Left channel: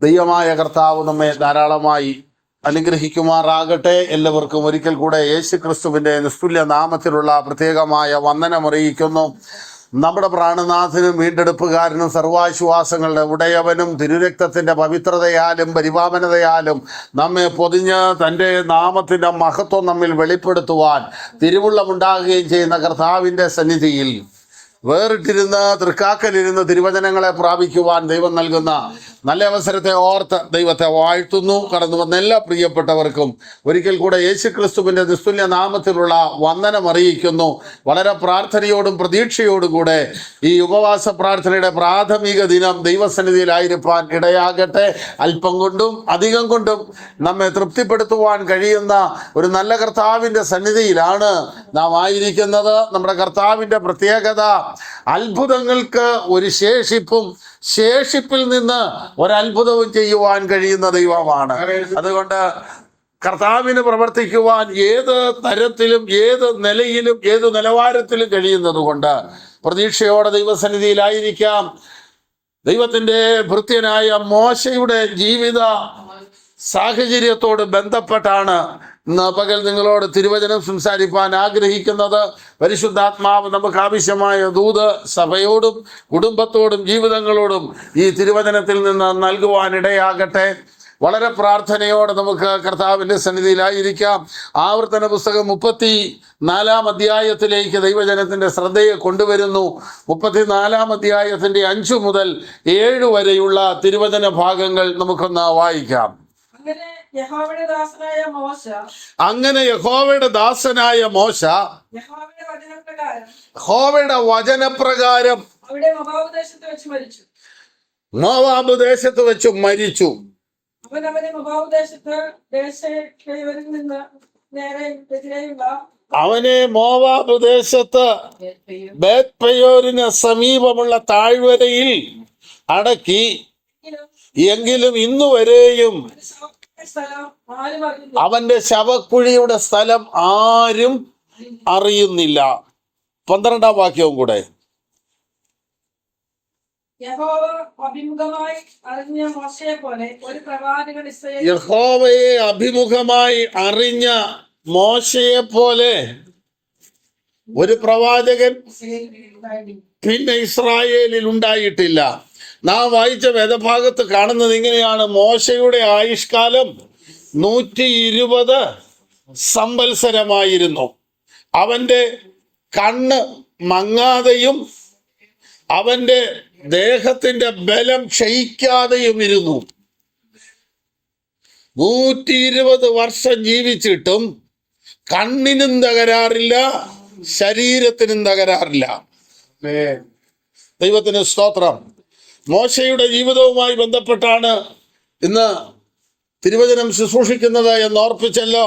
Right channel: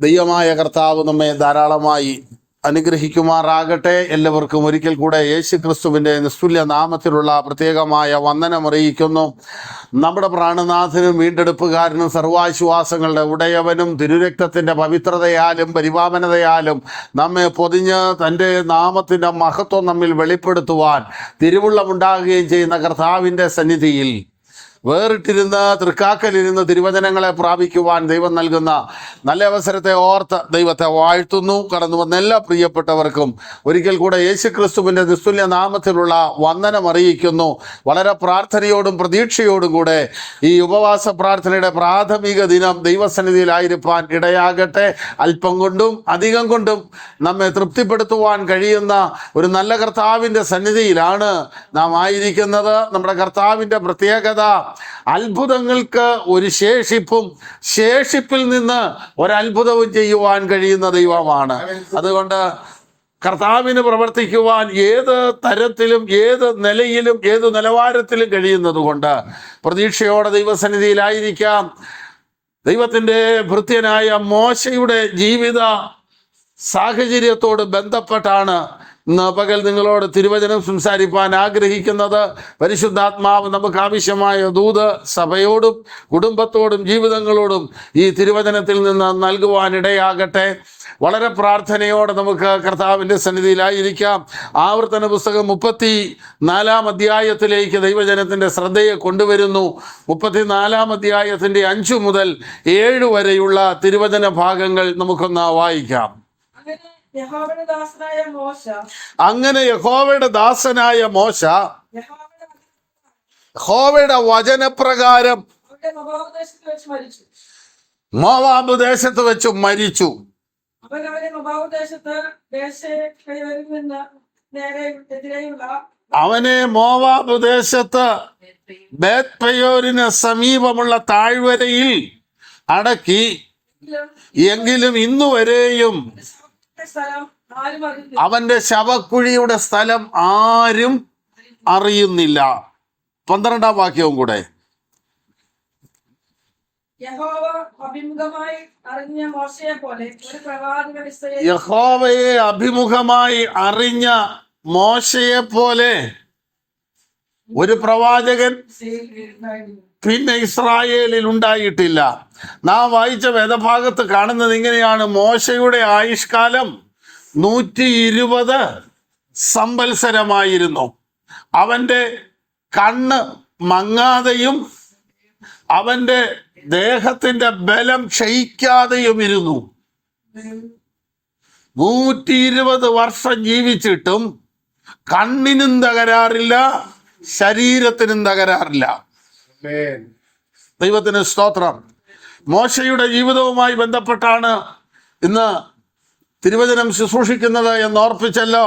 ദൈവമായ കർത്താവ് നമ്മെ ധാരാളമായി അനുഗ്രഹിക്കുമാറാകട്ടെ. എല്ലാവർക്കും ഒരിക്കൽ കൂടെ യേശു ക്രിസ്തുവിൻ്റെ നിസ്തുല്യ നാമത്തിലുള്ള പ്രത്യേകമായ വന്ദനമറിയിക്കുന്നു. നമ്മുടെ പ്രാണനാഥനും വീണ്ടെടുപ്പുകാരനും സർവാശ്വാസങ്ങളുടെ ഉടയവനും തിരുരക്തത്തിൻ്റെ പവിത്രതയാലും പരിപാവനതയാലും നമ്മെ പൊതിഞ്ഞ് തൻ്റെ നാമത്തിൻ്റെ മഹത്വം നമ്മിൽ വെളിപ്പെടുത്തുവാൻ തിരുവുള്ളമുണ്ടാകുകയും ചെയ്യുന്ന കർത്താവിൻ്റെ സന്നിധിയിൽ വേറിട്ടിരുന്ന് തൃക്കാക്കലിരുന്ന് തിരുവചനങ്ങളെ പ്രാപിക്കുവാൻ ദൈവം നൽകുന്ന നല്ല അവസരത്തെ ഓർത്ത് ദൈവത്തെ വാഴ്ത്തുന്നു. കടന്നു വന്ന എല്ലാ പ്രിയപ്പെട്ടവർക്കും ഒരിക്കൽ കൂടെ യേശു ക്രിസ്തുവിൻ്റെ നിസ്തുല്യ നാമത്തിലുള്ള വന്ദനം അറിയിക്കുന്നു. വളരെ പ്രാർത്ഥനയോടും പ്രതീക്ഷയോടും കൂടെ ഈ ഉപവാസ പ്രാർത്ഥനയുടെ പ്രാഥമിക ദിനം ദൈവസന്നിധിയിലായിരിക്കാൻ ഇടയാകട്ടെ. അല്പം കൊണ്ടും അധികം കൊണ്ടും നമ്മെ തൃപ്തിപ്പെടുത്തുവാൻ കഴിയുന്ന ഒരു നല്ല കർത്താവിൻ്റെ സന്നിധിയിലാണ് നാം ആയിരിക്കുന്നത്. നമ്മുടെ കർത്താവിൻ്റെ പ്രത്യേകത അത്ഭുതങ്ങൾക്ക് ഒരു ശേഷിപ്പും ശേഷിപ്പിൽ നിന്ന് ഒരത്ഭുതവും ചെയ്യുവാൻ കഴിയുന്ന ദൈവമാണ്. അതുകൊണ്ട് കർത്താവിന് പ്രവർത്തിക്കുവാൻ ഏത് തരത്തിലും ഏത് നിലയിലും ഏത് നിലവാരത്തിലും കഴിയുന്നത് കൊണ്ട് പ്രതീക്ഷയോടെ ദൈവസന്നിധിയിലായിരിക്കാം. ദൈവത്തിൻ്റെ ഭൃത്യനായ മോശയുടെ ജീവിത സാഹചര്യത്തോട് ബന്ധപ്പെട്ടാണ് ഇന്ന് പകൽ നിങ്ങളോട് തിരുവചനം സംസാരിപ്പാൻ ആഗ്രഹിക്കുന്നത്. പരിശുദ്ധാത്മാവ് നമുക്ക് ആവശ്യമായ ദൂത് സഭയോടും കുടുംബത്തോടും ജീവിതങ്ങളോടും ഈ തിരുവചനത്തിൽ നിന്ന് നൽകുവാനിടയാകട്ടെ. വളരെ പ്രാർത്ഥനയോടെ നമുക്ക് കർത്താവിൻ്റെ സന്നിധിയിലായിരിക്കാം. ആവർത്തന പുസ്തകം 34 അധ്യായത്തിലേക്ക് ദൈവജനത്തിൻ്റെ ശ്രദ്ധയെ കൊണ്ടുവരുന്നു. 34 അധ്യായത്തിൻ്റെ 5 മുതൽ 7 വരെയുള്ള തിരുവചന ഭാഗങ്ങൾ നമുക്കൊന്ന് വായിക്കാം. അങ്ങനെ യഹോവയുടെ ദാസനായ മോശ യഹോവയുടെ വചനപ്രകാരം മോവാബ് ദേശത്ത് വെച്ച് മരിച്ചു. അവനെ മോവാബ് ദേശത്ത് ബേത്പയോരിന് സമീപമുള്ള താഴ്വരയിൽ അടക്കി. എങ്കിലും ഇന്നുവരെയും അവന്റെ ശവക്കുഴിയുടെ സ്ഥലം ആരും അറിയുന്നില്ല. 12-ാം വാക്യവും കൂടെ. യഹോവയെ അഭിമുഖമായി അറിഞ്ഞ മോശയെ പോലെ ഒരു പ്രവാചകൻ പിന്നെ ഇസ്രായേലിൽ ഉണ്ടായിട്ടില്ല. നാം വായിച്ച വേദഭാഗത്ത് കാണുന്നത് ഇങ്ങനെയാണ്: മോശയുടെ ആയുഷ്കാലം 120 സംവത്സരമായിരുന്നു. അവന്റെ കണ്ണ് മങ്ങാതെയും അവന്റെ ദേഹത്തിന്റെ ബലം ക്ഷയിക്കാതെയും ഇരുന്നു. 120 വർഷം ജീവിച്ചിട്ടും കണ്ണിനും തകരാറില്ല, ശരീരത്തിനും തകരാറില്ല. ദൈവത്തിന് സ്തോത്രം. മോശയുടെ ജീവിതവുമായി ബന്ധപ്പെട്ടാണ് ഇന്ന് തിരുവചനം ശുശ്രൂഷിക്കുന്നത് എന്ന് ഓർപ്പിച്ചല്ലോ.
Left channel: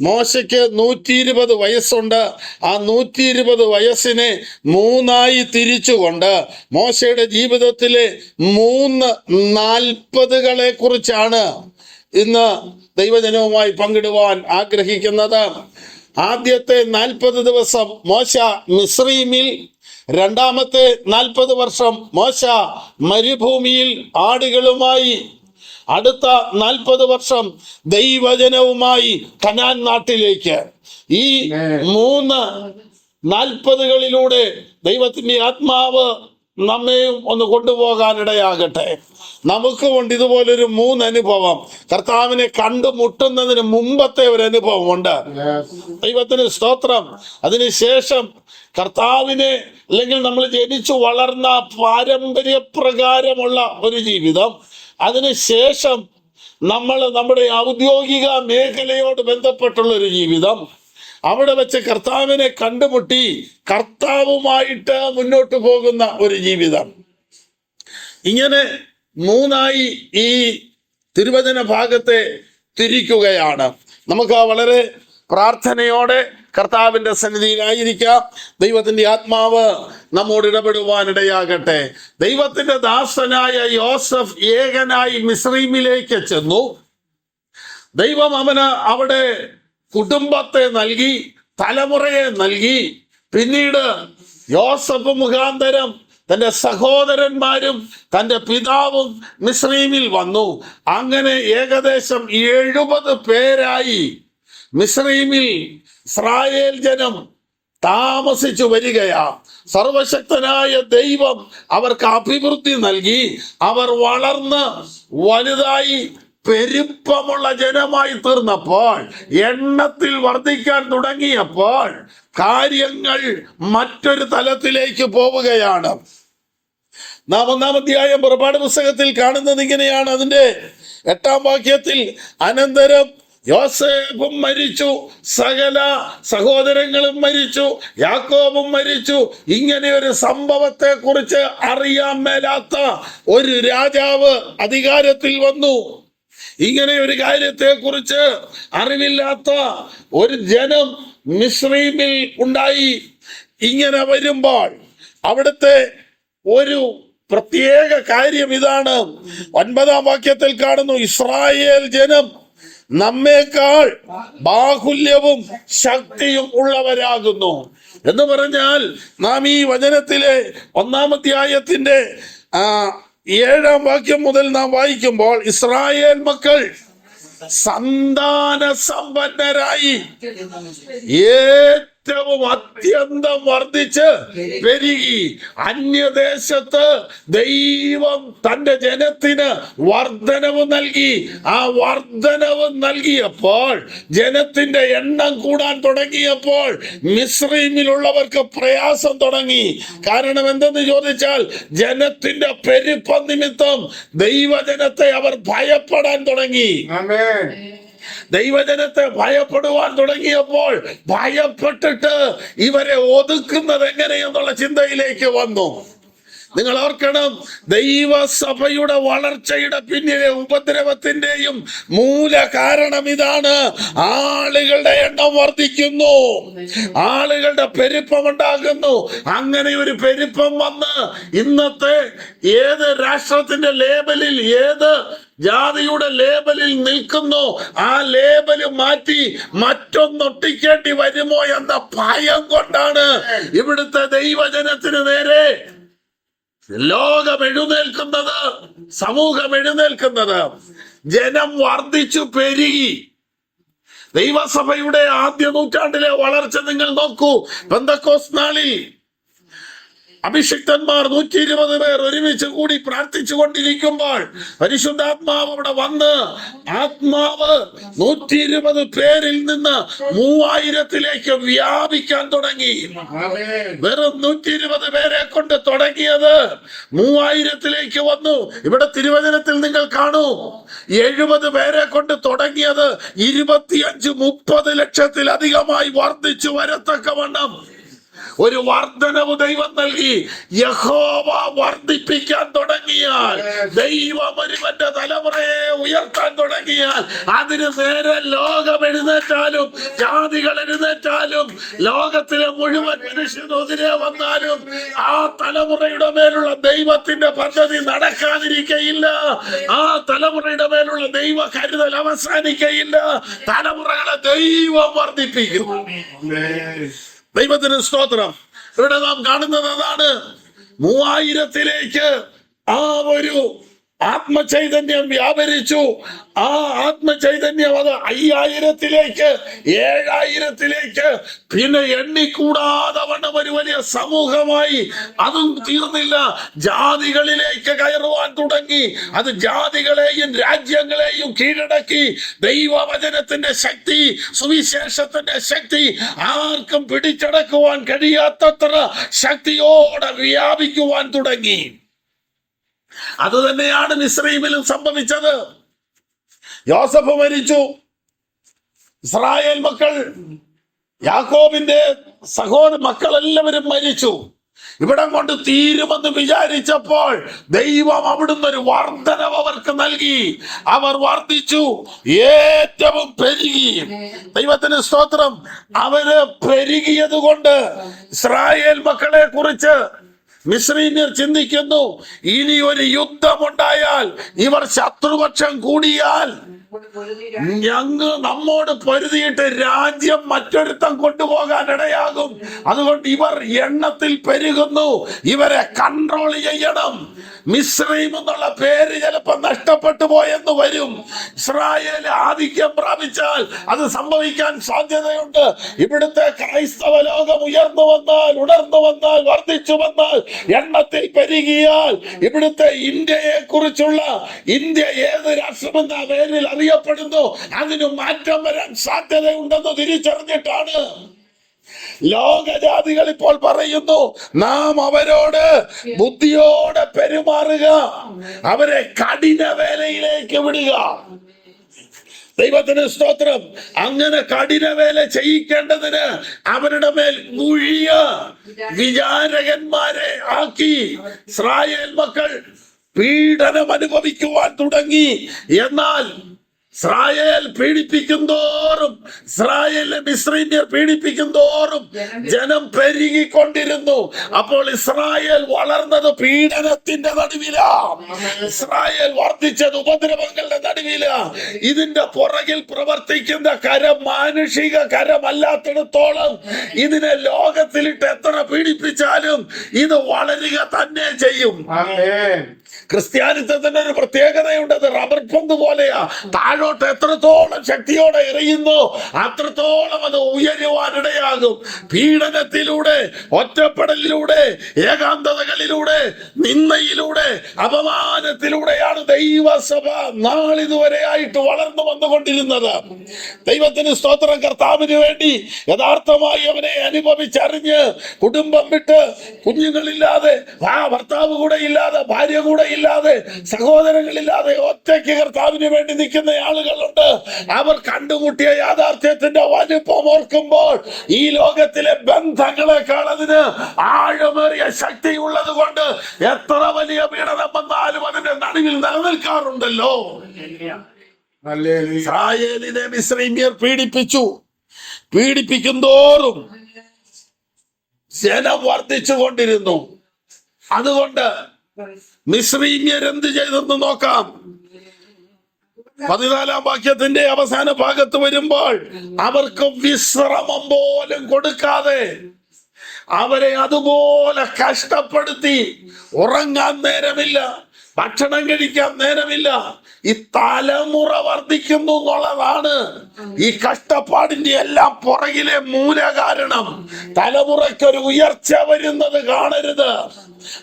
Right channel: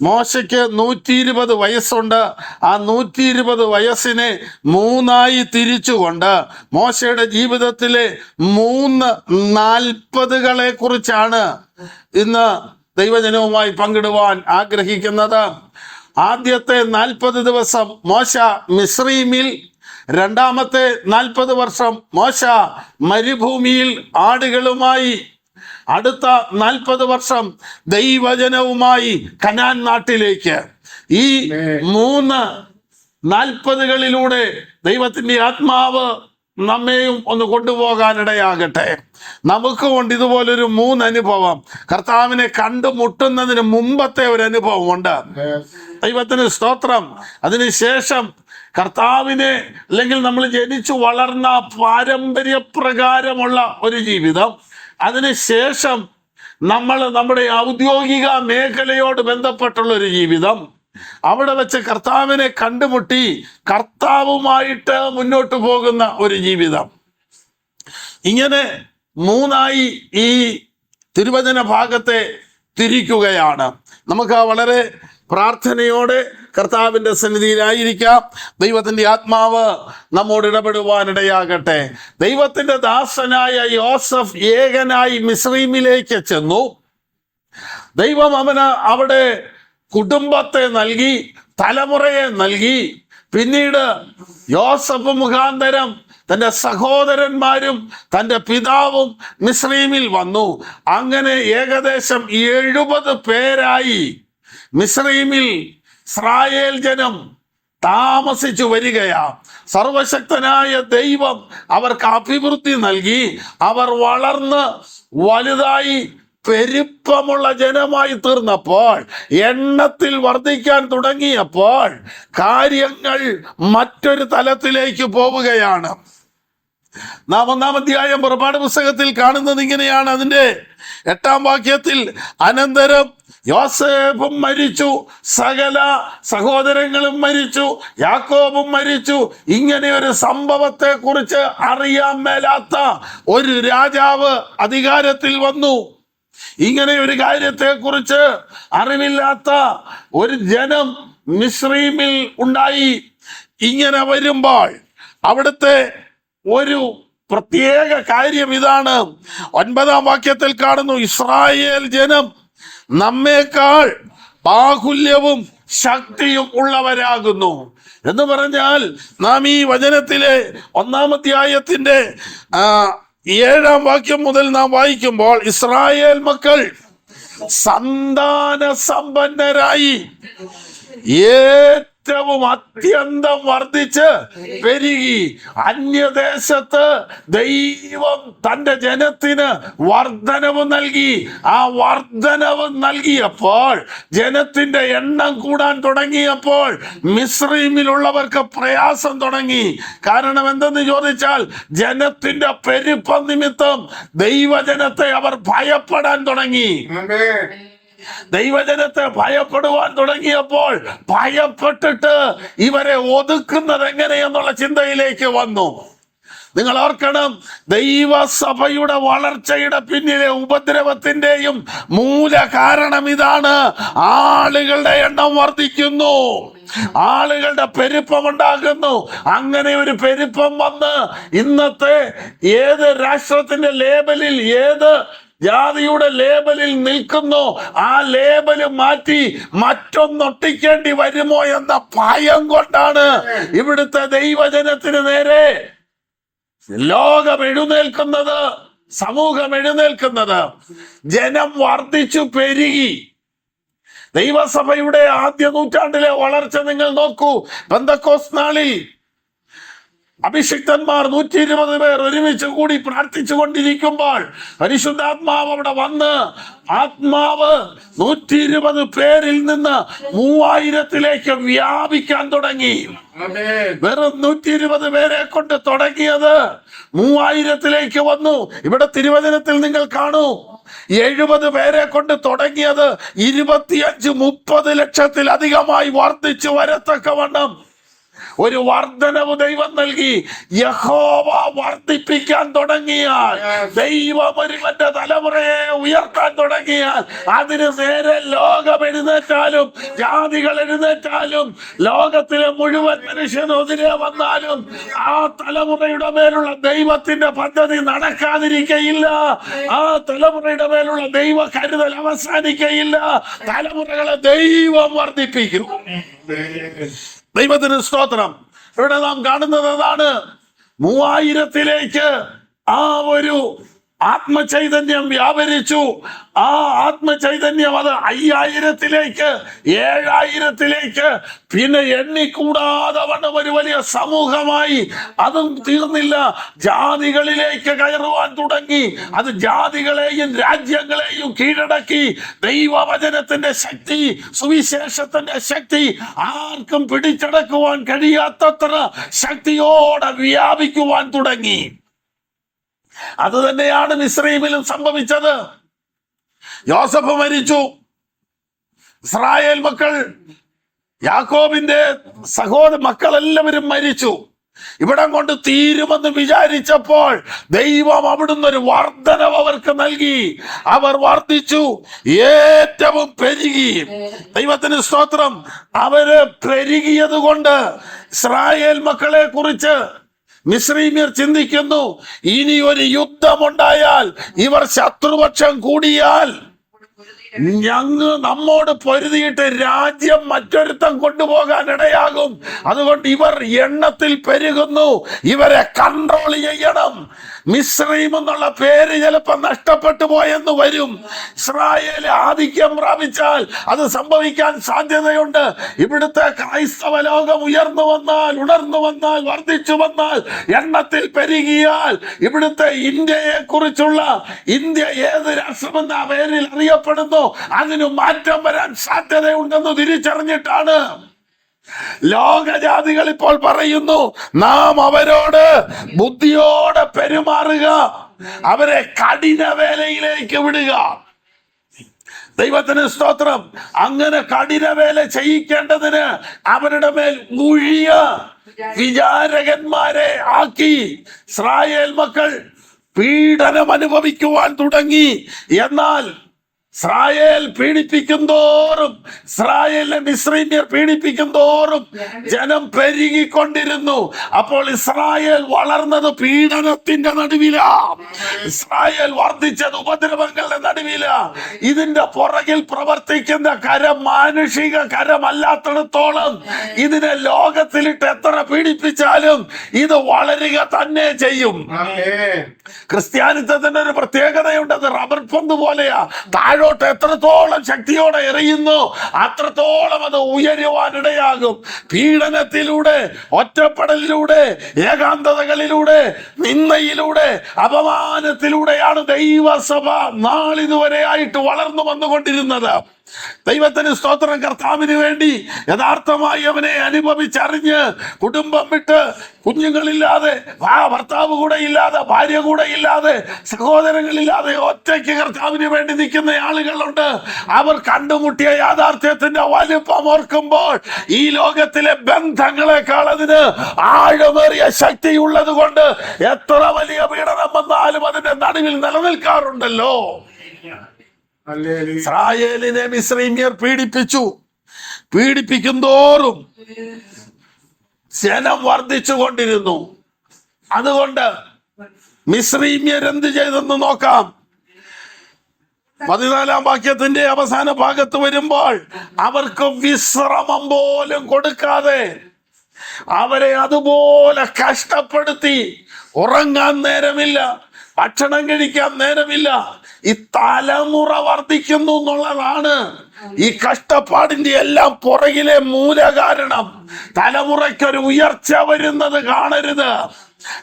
മോശയ്ക്ക് 120 വയസ്സുണ്ട്. ആ 120 വയസ്സിനെ 3 തിരിച്ചുകൊണ്ട് മോശയുടെ ജീവിതത്തിലെ 3 40കളെ കുറിച്ചാണ് ഇന്ന് ദൈവജനവുമായി പങ്കിടുവാൻ ആഗ്രഹിക്കുന്നത്. ആദ്യത്തെ 40 ദിവസം മോശ മിസ്രയീമിൽ, രണ്ടാമത്തെ 40 വർഷം മോശ മരുഭൂമിയിൽ ആടുകളുമായി, അടുത്ത 40 വർഷം ദൈവജനവുമായി കനാൻ നാട്ടിലേക്ക്. ഈ 3 40കളിലൂടെ ദൈവത്തിൻ്റെ ആത്മാവ് നമ്മെയും ഒന്ന് കൊണ്ടുപോകാനിടയാകട്ടെ. നമുക്കുമുണ്ട് ഇതുപോലൊരു 3 അനുഭവം. കർത്താവിനെ കണ്ടുമുട്ടുന്നതിന് മുമ്പത്തെ ഒരു അനുഭവം ഉണ്ട്. ദൈവത്തിന് സ്തോത്രം. അതിനുശേഷം കർത്താവിനെ, അല്ലെങ്കിൽ നമ്മൾ ജനിച്ചു വളർന്ന പാരമ്പര്യപ്രകാരമുള്ള ഒരു ജീവിതം, അതിനുശേഷം നമ്മൾ നമ്മുടെ ഔദ്യോഗിക മേഖലയോട് ബന്ധപ്പെട്ടുള്ള ഒരു ജീവിതം, അവിടെ വെച്ച് കർത്താവിനെ കണ്ടുമുട്ടി കർത്താവുമായിട്ട് മുന്നോട്ട് പോകുന്ന ഒരു ജീവിതം. ഇങ്ങനെ 3 ഈ തിരുവചന ഭാഗത്തെ തിരിക്കുകയാണ്. നമുക്ക് വളരെ പ്രാർത്ഥനയോടെ കർത്താവിൻ്റെ സന്നിധിയിലായിരിക്കാം. ദൈവത്തിൻ്റെ ആത്മാവ് നമ്മോട് ഇടപെടുവാനിടയാകട്ടെ. ദൈവത്തിൻ്റെ ദാസനായ യോസഫ് ഏകനായി മിസ്രയീമിലേക്ക് ചെന്നു. ദൈവം അവന് അവിടെ കുടുംബത്തെ നൽകി, തലമുറയെ നൽകി. പിന്നീട് യോസഫ് മുഖാന്തരം തന്റെ സഹോദരന്മാരും തന്റെ പിതാവും മിസ്രയീമിൽ വന്നു. അങ്ങനെ ഏകദേശം 70 പേരായി മിസ്രയീമിൽ ഇസ്രായേൽ ജനം താമസിച്ചു വരികയാ. സർവശക്തനായ ദൈവം അവർക്ക് അഭിവൃദ്ധി നൽകി. അവർ വളർന്ന് വലുതായി പെരുപ്പമുള്ള ജനമായി തീർന്നപ്പോൾ, എണ്ണത്തിൽ വർദ്ധിക്കാൻ തുടങ്ങിയപ്പോൾ കാര്യങ്ങൾ മറ്റൊരു തലത്തിലേക്ക് പോവുകയാണ്. നാം 1-ാം അധ്യായം പുറപ്പാട് പുസ്തകത്തിൽ കാണുന്നത് ഇങ്ങനെയാണ്. അതിന്റെ 8-ാം വാക്യത്തിൽ, അനന്തരം യോസേഫും മരിച്ചു, സകല സഹോദരങ്ങളും മരിച്ചു, യാക്കോബും മരിച്ചു. ഇങ്ങനെ ഒരു സംഭവത്തെ കുറിച്ച് അറിയാൻ മേലാത്ത ഒരു രാജാവ് അധികാരത്തിൽ വന്നു. ഇങ്ങനെ ഒരു കാര്യത്തെ കുറിച്ച് അറിവില്ലാത്ത ഒരു ജനം മിസ്രയീമിൽ ഉണ്ടായി. ഇങ്ങനെ വരുമ്പോൾ അവിടുത്തെ ഒരു പ്രത്യേക കാര്യം ഇതാണ്. 9-ാം വാക്യത്തിൽ കാണുന്നു, ഇസ്രായേൽ ജനം നമ്മേക്കാൾ ബാഹുല്യവും ശക്തിയും ഉള്ളവരാകുന്നു എന്ന് പറഞ്ഞാൽ, നാം ഈ വചനത്തിലെ 1-ാം അധ്യായത്തിന്റെ 7-ാം വാക്യം മുതൽ നാം വായിക്കുമ്പോൾ, ഇസ്രായേൽ മക്കൾ സന്താന സമ്പന്നരായി ഏറ്റവും അത്യന്തം വർദ്ധിച്ച് പെരുകി. അന്യദേശത്ത് ദൈവം തന്റെ ജനത്തിന് വർധനവ് നൽകി. ആ വർധനവ് നൽകിയപ്പോൾ, ജനത്തിന്റെ എണ്ണം കൂടാൻ തുടങ്ങിയപ്പോൾ മിസ്രയീമിലുള്ളവർക്ക് പ്രയാസം തുടങ്ങി. കാരണം എന്തെന്ന് ചോദിച്ചാൽ, ജനത്തിന്റെ പെരുപ്പം നിമിത്തം ദൈവജനത്തെ അവർ ഭയപ്പെടാൻ തുടങ്ങി. ദൈവജനത്തെ ഭയപ്പെടുവാൻ തുടങ്ങിയപ്പോൾ ഭയപ്പെട്ടിട്ട് ഇവരെ ഒതുക്കുന്നത് എങ്ങനെയെന്നുള്ള ചിന്തയിലേക്ക് വന്നു. നിങ്ങൾ ഓർക്കണം, ദൈവസഭയുടെ വളർച്ചയുടെ പിന്നിലെ ഉപദ്രവത്തിന്റെയും മൂല കാരണം ഇതാണ്. ആളുകളുടെ എണ്ണം വർദ്ധിക്കുന്നു, ആളുകളുടെ പെരുപ്പം ഉണ്ടാകുന്നു. അങ്ങനെ ഒരു പെരുപ്പം വന്ന് ഇന്നത്തെ ഏത് രാഷ്ട്രത്തിന്റെ ലേബലിൽ, ഏത് ജാതിയുടെ ലേബലിൽ നിൽക്കുന്നു, ആ ലേബല് മാറ്റി മറ്റൊന്നൊട്ടിക്കേണ്ടി വരുമോ എന്ന ഭയം കൊണ്ടാണ് ഇവിടുത്തെ ദൈവജനത്തിന് നേരെ ലോകം എഴുന്നേൽക്കുന്നത്, സമൂഹം എഴുന്നേൽക്കുന്നത്. ജനം വർദ്ധിച്ചു പെരുകി. ദൈവസഭയുടെ ആദ്യ നൂറ്റാണ്ടിലെ വളർച്ച നിങ്ങൾ നോക്കൂ. പെന്തക്കോസ്ത് നാളിൽ അഭിഷിക്തന്മാർ 120 പേർ ഒരുമിച്ച് കൂടി പ്രാർത്ഥിച്ചു കൊണ്ടിരിക്കുമ്പോൾ പരിശുദ്ധാത്മാവ് അവിടെ വന്ന്, ആത്മാവ് 120 പേരിൽ നിന്ന് 3000-ലേക്ക് വ്യാപിക്കാൻ തുടങ്ങി. വെറും 120 പേരെ കൊണ്ട് തുടങ്ങിയത് 3000-ലേക്ക് വന്നു. ഇവിടെ തിരുവചനത്തിൽ നിങ്ങൾ കാണൂ, 70 പേരെ കൊണ്ട് തുടങ്ങിയത് 25-30 ലക്ഷത്തിലധികമായി വർദ്ധിച്ചു വരത്തക്കവണ്ണം ഒരു വർധനവ് ദൈവം നൽകി. യഹോവ വർദ്ധിപ്പിക്കാൻ തുടങ്ങിയാൽ, ദൈവം ഒരുവന്റെ തലമുറയെ ഉയർത്താൻ തുടങ്ങിയാൽ, അതിന് നേരെ ലോകം എഴുന്നേറ്റാലും ജാതികൾ എഴുന്നേറ്റാലും ലോകത്തിലെ മുഴുവൻ മനുഷ്യനെതിരെ വന്നാലും ആ തലമുറയുടെ മേലുള്ള ദൈവത്തിന്റെ പദ്ധതി നടക്കാതിരിക്കയില്ല. ആ തലമുറയുടെ മേലുള്ള ദൈവ കരുതൽ അവസാനിക്കയില്ല. തലമുറകളെ ദൈവം വർദ്ധിപ്പിക്കും. ദൈവത്തിന് സ്തോത്രം. ഇവിടെ നാം കാണുന്നത് അതാണ്. 3000-ലേക്ക് ആ ഒരു ആത്മചൈതന്യം വ്യാപരിച്ചു. ആ ആത്മചൈതന്യം അത് 5000-ലേക്ക്, 7000-ലേക്ക്, പിന്നെ എണ്ണിക്കൂടാതെ വണ്ണം ഒരു വലിയ സമൂഹമായി. അതും തീർന്നില്ല, ജാതികളിലേക്ക് കയറുവാൻ തുടങ്ങി. അത് ജാതികളെയും രാജ്യങ്ങളെയും കീഴടക്കി. ദൈവവചനത്തിന്റെ ശക്തി, സുവിശേഷത്തിന്റെ ശക്തി ആർക്കും പിടിച്ചടക്കുവാൻ കഴിയാത്തത്ര ശക്തിയോടെ വ്യാപിക്കുവാൻ തുടങ്ങി. അത് തന്നെയാണ് മിസ്രയീമിലും സംഭവിച്ചത്. യോസഫ് മരിച്ചു, ഇസ്രായേൽ മക്കൾ, യാക്കോബിന്റെ മക്കളെല്ലാവരും മരിച്ചു. ഇവിടം കൊണ്ട് തീരുമെന്ന് വിചാരിച്ചപ്പോൾ ദൈവം അവിടുന്ന് ഒരു വർധനവ് അവർക്ക് നൽകി. അവർ വർദ്ധിച്ചു, ഏറ്റവും പെരുകി. ദൈവത്തിന് സ്തോത്രം. അവര് പെരുകിയത് കൊണ്ട് ഇസ്രായേൽ മക്കളെ കുറിച്ച് മിസ്രയീമ്യർ ചിന്തിക്കുന്നു, ഇനി ഒരു യുദ്ധമുണ്ടായാൽ, ഇവർ ശത്രുപക്ഷം കൂടിയാൽ നമ്മോട് പൊരുതിയിട്ട് രാജ്യം മറ്റൊരുത്തം കൊണ്ടുപോകാൻ ഇടയാകും. അതുകൊണ്ട് ഇവർ എണ്ണത്തിൽ പെരുകുന്നു, ഇവരെ കൺട്രോൾ ചെയ്യണം. മിസ്രൈം എന്നുള്ള പേര് ചിലപ്പോൾ നഷ്ടപ്പെട്ടു പോയെന്ന് വരും. ഇസ്രായേൽ ആധിക്യം പ്രാപിച്ചാൽ അത് സംഭവിക്കാൻ സാധ്യതയുണ്ട്. ഇവിടുത്തെ ക്രൈസ്തവ ലോകം ഉണർന്നു വന്നാൽ വർദ്ധിച്ചു വന്നാൽ എണ്ണത്തിൽ പെരുകിയാൽ ഇവിടുത്തെ ഇന്ത്യയെ കുറിച്ചുള്ള ഇന്ത്യ ഏത് രാഷ്ട്രമെന്ന പേരിൽ അറിയപ്പെടുന്നു അതിന് മാറ്റം വരാൻ സാധ്യതയുണ്ടെന്ന് തിരിച്ചറിഞ്ഞിട്ടാണ് ലോകജാതികൾ ഇപ്പോൾ പറയുന്നു, നാം അവരോട് ബുദ്ധിയോടെ പെരുമാറുക, അവരെ കഠിന വേലയിലേക്ക് വിടുക. ദൈവത്തിന് സ്തോത്രം. അങ്ങനെ കഠിന വേല ചെയ്യിക്കേണ്ടതിന് അവരുടെ മേൽ മുഴിയ വിചാരകന്മാരെ ആക്കി ഇസ്രായേൽ മക്കൾ പീഡനം അനുഭവിക്കുവാൻ തുടങ്ങി. എന്നാൽ ഇസ്രായേൽ പീഡിപ്പിക്കും തോറും, ഇസ്രായേലിനെ മിസ്രൈമ്യർ പീഡിപ്പിക്കും തോറും ജനം പെരുകിക്കൊണ്ടിരുന്നു. അപ്പോൾ ഇസ്രായേൽ വളർന്നത് പീഡനത്തിന്റെ നടുവിലാണ്. ഇസ്രായേൽ വർദ്ധിച്ചത് ഉപദ്രവങ്ങളുടെ നടുവിലാണ്. ഇതിന്റെ പുറകിൽ പ്രവർത്തിക്കുന്ന കരം മാനുഷിക കരമല്ലാത്തിടത്തോളം ഇതിനെ ലോകത്തിലിട്ട് എത്ര പീഡിപ്പിച്ചാലും ഇത് വളരുക തന്നെ ചെയ്യും. ക്രിസ്ത്യാനിത്വത്തിന്റെ ഒരു പ്രത്യേകതയുണ്ട്, അത് റബ്ബർ പന്ത് പോലെയാ. താഴോട്ട് എത്രത്തോളം ശക്തിയോടെ എറിയുന്നു അത്രത്തോളം അത് ഉയരുവാനിടയാകും. പീഡനത്തിലൂടെ, ഒറ്റപ്പെടലിലൂടെ, ഏകാന്തതകളിലൂടെ, നിന്ദയിലൂടെ, അപമാനത്തിലൂടെയാണ് ദൈവസഭ നാളിതുവരെ ആയിട്ട് വളർന്നു വന്നുകൊണ്ടിരുന്നത്. ദൈവത്തിന് സ്തോത്രം. കർത്താവിന് വേണ്ടി യഥാർത്ഥമായി അവനെ അനുഭവിച്ചറിഞ്ഞ് കുടുംബം വിട്ട്, കുഞ്ഞുങ്ങളില്ലാതെ, ഭർത്താവ് കൂടെ ഇല്ലാതെ, ഭാര്യ കൂടെ ഇല്ലാതെ, സഹോദരങ്ങളില്ലാതെ ഒറ്റയ്ക്ക് കർത്താവിന് വേണ്ടി നിൽക്കുന്ന ആളുകളുണ്ട്. അവർ കണ്ടുമുട്ടിയ യാഥാർത്ഥ്യത്തിന്റെ വലിപ്പം ഓർക്കുമ്പോൾ ഈ ലോകത്തിലെ ബന്ധങ്ങളെക്കാൾ അതിന് ആഴമേറിയ ശക്തിയുള്ളത് കൊണ്ട് എത്ര വലിയ പീഡനം വന്നാലും അതിന്റെ നടുവിൽ നിലനിൽക്കാറുണ്ടല്ലോ. ഇസ്രായേലിനെ മിസ്രൈമ്യർ പീഡിപ്പിക്കും തോറും ജനം വർദ്ധിച്ചു കൊണ്ടിരുന്നു. അതുകൊണ്ട് മിസ്രൈമ്യർ എന്ത് ചെയ്തെന്ന് നോക്കാം. 14-ാം വാക്യത്തിന്റെ അവസാന ഭാഗത്ത് വരുമ്പോൾ അവർക്ക് വിശ്രമം പോലും കൊടുക്കാതെ അവരെ അതുപോലെ കഷ്ടപ്പെടുത്തി. ഉറങ്ങാൻ നേരമില്ല, ഭക്ഷണം കഴിക്കാൻ നേരമില്ല. ഈ തലമുറ വർദ്ധിക്കുന്നു എന്നുള്ളതാണ് ഈ കഷ്ടപ്പാടിന്റെ എല്ലാം പുറകിലെ മൂലകാരണം. തലമുറയ്ക്കൊരു ഉയർച്ച വരുന്നത് കാണരുത്.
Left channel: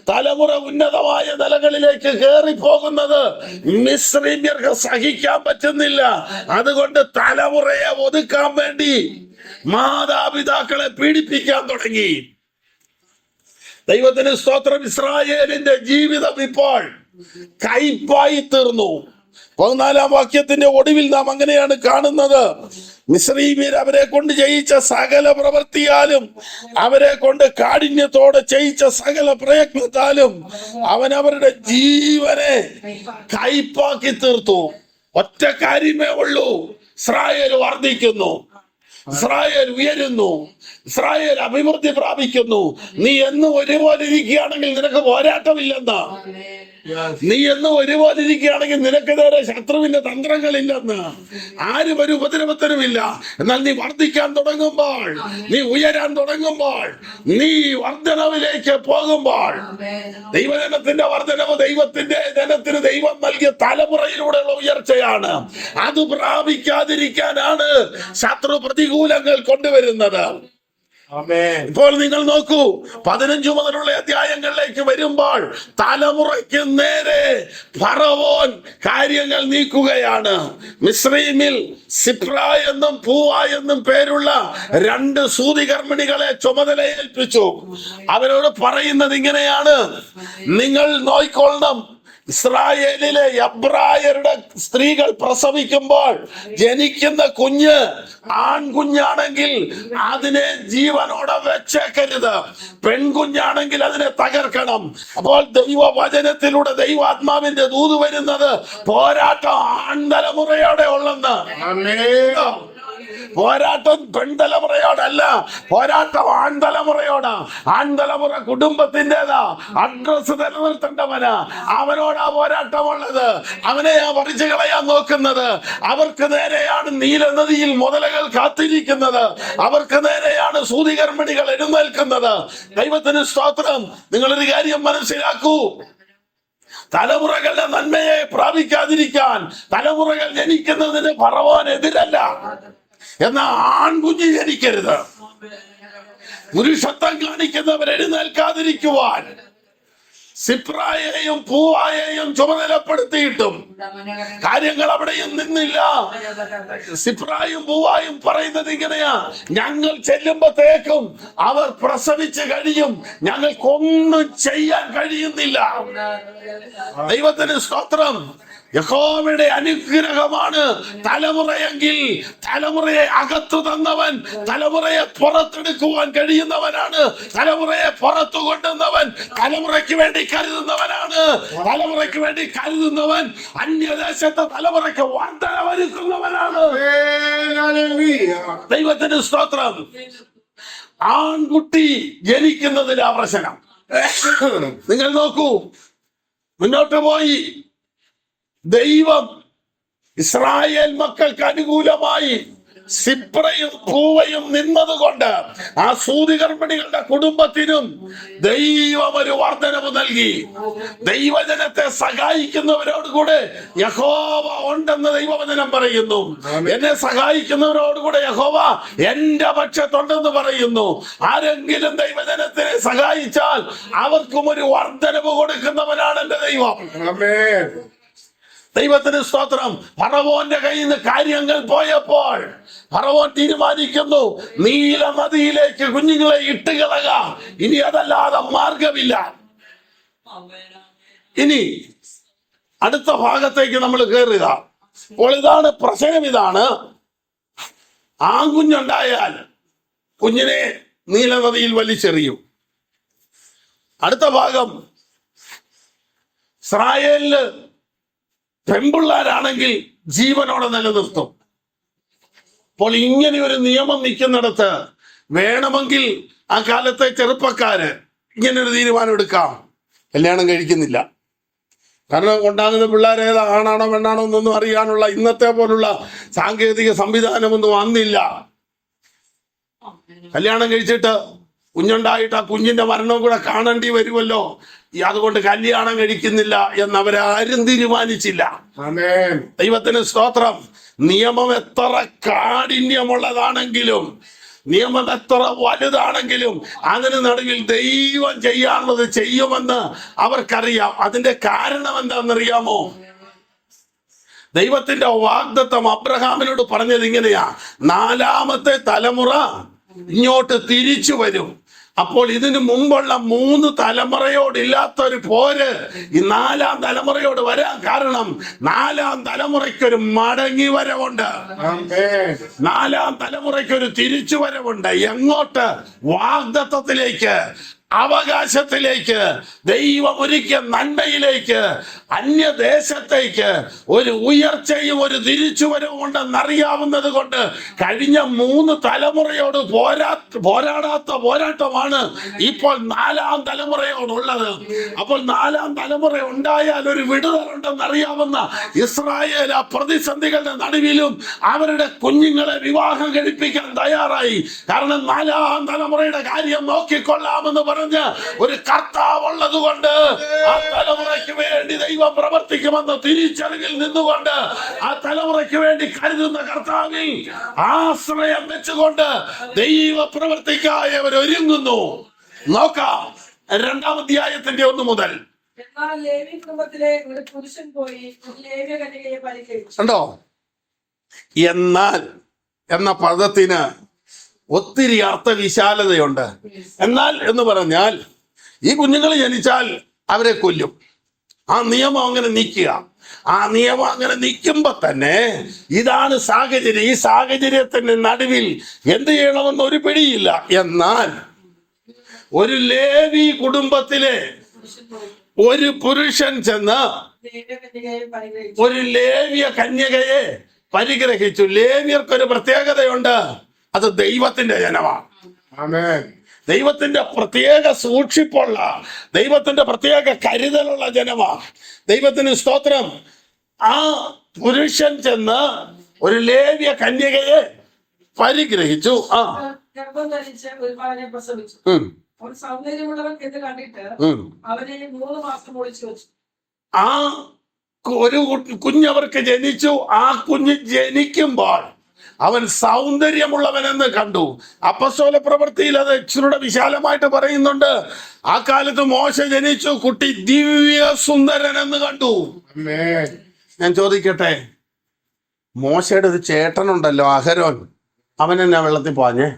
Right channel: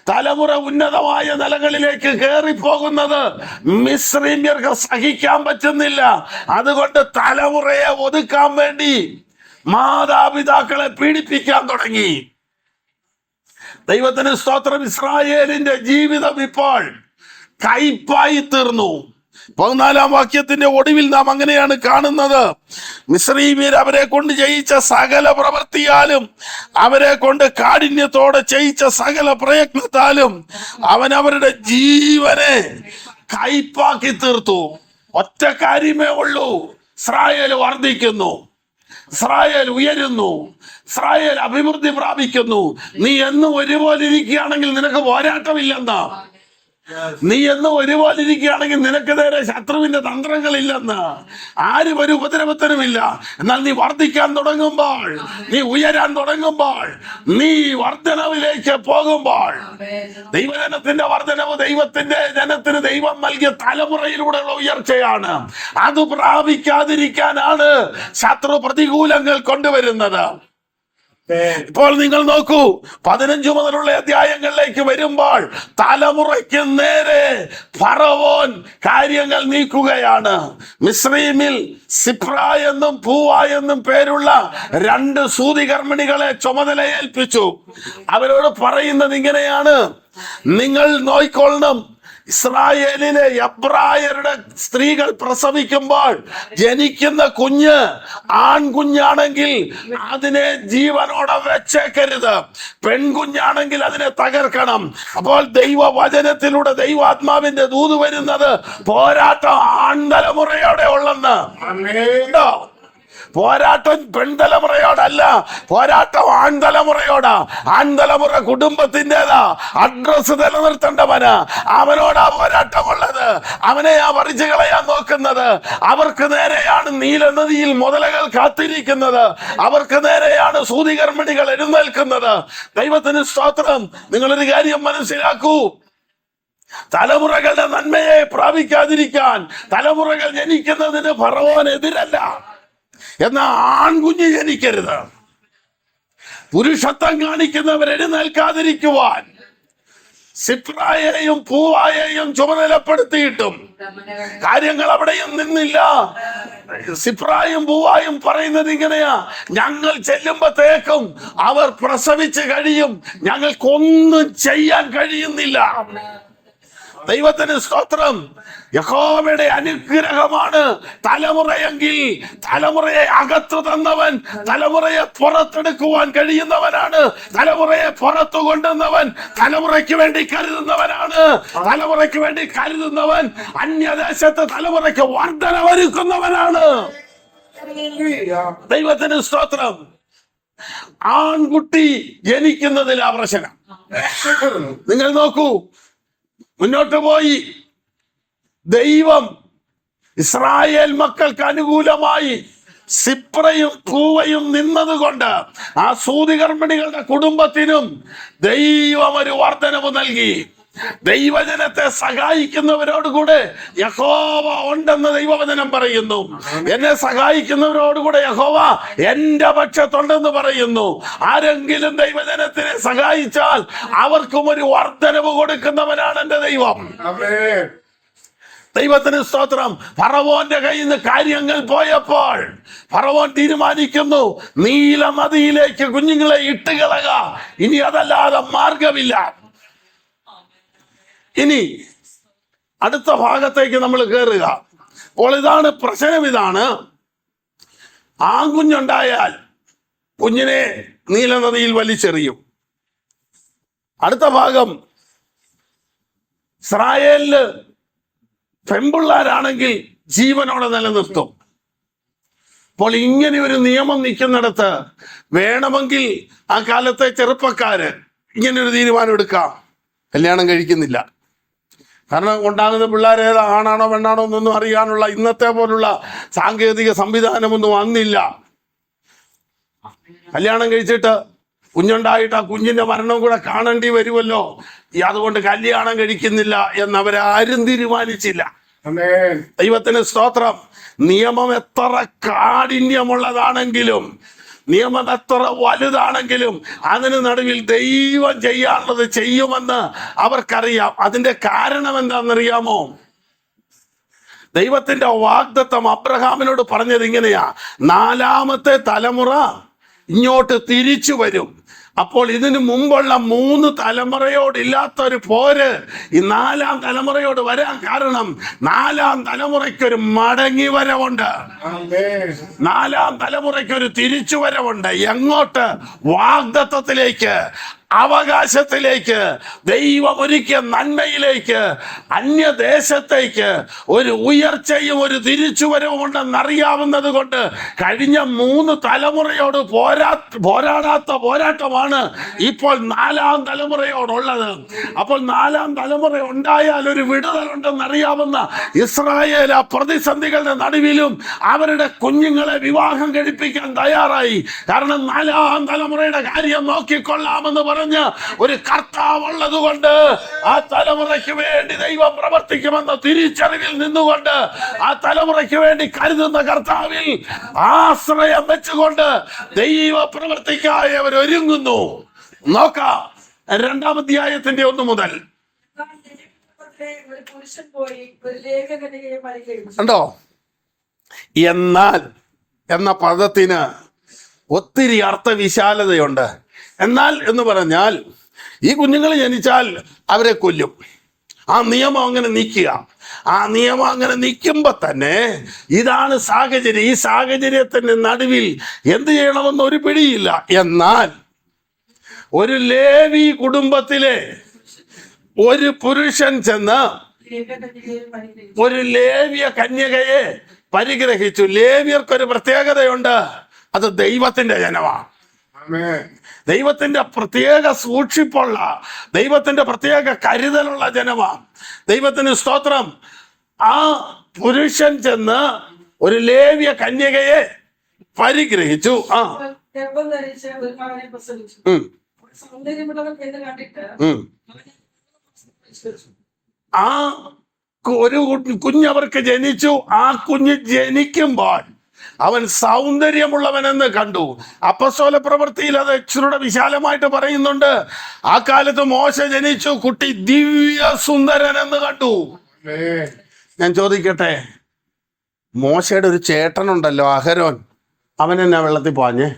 തലമുറ ഉന്നതമായ നിലകളിലേക്ക് കയറിപ്പോകുന്നത് മിസ്രൈമ്യർക്ക് സഹിക്കാൻ പറ്റുന്നില്ല. അതുകൊണ്ട് തലമുറയെ ഒതുക്കാൻ വേണ്ടി മാതാപിതാക്കളെ പീഡിപ്പിക്കാൻ തുടങ്ങി. ദൈവത്തിന് സ്തോത്രം. ഇസ്രായേലിന്റെ ജീവിതം ഇപ്പോൾ കയ്പായി തീർന്നു. 14-ാം വാക്യത്തിന്റെ ഒടുവിൽ നാം അങ്ങനെയാണ് കാണുന്നത്. മിസ്രൈമ്യർ അവരെ കൊണ്ട് ചെയ്യിച്ച സകല പ്രവൃത്തിയാലും, അവരെ കൊണ്ട് കാഠിന്യത്തോടെ ചെയ്യിച്ച സകല പ്രയത്നത്താലും അവൻ അവരുടെ ജീവനെ കയ്പാക്കി തീർത്തു. ഒറ്റ കാര്യമേ ഉള്ളൂ, ഇസ്രായേൽ വർദ്ധിക്കുന്നു, ഇസ്രായേൽ ഉയരുന്നു, ഇസ്രായേൽ അഭിവൃദ്ധി പ്രാപിക്കുന്നു. നീ എന്നും ഒരുപോലെ ഇരിക്കുകയാണെങ്കിൽ നിനക്ക് പോരാട്ടമില്ലെന്നാ. നീ എന്നും ഒരുപോലെ ഇരിക്കുകയാണെങ്കിൽ നിനക്ക് നേരെ ശത്രുവിന്റെ തന്ത്രങ്ങളില്ലെന്ന്. ആരും ഒരു ഉപദ്രവത്തിനുമില്ല. എന്നാൽ നീ വർദ്ധിക്കാൻ തുടങ്ങുമ്പോൾ, നീ ഉയരാൻ തുടങ്ങുമ്പോൾ, നീ വർധനവിലേക്ക് പോകുമ്പോൾ, ദൈവജനത്തിന്റെ വർധനവ് ദൈവത്തിന്റെ ജനത്തിന് ദൈവം നൽകിയ തലമുറയിലൂടെയുള്ള ഉയർച്ചയാണ്. അത് പ്രാപിക്കാതിരിക്കാനാണ് ശത്രു പ്രതികൂലങ്ങൾ കൊണ്ടുവരുന്നത്. ഇപ്പോൾ നിങ്ങൾ നോക്കൂ, 15 മുതലുള്ള അധ്യായങ്ങളിലേക്ക് വരുമ്പോൾ തലമുറയ്ക്ക് നേരെ ഫറവോൻ കാര്യങ്ങൾ നീക്കുകയാണ്. മിസ്രൈമിൽ സിപ്ര എന്നും പൂവ എന്നും പേരുള്ള 2 സൂതികർമ്മിണികളെ ചുമതലയേൽപ്പിച്ചു. അവരോട് പറയുന്നത് ഇങ്ങനെയാണ്, നിങ്ങൾ നോയിക്കൊള്ളണം. ഇസ്രായേലിലെ എബ്രായരുടെ സ്ത്രീകൾ പ്രസവിക്കുമ്പോൾ ജനിക്കുന്ന കുഞ്ഞ് ആൺകുഞ്ഞാണെങ്കിൽ അതിനെ ജീവനോടെ വെച്ചേക്കരുത്, പെൺകുഞ്ഞാണെങ്കിൽ അതിനെ തകർക്കണം. അപ്പോൾ ദൈവവചനത്തിലൂടെ ദൈവാത്മാവിന്റെ ദൂത് വരുന്നത് പോരാട്ടം ആൺതലമുറയോടെ ഉള്ളെന്ന്. പോരാട്ടം പെൺതലമുറയോടല്ല, പോരാട്ടം ആൺതലമുറയോടാ. ആൺതലമുറ കുടുംബത്തിൻ്റെതാ, അഡ്രസ് നിലനിർത്തേണ്ടവന്. അവനോടാ പോരാട്ടമുള്ളത്. അവനെയാ പറിച്ചു കളയാൻ നോക്കുന്നത്. അവർക്ക് നേരെയാണ് നീലനദിയിൽ മുതലകൾ കാത്തിരിക്കുന്നത്. അവർക്ക് നേരെയാണ് സൂതികർമ്മിണികൾ എഴുന്നേൽക്കുന്നത്. ദൈവത്തിന് സ്തോത്രം. നിങ്ങളൊരു കാര്യം മനസ്സിലാക്കൂ, തലമുറകളുടെ നന്മയെ പ്രാപിക്കാതിരിക്കാൻ തലമുറകൾ ജനിക്കുന്നതിന് ഫറവോൻ എതിരല്ല. എന്നാൽ ആൺകുഞ്ഞ് ജനിക്കരുത്. പുരുഷത്വം കാണിക്കുന്നവർ എഴുന്നേൽക്കാതിരിക്കുവാൻ സിപ്രായെയും പൂവായെയും ചുമതലപ്പെടുത്തിയിട്ടും കാര്യങ്ങൾ അവിടെയും നിന്നില്ല. സിപ്രായും പൂവായും പറയുന്നത് ഇങ്ങനെയാ: ഞങ്ങൾ ചെല്ലുമ്പോഴത്തേക്കും അവർ പ്രസവിച്ച് കഴിയും, ഞങ്ങൾക്കൊന്നും ചെയ്യാൻ കഴിയുന്നില്ല. ദൈവത്തിന് സ്തോത്രം. യഹോവയുടെ അനുഗ്രഹമാണ് തലമുറയെങ്കിൽ തലമുറയെ അകത്തു തന്നവൻ തലമുറയെ പുറത്തെടുക്കുവാൻ കഴിയുന്നവനാണ്. തലമുറയെ പുറത്തു കൊണ്ടുവന്നവൻ തലമുറയ്ക്ക് വേണ്ടി കരുതുന്നവനാണ്. തലമുറയ്ക്ക് വേണ്ടി കരുതുന്നവൻ അന്യദേശത്തെ തലമുറയ്ക്ക് വർധനവരുക്കുന്നവനാണ്. ദൈവത്തിന് സ്തോത്രം. ആൺകുട്ടി ജനിക്കുന്നതിലാ പ്രശ്നം. നിങ്ങൾ നോക്കൂ, മുന്നോട്ട് പോയി ദൈവം ഇസ്രായേൽ മക്കൾക്ക് അനുകൂലമായി സിപ്രയും പൂവയും നിന്നതുകൊണ്ട് ആ സൂതികർമ്മിണികളുടെ കുടുംബത്തിനും ദൈവം ഒരു വർധനവ് നൽകി. ദൈവജനത്തെ സഹായിക്കുന്നവരോടുകൂടെ യഹോവ ഉണ്ടെന്ന് ദൈവവചനം പറയുന്നു. എന്നെ സഹായിക്കുന്നവരോടുകൂടെ യഹോവ എന്റെ പക്ഷത്തുണ്ടെന്ന് പറയുന്നു. ആരെങ്കിലും ദൈവജനത്തിനെ സഹായിച്ചാൽ അവർക്കും ഒരു വർധനവ് കൊടുക്കുന്നവനാണ് എന്റെ ദൈവം. ദൈവത്തിന് സ്തോത്രം. ഫറവോന്റെ കയ്യിൽ നിന്ന് കാര്യങ്ങൾ പോയപ്പോൾ ഫറവോൻ തീരുമാനിക്കുന്നു, നീല നദിയിലേക്ക് കുഞ്ഞുങ്ങളെ ഇട്ടുകളക, ഇനി അതല്ലാതെ മാർഗമില്ല. ഇനി അടുത്ത ഭാഗത്തേക്ക് നമ്മൾ കയറുക. അപ്പോൾ ഇതാണ് പ്രശ്നം. ഇതാണ്, ആൺകുഞ്ഞുണ്ടായാൽ കുഞ്ഞിനെ നീലനദിയിൽ വലിച്ചെറിയും. അടുത്ത ഭാഗം, ഇസ്രായേലില് പെൺപിള്ളാരാണെങ്കിൽ ജീവനോടെ നിലനിർത്തും. അപ്പോൾ ഇങ്ങനെ ഒരു നിയമം നിൽക്കുന്നിടത്ത് വേണമെങ്കിൽ ആ കാലത്തെ ചെറുപ്പക്കാര് ഇങ്ങനെ ഒരു തീരുമാനം എടുക്കാം: കല്യാണം കഴിക്കുന്നില്ല. കാരണം ഉണ്ടാകുന്ന പിള്ളേരേതാ, ആണാണോ പെണ്ണാണോ എന്നൊന്നും അറിയാനുള്ള ഇന്നത്തെ പോലുള്ള സാങ്കേതിക സംവിധാനമൊന്നും വന്നില്ല. കല്യാണം കഴിച്ചിട്ട് കുഞ്ഞുണ്ടായിട്ട് ആ കുഞ്ഞിന്റെ മരണം കൂടെ കാണേണ്ടി വരുമല്ലോ, അതുകൊണ്ട് കല്യാണം കഴിക്കുന്നില്ല എന്നവരാരും തീരുമാനിച്ചില്ല. ദൈവത്തിന് സ്തോത്രം. നിയമം എത്ര കാഠിന്യമുള്ളതാണെങ്കിലും, നിയമം എത്ര വലുതാണെങ്കിലും അതിന് നടുവിൽ ദൈവം ചെയ്യാനുള്ളത് ചെയ്യുമെന്ന് അവർക്കറിയാം. അതിന്റെ കാരണം എന്താണെന്നറിയാമോ? ദൈവത്തിന്റെ വാഗ്ദത്തം അബ്രഹാമിനോട് പറഞ്ഞത് ഇങ്ങനെയാ: 4ാമത്തെ തലമുറ ഇങ്ങോട്ട് തിരിച്ചു വരും. അപ്പോൾ ഇതിനു മുമ്പുള്ള 3 തലമുറയോടില്ലാത്തൊരു പോര് ഈ 4ാം തലമുറയോട് വരാൻ കാരണം 4ാം തലമുറയ്ക്കൊരു മടങ്ങി വരവുണ്ട്. 4ാം തലമുറയ്ക്കൊരു തിരിച്ചു വരവുണ്ട്. എങ്ങോട്ട്? വാഗ്ദത്തത്തിലേക്ക്, അവകാശത്തിലേക്ക്, ദൈവം ഒരുക്കിയ നന്മയിലേക്ക്, അന്യദേശത്തേക്ക് ഒരു ഉയർച്ചയും ഒരു തിരിച്ചുവരവും ഉണ്ടെന്നറിയാവുന്നത് കൊണ്ട് കഴിഞ്ഞ 3 തലമുറയോട് പോരാടാത്ത പോരാട്ടമാണ് ഇപ്പോൾ 4ാം തലമുറയോടുള്ളത്. അപ്പോൾ 4ാം തലമുറ ഉണ്ടായാൽ ഒരു വിടുതലുണ്ടെന്നറിയാവുന്ന ഇസ്രായേൽ ആ പ്രതിസന്ധികളുടെ നടുവിലും അവരുടെ കുഞ്ഞുങ്ങളെ വിവാഹം കഴിപ്പിക്കാൻ തയ്യാറായി. കാരണം 4ാം തലമുറയുടെ കാര്യം നോക്കിക്കൊള്ളാമെന്ന് പറഞ്ഞ് ഒരു കർത്താവ് ഉള്ളത് കൊണ്ട് ആ തലമുറയ്ക്ക് വേണ്ടി ദൈവം പ്രവർത്തിക്കുമെന്ന തിരിച്ചറിവിൽ നിന്നുകൊണ്ട് ആ തലമുറയ്ക്ക് വേണ്ടി കരുതുന്ന കർത്താവിൽ ആശ്രയം വെച്ചുകൊണ്ട് ദൈവ പ്രവർത്തിക്കായി അവർ ഒരുങ്ങുന്നു. നോക്കാം 2ാം അധ്യായത്തിന്റെ 1 മുതൽ. കണ്ടോ? എന്നാൽ എന്ന പദത്തിന് ഒത്തിരി അർത്ഥവിശാലതയുണ്ട്. എന്നാൽ എന്ന് പറഞ്ഞാൽ ഈ കുഞ്ഞുങ്ങൾ ജനിച്ചാൽ അവരെ കൊല്ലും. ആ നിയമം അങ്ങനെ നിൽക്കുക. ആ നിയമം അങ്ങനെ നിൽക്കുമ്പോ തന്നെ ഇതാണ് സാഹചര്യം. ഈ സാഹചര്യത്തിന്റെ നടുവിൽ എന്ത് ചെയ്യണമെന്ന് ഒരു പിടിയില്ല. എന്നാൽ ഒരു ലേവി കുടുംബത്തിലെ ഒരു പുരുഷൻ ചെന്ന് ഒരു ലേവ്യ കന്യകയെ പരിഗ്രഹിച്ചു. ലേവ്യർക്കൊരു പ്രത്യേകതയുണ്ട്, അത് ദൈവത്തിന്റെ ജനമാണ്. ആമേൻ. ദൈവത്തിന്റെ പ്രത്യേക സൂക്ഷിപ്പുള്ള, ദൈവത്തിന്റെ പ്രത്യേക കരുതലുള്ള ജനമാണ്. ദൈവത്തിന് സ്തോത്രം. ആ പുരുഷൻ ചെന്ന് ഒരു ലേവ്യ കന്യകയെ പരിഗ്രഹിച്ചു. ഗർഭം ധരിച്ച് ഒരു മകനെ പ്രസവിച്ചു. അവൻ സൗന്ദര്യമുള്ളവൻ എന്ന് കണ്ടിട്ട് അവനെ 3 മാസം ഒളിച്ചു വെച്ചു. ആ ഒരു കുഞ്ഞവർക്ക് ജനിച്ചു. ആ കുഞ്ഞ് ജനിക്കുമ്പോൾ അവൻ സൗന്ദര്യമുള്ളവനെന്ന് കണ്ടു. അപ്പസ്തോല പ്രവൃത്തിയിൽ അത് ഇച്ചിരൂടെ വിശാലമായിട്ട് പറയുന്നുണ്ട്. ആ കാലത്ത് മോശ ജനിച്ചു, കുട്ടി ദിവ്യ സുന്ദരൻ എന്ന് കണ്ടു. ആമേൻ. ഞാൻ ചോദിക്കട്ടെ, മോശയുടെ ഒരു ചേട്ടനുണ്ടല്ലോ അഹരോൻ, അവൻ എന്നാ വെള്ളത്തിൽ പാഞ്ഞേ?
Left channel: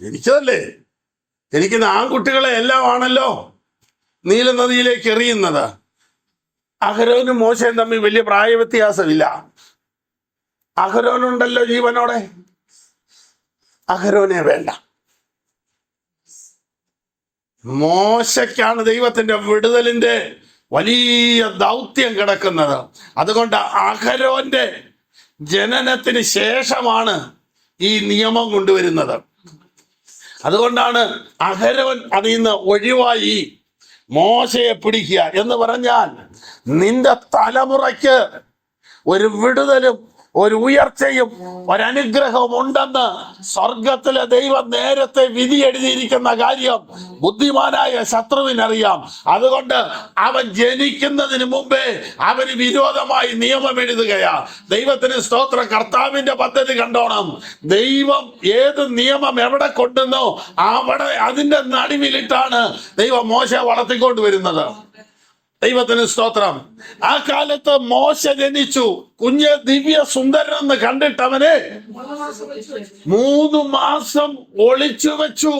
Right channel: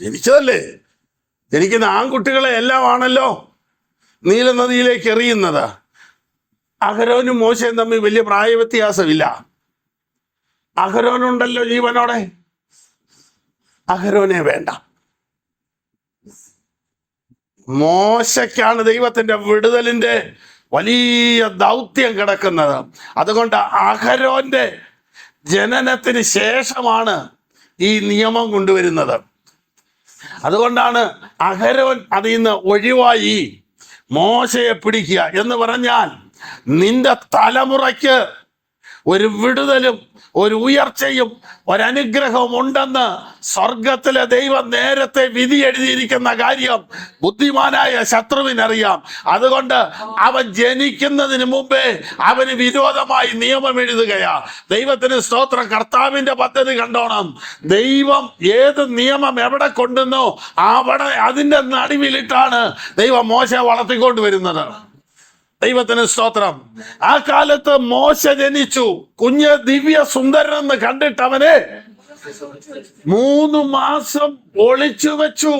ജനിച്ചതല്ലേ? ജനിക്കുന്ന ആൺകുട്ടികളെ എല്ലാം ആണല്ലോ നീല നദിയിലേക്ക് എറിയുന്നത്. അഹരോനും മോശയും തമ്മിൽ വലിയ പ്രായ വ്യത്യാസമില്ല. അഹരോനുണ്ടല്ലോ ജീവനോടെ, അഹരോനെ വേണ്ട. മോശയ്ക്കാണ് ദൈവത്തിന്റെ വിടുതലിന്റെ വലിയ ദൗത്യം കിടക്കുന്നത്. അതുകൊണ്ട് അഹരോന്റെ ജനനത്തിന് ശേഷമാണ് ഈ നിയമം കൊണ്ടുവരുന്നത്. അതുകൊണ്ടാണ് അഹരോൻ അതിൽ നിന്ന് ഒഴിവായി മോശയെ പിടിക്കുക എന്ന് പറഞ്ഞാൽ, നിന്റെ തലമുറയ്ക്ക് ഒരു വിടുതലും ഒരു ഉയർച്ചയും ഒരനുഗ്രഹവും ഉണ്ടെന്ന് സ്വർഗത്തിലെ ദൈവം നേരത്തെ വിധി എഴുതിയിരിക്കുന്ന കാര്യം ബുദ്ധിമാനായ ശത്രുവിനറിയാം. അതുകൊണ്ട് അവൻ ജനിക്കുന്നതിന് മുമ്പേ അവന് വിരോധമായി നിയമം എഴുതുകയാ. ദൈവത്തിന് സ്തോത്രം. കർത്താവിന്റെ പദ്ധതി കണ്ടോണം. ദൈവം ഏത് നിയമം എവിടെ കൊണ്ടുവന്നോ അവിടെ അതിന്റെ നടുവിലിട്ടാണ് ദൈവം മോശയെ വളർത്തിക്കൊണ്ടുവരുന്നത്. ദൈവത്തിന് സ്തോത്രം. ആ കാലത്ത് മോശ ജനിച്ചു, കുഞ്ഞ് ദിവ്യ സുന്ദരനെന്ന് കണ്ടിട്ട് അവനെ 3 മാസം ഒളിച്ചു വെച്ചു.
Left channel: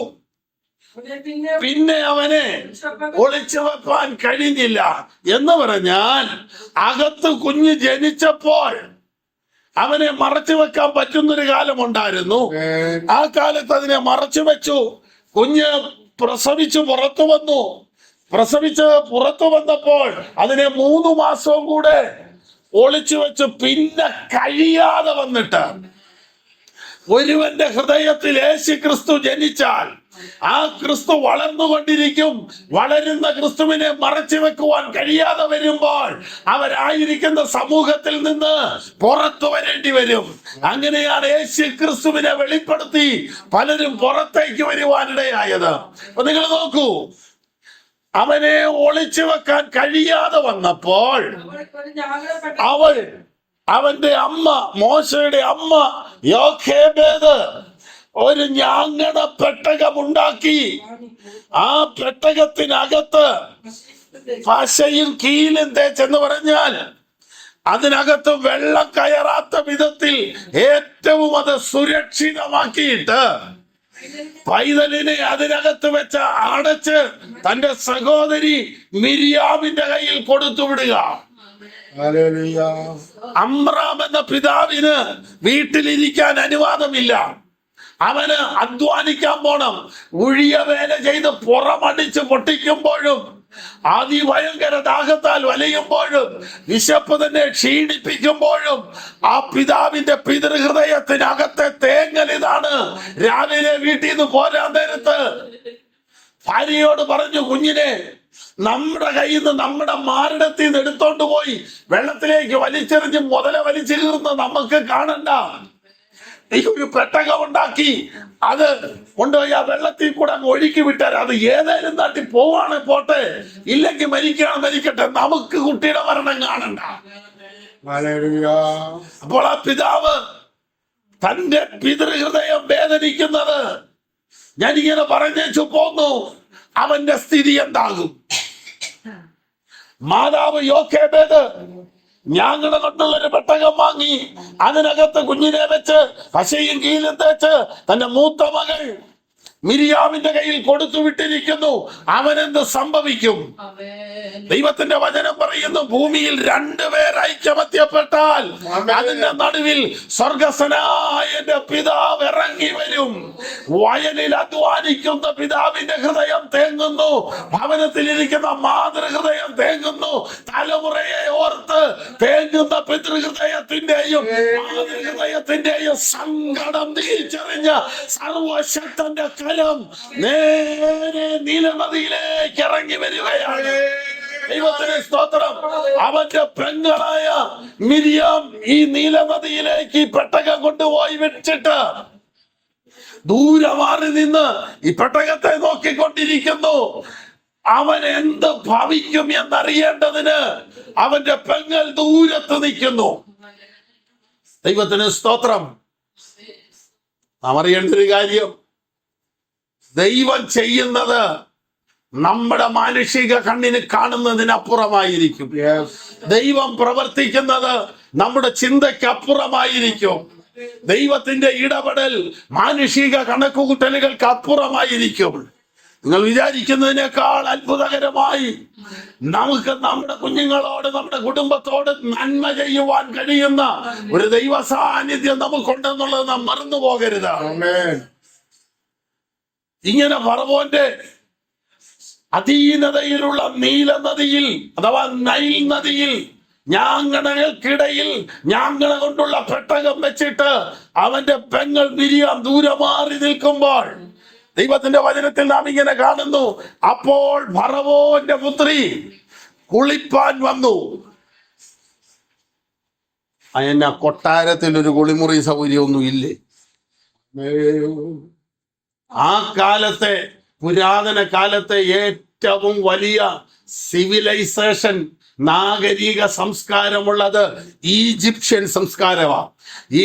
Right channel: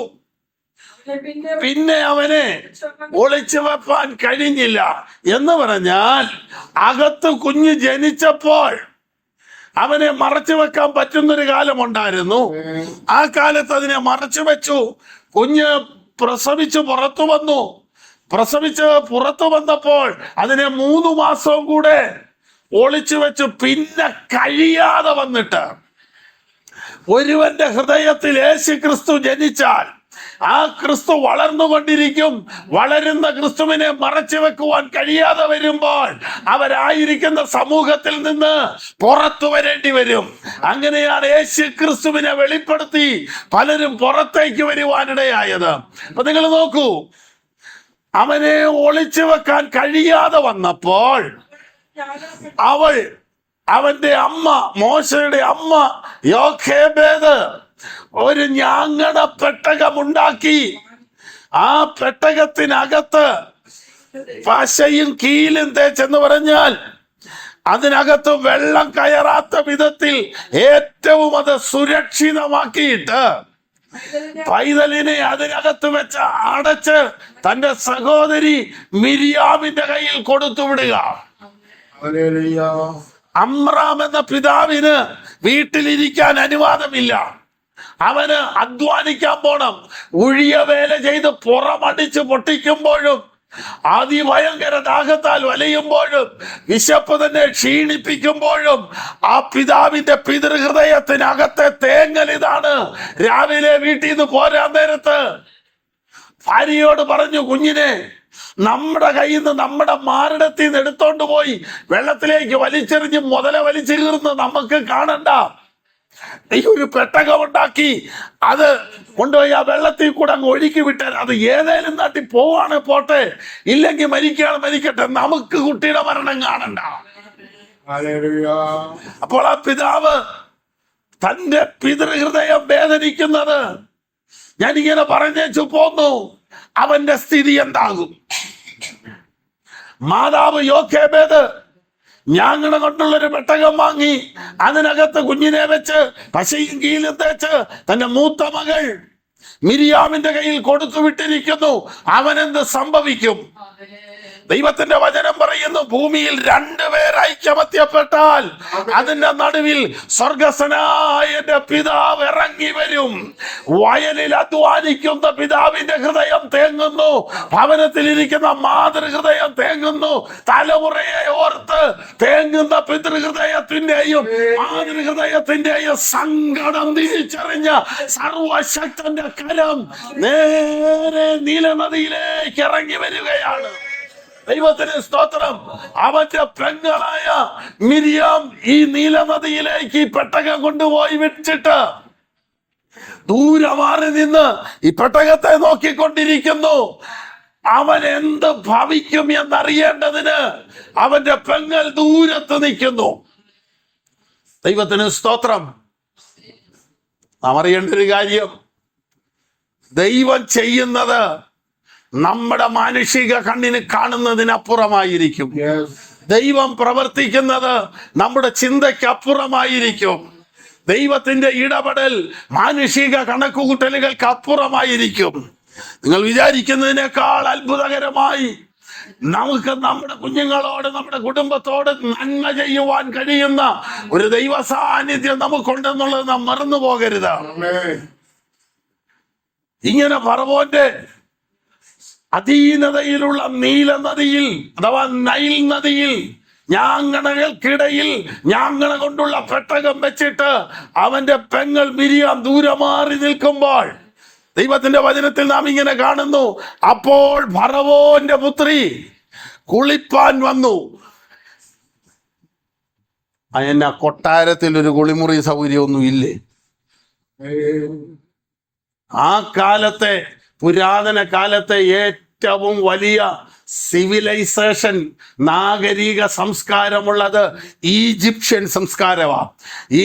പിന്നെ അവനെ ഒളിച്ചു വെപ്പാൻ കഴിഞ്ഞില്ല. എന്ന് പറഞ്ഞാൽ അകത്ത് കുഞ്ഞ് ജനിച്ചപ്പോൾ അവനെ മറച്ചു വെക്കാൻ പറ്റുന്നൊരു കാലമുണ്ടായിരുന്നു. ആ കാലത്ത് അതിനെ മറച്ചു വെച്ചു. കുഞ്ഞ് പ്രസവിച്ചു പുറത്തു വന്നു. പ്രസവിച്ച് പുറത്തു വന്നപ്പോൾ അതിനെ 3 മാസവും കൂടെ ഒളിച്ചു വെച്ചു. പിന്നെ കഴിയാതെ വന്നിട്ട് ഒരുവന്റെ ഹൃദയത്തിൽ യേശു ക്രിസ്തു ജനിച്ചാൽ ആ ക്രിസ്തു വളർന്നുകൊണ്ടിരിക്കും. വളരുന്ന ക്രിസ്തുവിനെ മറച്ചു വെക്കുവാൻ കഴിയാതെ വരുമ്പോൾ അവരായിരിക്കുന്ന സമൂഹത്തിൽ നിന്ന് പുറത്തു വരേണ്ടി വരും. അങ്ങനെയാണ് യേശു ക്രിസ്തുവിനെ വെളിപ്പെടുത്തി പലരും പുറത്തേക്ക് വരുവാനിടയായത്. അപ്പൊ നിങ്ങൾ നോക്കൂ, അവനെ ഒളിച്ചു വെക്കാൻ കഴിയാതെ വന്നപ്പോൾ അവന്റെ അമ്മ, മോശയുടെ അമ്മ യോഖേബേദ് ഒരു ഞാങ്ങണ പെട്ടകമുണ്ടാക്കി. ആ പെട്ടകത്തിനകത്ത് പശയും കീലും തേച്ചെന്ന് പറഞ്ഞാൽ അതിനകത്ത് വെള്ളം കയറാത്ത വിധത്തിൽ ഏറ്റവും അത് സുരക്ഷിതമാക്കിയിട്ട് പൈതലിനെ അതിനകത്ത് വെച്ച് അടച്ച് തന്റെ സഹോദരി മിരിയാമിന്റെ കയ്യിൽ കൊടുത്തു വിടുക. ഹല്ലേലൂയ. അമ്രാം എന്ന പിതാവിന് വീട്ടിലിരിക്കാൻ അനുവാദമില്ല. അവന് അധ്വാനിക്കാൻ പോണം. ഉഴിയ വേല ചെയ്ത് പുറമടിച്ച് പൊട്ടിക്കുമ്പോഴും അതിഭയങ്കര ദാഹത്താൽ വലയുമ്പോഴും വിശപ്പ് തന്നെ ക്ഷീണിപ്പിക്കുമ്പോഴും ആ പിതാവിന്റെ പിതൃഹൃദയത്തിനകത്തെ തേങ്ങൽ ഇതാണ്. രാവിലെ വീട്ടിൽ നിന്ന് പോരാൻ നേരത്ത് ഭാര്യയോട് പറഞ്ഞു, കുഞ്ഞിനെ നമ്മുടെ കയ്യിൽ നിന്ന് നമ്മുടെ മാറിടത്തിൽ നിന്ന് എടുത്തോണ്ട് പോയി വെള്ളത്തിലേക്ക് വലിച്ചെറിഞ്ഞ് മുതല വലിച്ചെറിഞ്ഞ് നമുക്ക് കാണണ്ട. ഈ ഒരു പെട്ടകമുണ്ടാക്കി അത് കൊണ്ടുപോയി ആ വെള്ളത്തിൽ കൂടെ അങ്ങ് ഒഴുക്കി വിട്ടാൽ അത് ഏതേലും നാട്ടിൽ പോവാണ് പോട്ടെ, ഇല്ലെങ്കിൽ മരിക്കട്ടെ, നമുക്ക് കുട്ടിയുടെ മരണം കാണണ്ട. അപ്പോൾ ആ പിതാവ് തന്റെ പിതൃഹൃദയം വേദനിക്കുന്നത് ഞാനിങ്ങനെ പറഞ്ഞേച്ചു പോന്നു. അവന്റെ സ്ഥിതി എന്താകും? മാതാവ് യോഖേബേദ് ഞാങ്ങണ കൊണ്ടുള്ളൊരു പെട്ടകം വാങ്ങി അതിനകത്ത് കുഞ്ഞിനെ വെച്ച് പശയും കീലും തേച്ച് തന്റെ മൂത്ത മകൾ മിരിയാമിന്റെ കയ്യിൽ കൊടുത്തു വിട്ടിരിക്കുന്നു. അവനെന്ത് സംഭവിക്കും? ദൈവത്തിന്റെ വചനം പറയുന്നു, ഭൂമിയിൽ രണ്ടുപേർ ഐക്യമത്യപ്പെട്ടാൽ അതിന്റെ നടുവിൽ സ്വർഗസ്ഥനായ എന്റെ പിതാവ് ഇറങ്ങി വരും. വയലിൽ അധ്വാനിക്കുന്ന പിതാവിന്റെ ഹൃദയം തേങ്ങുന്നു, ഭവനത്തിലിരിക്കുന്ന മാതൃഹൃദയം തേങ്ങുന്നു. തലമുറയെ ഓർത്ത് തേങ്ങുന്ന പിതൃഹൃദയത്തിന്റെയും മാതൃഹൃദയത്തിന്റെയും സങ്കടം തിരിച്ചറിഞ്ഞ സർവശക്തന്റെ കരം നേരെ നീലനദിയിലേക്ക് ഇറങ്ങി വരികയാണ്. ദൈവത്തിന് സ്തോത്രം. അവന്റെ പെങ്ങളായ മിരിയാം ഈ നീലനദിയിലേക്ക് പെട്ടകം കൊണ്ടുപോയി വെച്ചിട്ട് ദൂരെ മാറി നിന്ന് ഈ പെട്ടകത്തെ നോക്കിക്കൊണ്ടിരിക്കുന്നു. അവൻ എന്ത് ഭവിക്കും എന്നറിയേണ്ടതിന് അവന്റെ പെങ്ങൾ ദൂരത്ത് നിൽക്കുന്നു. ദൈവത്തിന് സ്തോത്രം. നാം അറിയേണ്ട ഒരു കാര്യം, ദൈവം ചെയ്യുന്നത് നമ്മുടെ മാനുഷിക കണ്ണിന് കാണുന്നതിനപ്പുറമായിരിക്കും. ദൈവം പ്രവർത്തിക്കുന്നത് നമ്മുടെ ചിന്തയ്ക്കപ്പുറമായിരിക്കും. ദൈവത്തിന്റെ ഇടപെടൽ മാനുഷിക കണക്കുകൂട്ടലുകൾക്ക് അപ്പുറമായിരിക്കും. നിങ്ങൾ വിചാരിക്കുന്നതിനേക്കാൾ അത്ഭുതകരമായി നമുക്ക് നമ്മുടെ കുഞ്ഞുങ്ങളോട്, നമ്മുടെ കുടുംബത്തോട് നന്മ ചെയ്യുവാൻ കഴിയുന്ന ഒരു ദൈവ സാന്നിധ്യം നമുക്കുണ്ടെന്നുള്ളത് നാം മറന്നു പോകരുത്. ഇങ്ങനെ ഫറവോന്റെ അധീനതയിലുള്ള നീല നദിയിൽ അഥവാ നൈൽ നദിയിൽ ഞാങ്ങണകൾക്കിടയിൽ ഞാങ്ങണ കൊണ്ടുള്ള പെട്ടകം വെച്ചിട്ട് അവന്റെ പെങ്ങൾ മിരിയാം ദൂരെ മാറി നിൽക്കുമ്പോൾ ദൈവത്തിന്റെ വചനത്തിൽ നാം ഇങ്ങനെ കാണുന്നു, അപ്പോൾ ഫറവോന്റെ പുത്രി കുളിപ്പാൻ വന്നു. അതിന് കൊട്ടാരത്തിൽ ഒരു കുളിമുറി സൗകര്യമൊന്നും ഇല്ലേ? ആ കാലത്തെ, പുരാതന കാലത്തെ ഏറ്റവും വലിയ സിവിലൈസേഷൻ, നാഗരിക സംസ്കാരമുള്ളത് ഈജിപ്ഷ്യൻ സംസ്കാരമാണ്.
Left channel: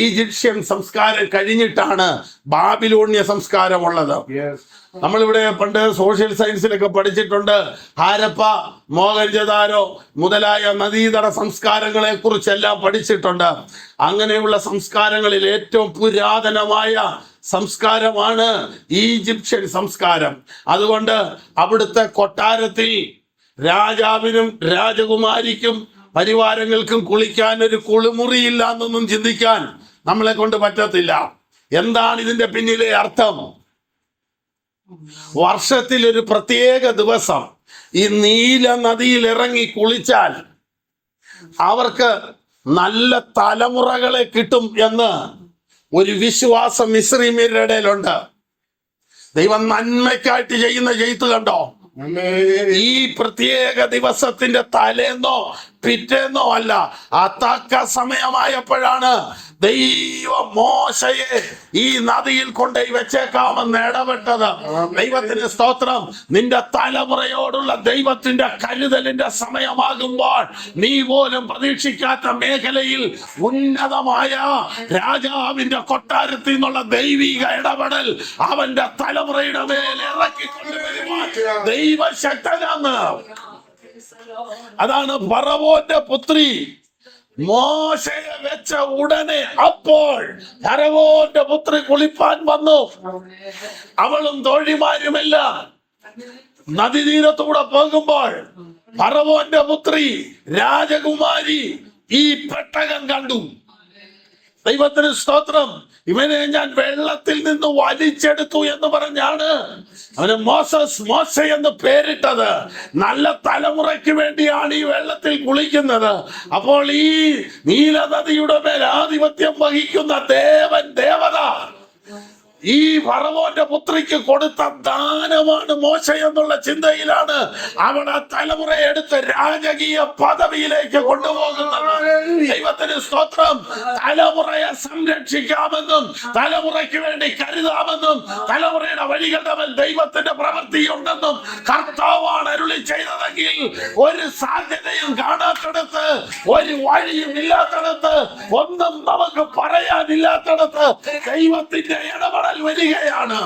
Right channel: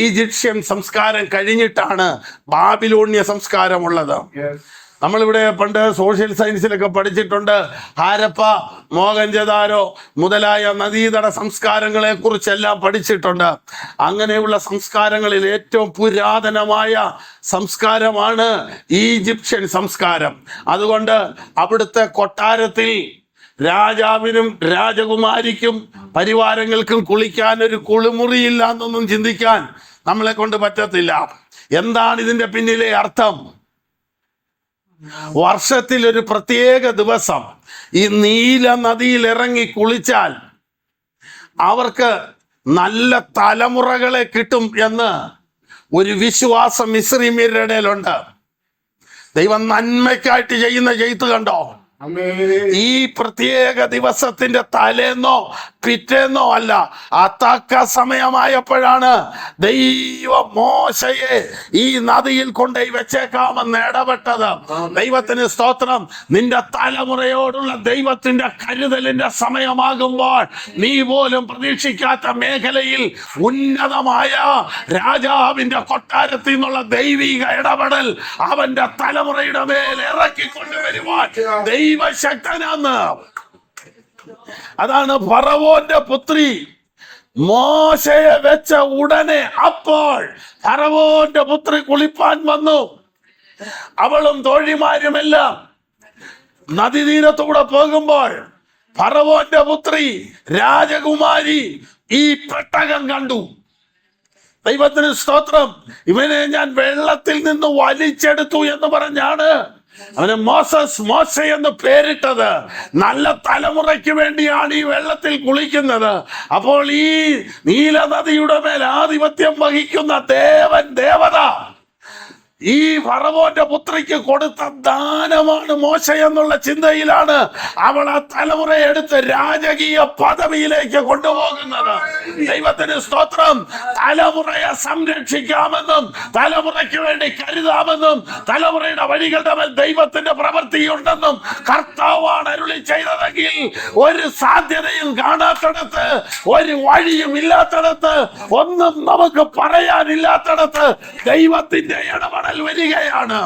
ഈജിപ്ഷ്യൻ സംസ്കാരം കഴിഞ്ഞിട്ടാണ് ബാബിലോണ്യ സംസ്കാരമുള്ളത്. നമ്മളിവിടെ പണ്ട് സോഷ്യൽ സയൻസിലൊക്കെ പഠിച്ചിട്ടുണ്ട്. ഹാരപ്പ, മോഹൻജദാരോ മുതലായ നദീതട സംസ്കാരങ്ങളെ കുറിച്ചെല്ലാം പഠിച്ചിട്ടുണ്ട്. അങ്ങനെയുള്ള സംസ്കാരങ്ങളിൽ ഏറ്റവും പുരാതനമായ സംസ്കാരമാണ് ഈജിപ്ഷ്യൻ സംസ്കാരം. അതുകൊണ്ട് അവിടുത്തെ കൊട്ടാരത്തിൽ രാജാവിനും രാജകുമാരിക്കും പരിവാരങ്ങൾക്കും കുളിക്കാൻ ഒരു കുളിമുറിയില്ല എന്നൊന്നും ചിന്തിക്കാൻ നമ്മളെ കൊണ്ട് പറ്റത്തില്ല. എന്താണ് ഇതിന്റെ പിന്നിലെ അർത്ഥം? വർഷത്തിൽ ഒരു പ്രത്യേക ദിവസം ഈ നീല നദിയിൽ ഇറങ്ങി കുളിച്ചാൽ അവർക്ക് നല്ല തലമുറകളെ കിട്ടും എന്ന് ഒരു വിശ്വാസം മിസ്രയീമ്യരുടെ ഇടയിലുണ്ട്. ദൈവം നന്മയ്ക്കായിട്ട് ചെയ്യുന്ന ചെയ്ത് കണ്ടോ? ഈ പ്രത്യേക ദിവസത്തിന്റെ തലേന്നോ പിറ്റേന്നോ അല്ല, തക്ക സമയമായപ്പോഴാണ് ദൈവം മോശയെ ഈ നദിയിൽ കൊണ്ടുപോയി വെച്ചേക്കാമെന്ന് ഇടപെട്ടത്. ദൈവത്തിന് സ്തോത്രം. നിന്റെ തലമുറയോടുള്ള ദൈവത്തിന്റെ കരുതലിന്റെ സമയമാകുമ്പോൾ നീ പോലും പ്രതീക്ഷിക്കാത്ത മേഖലയിൽ ഉന്നതമായ രാജാവിന്റെ കൊട്ടാരത്തിൽ നിന്നുള്ള ദൈവിക ഇടപെടൽ അവന്റെ തലമുറയുടെ മേൽ ഇറക്കിക്കൊണ്ടുവരുവാൻ ദൈവശക്തനാണ്. അതാണ് ഫറവോന്റെ പുത്രി മോശയെ വെച്ച ഉടനെ അപ്പോൾ ഫറവോന്റെ പുത്രി കുളിപ്പാൻ വന്നു. അവളും തോഴിമാരുമെല്ലാം നദീതീരത്തൂടെ പോകുമ്പോൾ ഫറവോന്റെ പുത്രി രാജകുമാരി ഈ പെട്ടകം കണ്ടു. ദൈവത്തിന് സ്തോത്രം. ഇവനെ ഞാൻ വെള്ളത്തിൽ നിന്ന് വലിച്ചെടുത്തു എന്ന് പറഞ്ഞാണ് അവന് മോശ എന്ന് പേരിട്ടത്. നല്ല തലമുറയ്ക്ക് വേണ്ടിയാണ് ഈ വെള്ളത്തിൽ കുളിക്കുന്നത്. അപ്പോൾ ഈ നീലനദിയുടെ മേൽ ആധിപത്യം വഹിക്കുന്ന ദേവത ഈ ഫറവോന്റെ പുത്രിക്ക് കൊടുത്ത ദാനമാണ് മോശ എന്നുള്ള ചിന്തയിലാണ് അവൾ ആ തലമുറയെ എടുത്ത് രാജകീയ പദവിയിലേക്ക് കൊണ്ടുപോകുന്നത്. ദൈവത്തിന് സ്തോത്രം. തലമുറയെ സംരക്ഷിക്കാമെന്നും തലമുറയ്ക്ക് വേണ്ടി കരുതാമെന്നും തലമുറയുടെ വഴികളുടെ മേൽ ദൈവത്തിന്റെ പ്രവൃത്തിയുണ്ടെന്നും കർത്താവാണ് അരുളി ചെയ്തതെങ്കിൽ ഒരു സാധ്യതയും കാണാത്തിടത്ത്, ഒരു വഴിയും ഇല്ലാത്തിടത്ത്, ഒന്നും നമുക്ക് പറയാനില്ലാത്തിടത്ത് ദൈവത്തിന്റെ ഇടപെടൽ വരികയാണ്.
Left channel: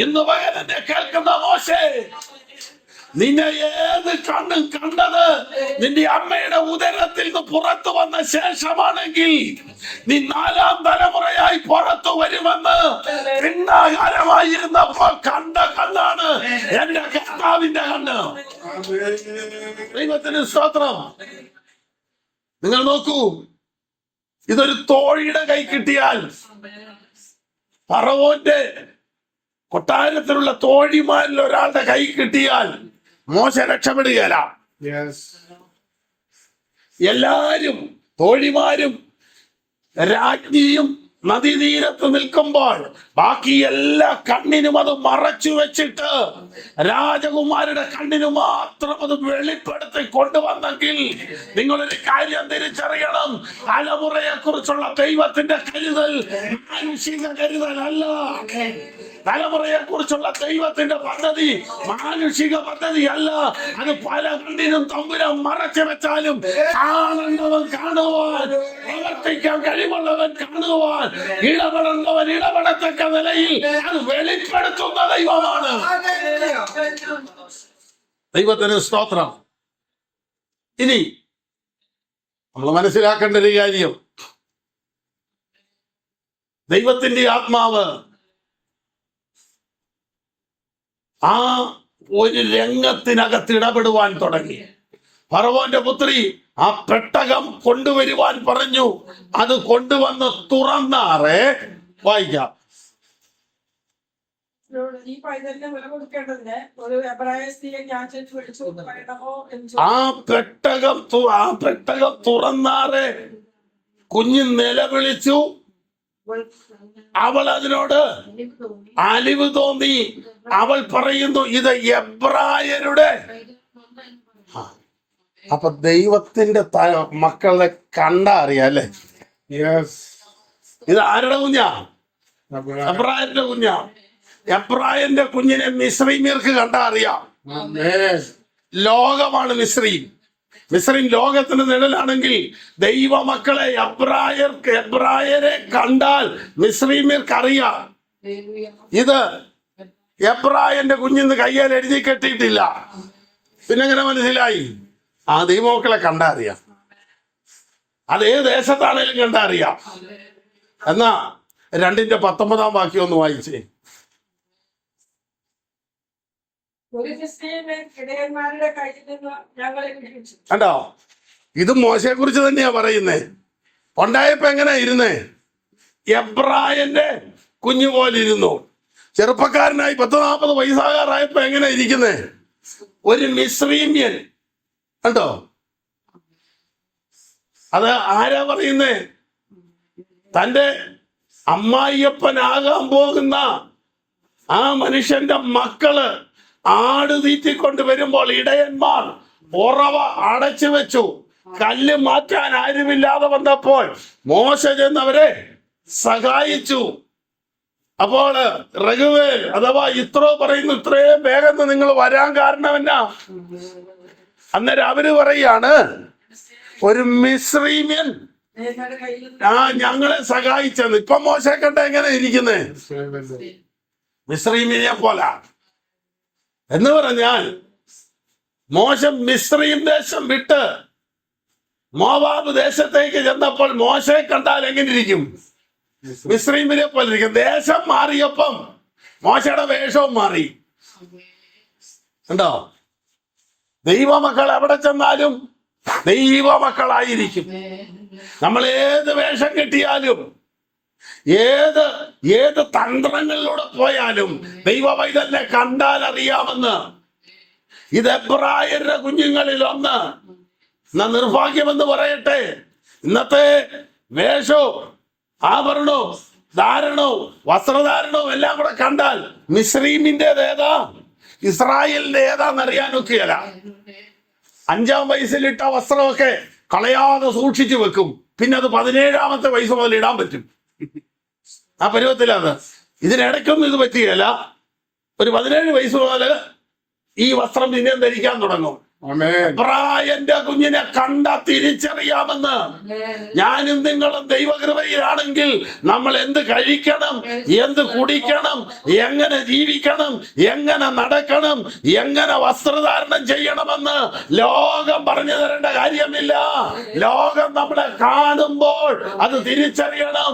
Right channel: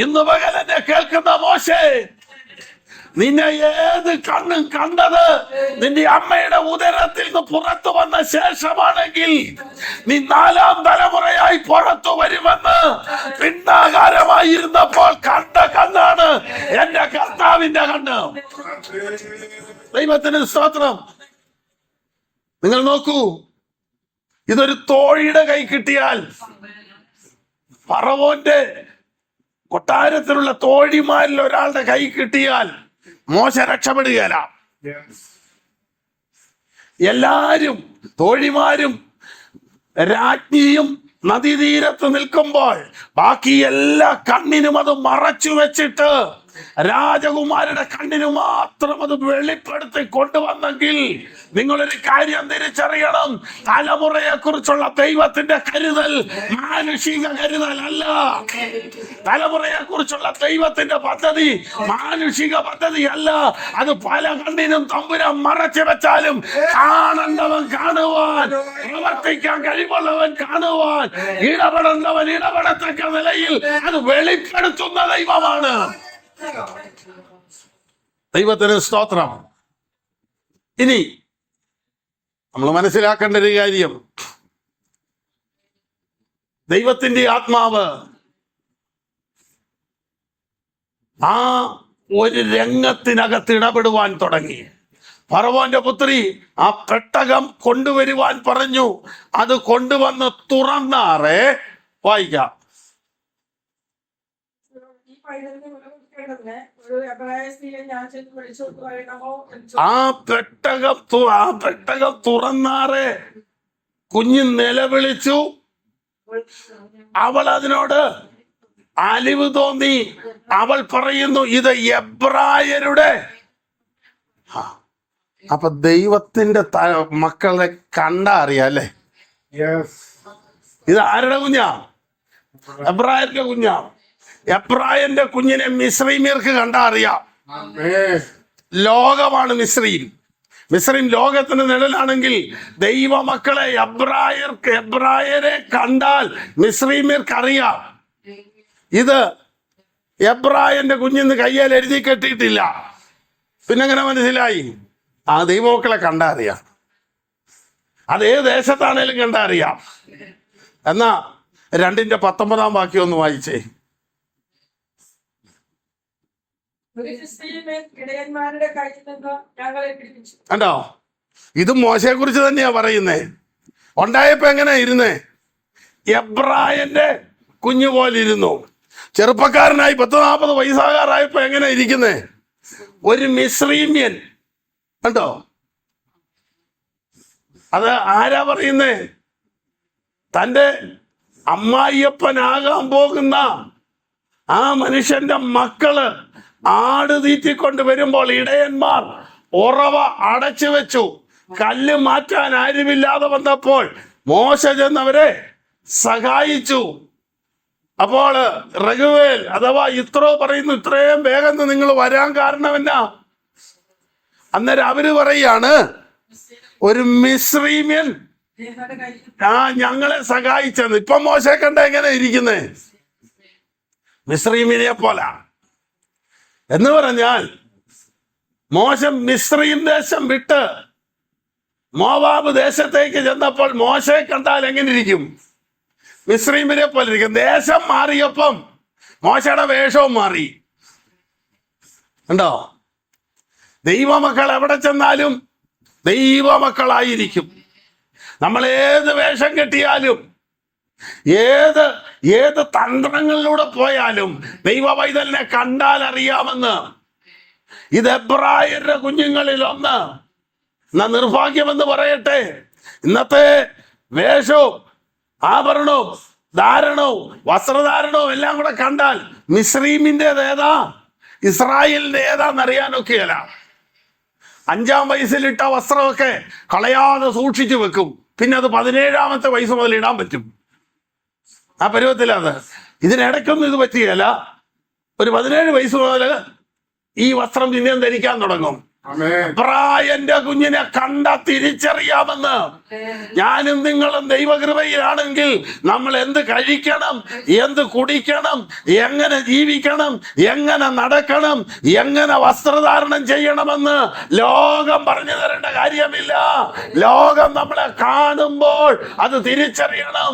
ഇന്ന് പകൽ എന്നെ കേൾക്കുന്ന മോശേ, നിന്നെ ഏത് കണ്ണും കണ്ടത് നിന്റെ അമ്മയുടെ ഉദരത്തിൽ നിന്ന് പുറത്തു വന്ന ശേഷമാണെങ്കിൽ നീ 4ാം തലമുറയായി പുറത്തു വരുമെന്ന് പിന്നാകാരമായിരുന്നപ്പോൾ കണ്ട കണ്ണാണ് എന്റെ കർത്താവിന്റെ കണ്ണ്. ദൈവത്തിന് സ്തോത്രം. നിങ്ങൾ നോക്കൂ, ഇതൊരു തോഴിയുടെ കൈ കിട്ടിയാൽ, ഫറവോന്റെ കൊട്ടാരത്തിലുള്ള തോഴിമാരിൽ ഒരാളുടെ കൈ കിട്ടിയാൽ മോശ രക്ഷപ്പെടുകയില്ല. എല്ലാരും തോഴിമാരും രാജ്ഞിയും നദീതീരത്ത് നിൽക്കുമ്പോൾ ബാക്കി എല്ലാ കണ്ണിനും അത് മറച്ചു വെച്ചിട്ട് രാജകുമാരുടെ കണ്ണിന് മാത്രം അത് വെളിപ്പെടുത്തി കൊണ്ടുവന്നെങ്കിൽ നിങ്ങളൊരു കാര്യം തിരിച്ചറിയണം, തലമുറയെ കുറിച്ചുള്ള ദൈവത്തിന്റെ കരുതൽ മാനുഷിക കരുതൽ അല്ല. തലമുറയെ കുറിച്ചുള്ള ദൈവത്തിന്റെ പദ്ധതി മാനുഷിക പദ്ധതി അല്ല. അത് പല കണ്ണിനും തമ്പുരാൻ മറച്ചു വെച്ചാലും കാണേണ്ടവൻ കാണുവാൻ, പ്രവർത്തിക്കാൻ കഴിവുള്ളവൻ കാണുവാൻ, ഇടപെടുന്നവൻ ഇടപെടത്തക്ക നിലയിൽ അത് വെളിപ്പെടുത്തുന്ന ദൈവമാണ്. ദൈവത്തിന് സ്തോത്രം. ഇനി നമ്മൾ മനസ്സിലാക്കേണ്ട ഒരു കാര്യം, ദൈവത്തിന്റെ ആത്മാവ് ആ ഒരു രംഗത്തിനകത്ത് ഇടപെടുവാൻ തുടങ്ങി. ഫറവോന്റെ പുത്രി ആ പെട്ടകം കൊണ്ടുവരുവാൻ പറഞ്ഞു. അത് കൊണ്ടുവന്ന് തുറന്നാറേ, വായിക്കാം. ഈ പൈതലിനെ വില കൊടുക്കേണ്ടതിന് ഒരു എബ്രായ സ്ത്രീയെ ഞാൻ ചെന്ന് വിളിച്ചു പറയണമോ എന്ന് ആ പെട്ടകം തുറന്നാറേ കുഞ്ഞ് നിലവിളിച്ചു. അവൾ അതിനോട് അലിവ് തോന്നി. അവൾ പറയുന്നു, ഇത് എബ്രായരുടെ. അപ്പൊ ദൈവത്തിന്റെ മക്കളെ കണ്ടാ അറിയാം അല്ലേ? ഇത് ആരുടെ കുഞ്ഞാ? എബ്രായരുടെ കുഞ്ഞാ. എബ്രായന്റെ കുഞ്ഞിനെ മിസ്രൈമ്യർക്ക് കണ്ടാ അറിയാം. ലോകമാണ് മിസ്രൈം. മിസ്രൈം ലോകത്തിന് നിഴലാണെങ്കിൽ ദൈവമക്കളെ എബ്രായരെ കണ്ടാൽ മിസ്രൈമ്യർക്ക് അറിയാം. ഇത് എബ്രായന്റെ കുഞ്ഞിന്ന് കയ്യാൽ എഴുതി കെട്ടിയിട്ടില്ല. പിന്നെങ്ങനെ മനസ്സിലായി? ആ ദൈവമക്കളെ കണ്ടാ അറിയാം. അത് ഏത് ദേശത്താണേലും കണ്ടാ അറിയാം. എന്നാ 2:19 വാക്യം ഒന്ന് വായിച്ചേ. ഇടയന്മാരുടെ കയ്യിൽ നിന്ന് ഞങ്ങളെ പിടിപ്പിച്ചു. കണ്ടോ? ഇത് മോശയെ കുറിച്ച് തന്നെയാ പറയുന്നേ. ഉണ്ടായപ്പോ എങ്ങനെ ഇരുന്നേ? എബ്രായന്റെ കുഞ്ഞു പോലെ ഇരുന്നു. ചെറുപ്പക്കാരനായി 10-40 വയസ്സാകാറായപ്പോ എങ്ങനെ ഇരിക്കുന്നേ? ഒരു മിസ്രൈമ്യൻ. കണ്ടോ? അത് ആരാ പറയുന്നേ? തന്റെ അമ്മായിയപ്പനാകാൻ പോകുന്ന ആ മനുഷ്യന്റെ മക്കള് ആട് തീറ്റിക്കൊണ്ട് വരുമ്പോൾ ഇടയന്മാർ ഉറവ അടച്ചു വെച്ചു. കല്ല് മാറ്റാൻ ആരുമില്ലാതെ വന്നപ്പോൾ മോശ ചെന്നവരെ സഹായിച്ചു. അപ്പോൾ റഘുവേൽ അഥവാ ഇത്രോ പറയുന്നു, ഇത്രയും വേഗം നിങ്ങൾ വരാൻ കാരണം എന്നാ? അന്നേരം അവര് പറയാണ്, ഒരു മിസ്രൈമ്യൻ ഞങ്ങളെ സഹായിച്ചെന്ന്. ഇപ്പൊ മോശെ കണ്ട എങ്ങനെ ഇരിക്കുന്നേ? മിസ്രൈമിനെ പോലെ. എന്ന് പറഞ്ഞാൽ മോശം മിസ്രൈം ദേശം വിട്ട് മോവാബ് ദേശത്തേക്ക് ചെന്നപ്പോൾ മോശെ കണ്ടാൽ എങ്ങനെ ഇരിക്കും? മിസ്രൈമിനെ പോലെ ഇരിക്കും. ദേശം മാറിയപ്പം മോശയുടെ വേഷവും മാറി. കണ്ടോ? ദൈവമക്കൾ എവിടെ ചെന്നാലും ദൈവമക്കളായിരിക്കും. നമ്മൾ ഏത് വേഷം കെട്ടിയാലും ഏത് തന്ത്രങ്ങളിലൂടെ പോയാലും ദൈവ പൈതലിനെ കണ്ടാൽ അറിയാമെന്ന്. ഇത് എബ്രായരുടെ കുഞ്ഞുങ്ങളിൽ ഒന്ന്. എന്നാ നിർഭാഗ്യമെന്ന് പറയട്ടെ, ഇന്നത്തെ വേഷവും ആഭരണവും ധാരണവും വസ്ത്രധാരണവും എല്ലാം കൂടെ കണ്ടാൽ മിസ്രൈമിൻ്റെത് ഏതാ ഇസ്രായേലിന്റെ ഏതാന്നറിയാനൊക്കെയല്ല. 5-ാം വയസ്സിലിട്ട വസ്ത്രമൊക്കെ കളയാതെ സൂക്ഷിച്ചു വെക്കും. പിന്നെ അത് 17-ാമത്തെ വയസ്സ് മുതൽ ഇടാൻ പറ്റും. ആ പരുവത്തിലത്. ഇതിനിടയ്ക്കൊന്നും ഇത് പറ്റുകയല്ല. ഒരു 17 വയസ്സ് മുതൽ ഈ വസ്ത്രം പിന്നെയും ധരിക്കാൻ തുടങ്ങും. ആമേൻ. ബ്രായന്റെ കുഞ്ഞിനെ കണ്ട തിരിച്ചറിയാമെന്ന്. ഞാനും നിങ്ങളും ദൈവകൃപയിലാണെങ്കിൽ നമ്മൾ എന്ത് കഴിക്കണം, എന്ത് കുടിക്കണം, എങ്ങനെ ജീവിക്കണം, എങ്ങനെ നടക്കണം, എങ്ങനെ വസ്ത്രധാരണം ചെയ്യണമെന്ന് ലോകം പറഞ്ഞു തരേണ്ട കാര്യമില്ല. ലോകം നമ്മളെ കാണുമ്പോൾ അത് തിരിച്ചറിയണം.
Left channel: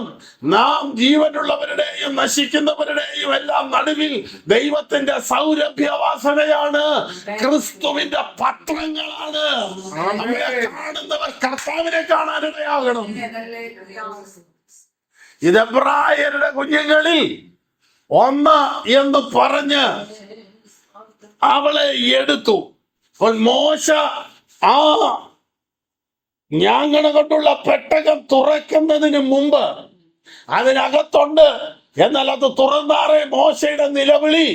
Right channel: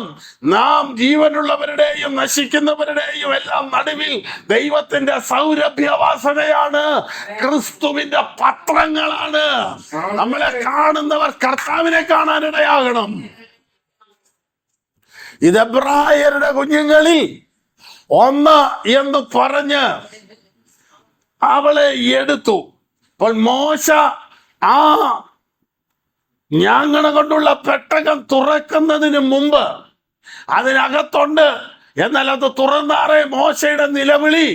നാം ജീവനുള്ളവരുടെയും നശിക്കുന്നവരുടെയും എല്ലാം നടുവിൽ ദൈവത്തിന്റെ സൗരഭ്യവാസനയാണ്, ക്രിസ്തുവിന്റെ പത്രങ്ങളാണ്. നമ്മളെ കാണുന്നവർ കർത്താവിനെ കാണാനിടയാകണം. ഇത് എബ്രായരുടെ കുഞ്ഞുങ്ങളിൽ ഒന്ന് എന്ന് പറഞ്ഞ് അവളെ എടുത്തു. അപ്പോൾ മോശ ആ ഞാങ്ങണ കൊണ്ടുള്ള പെട്ടകം തുറക്കുന്നതിന് മുമ്പ് അതിനകത്തുണ്ട്, എന്നാൽ അത് തുറന്നാറേ മോശയുടെ നിലവിളി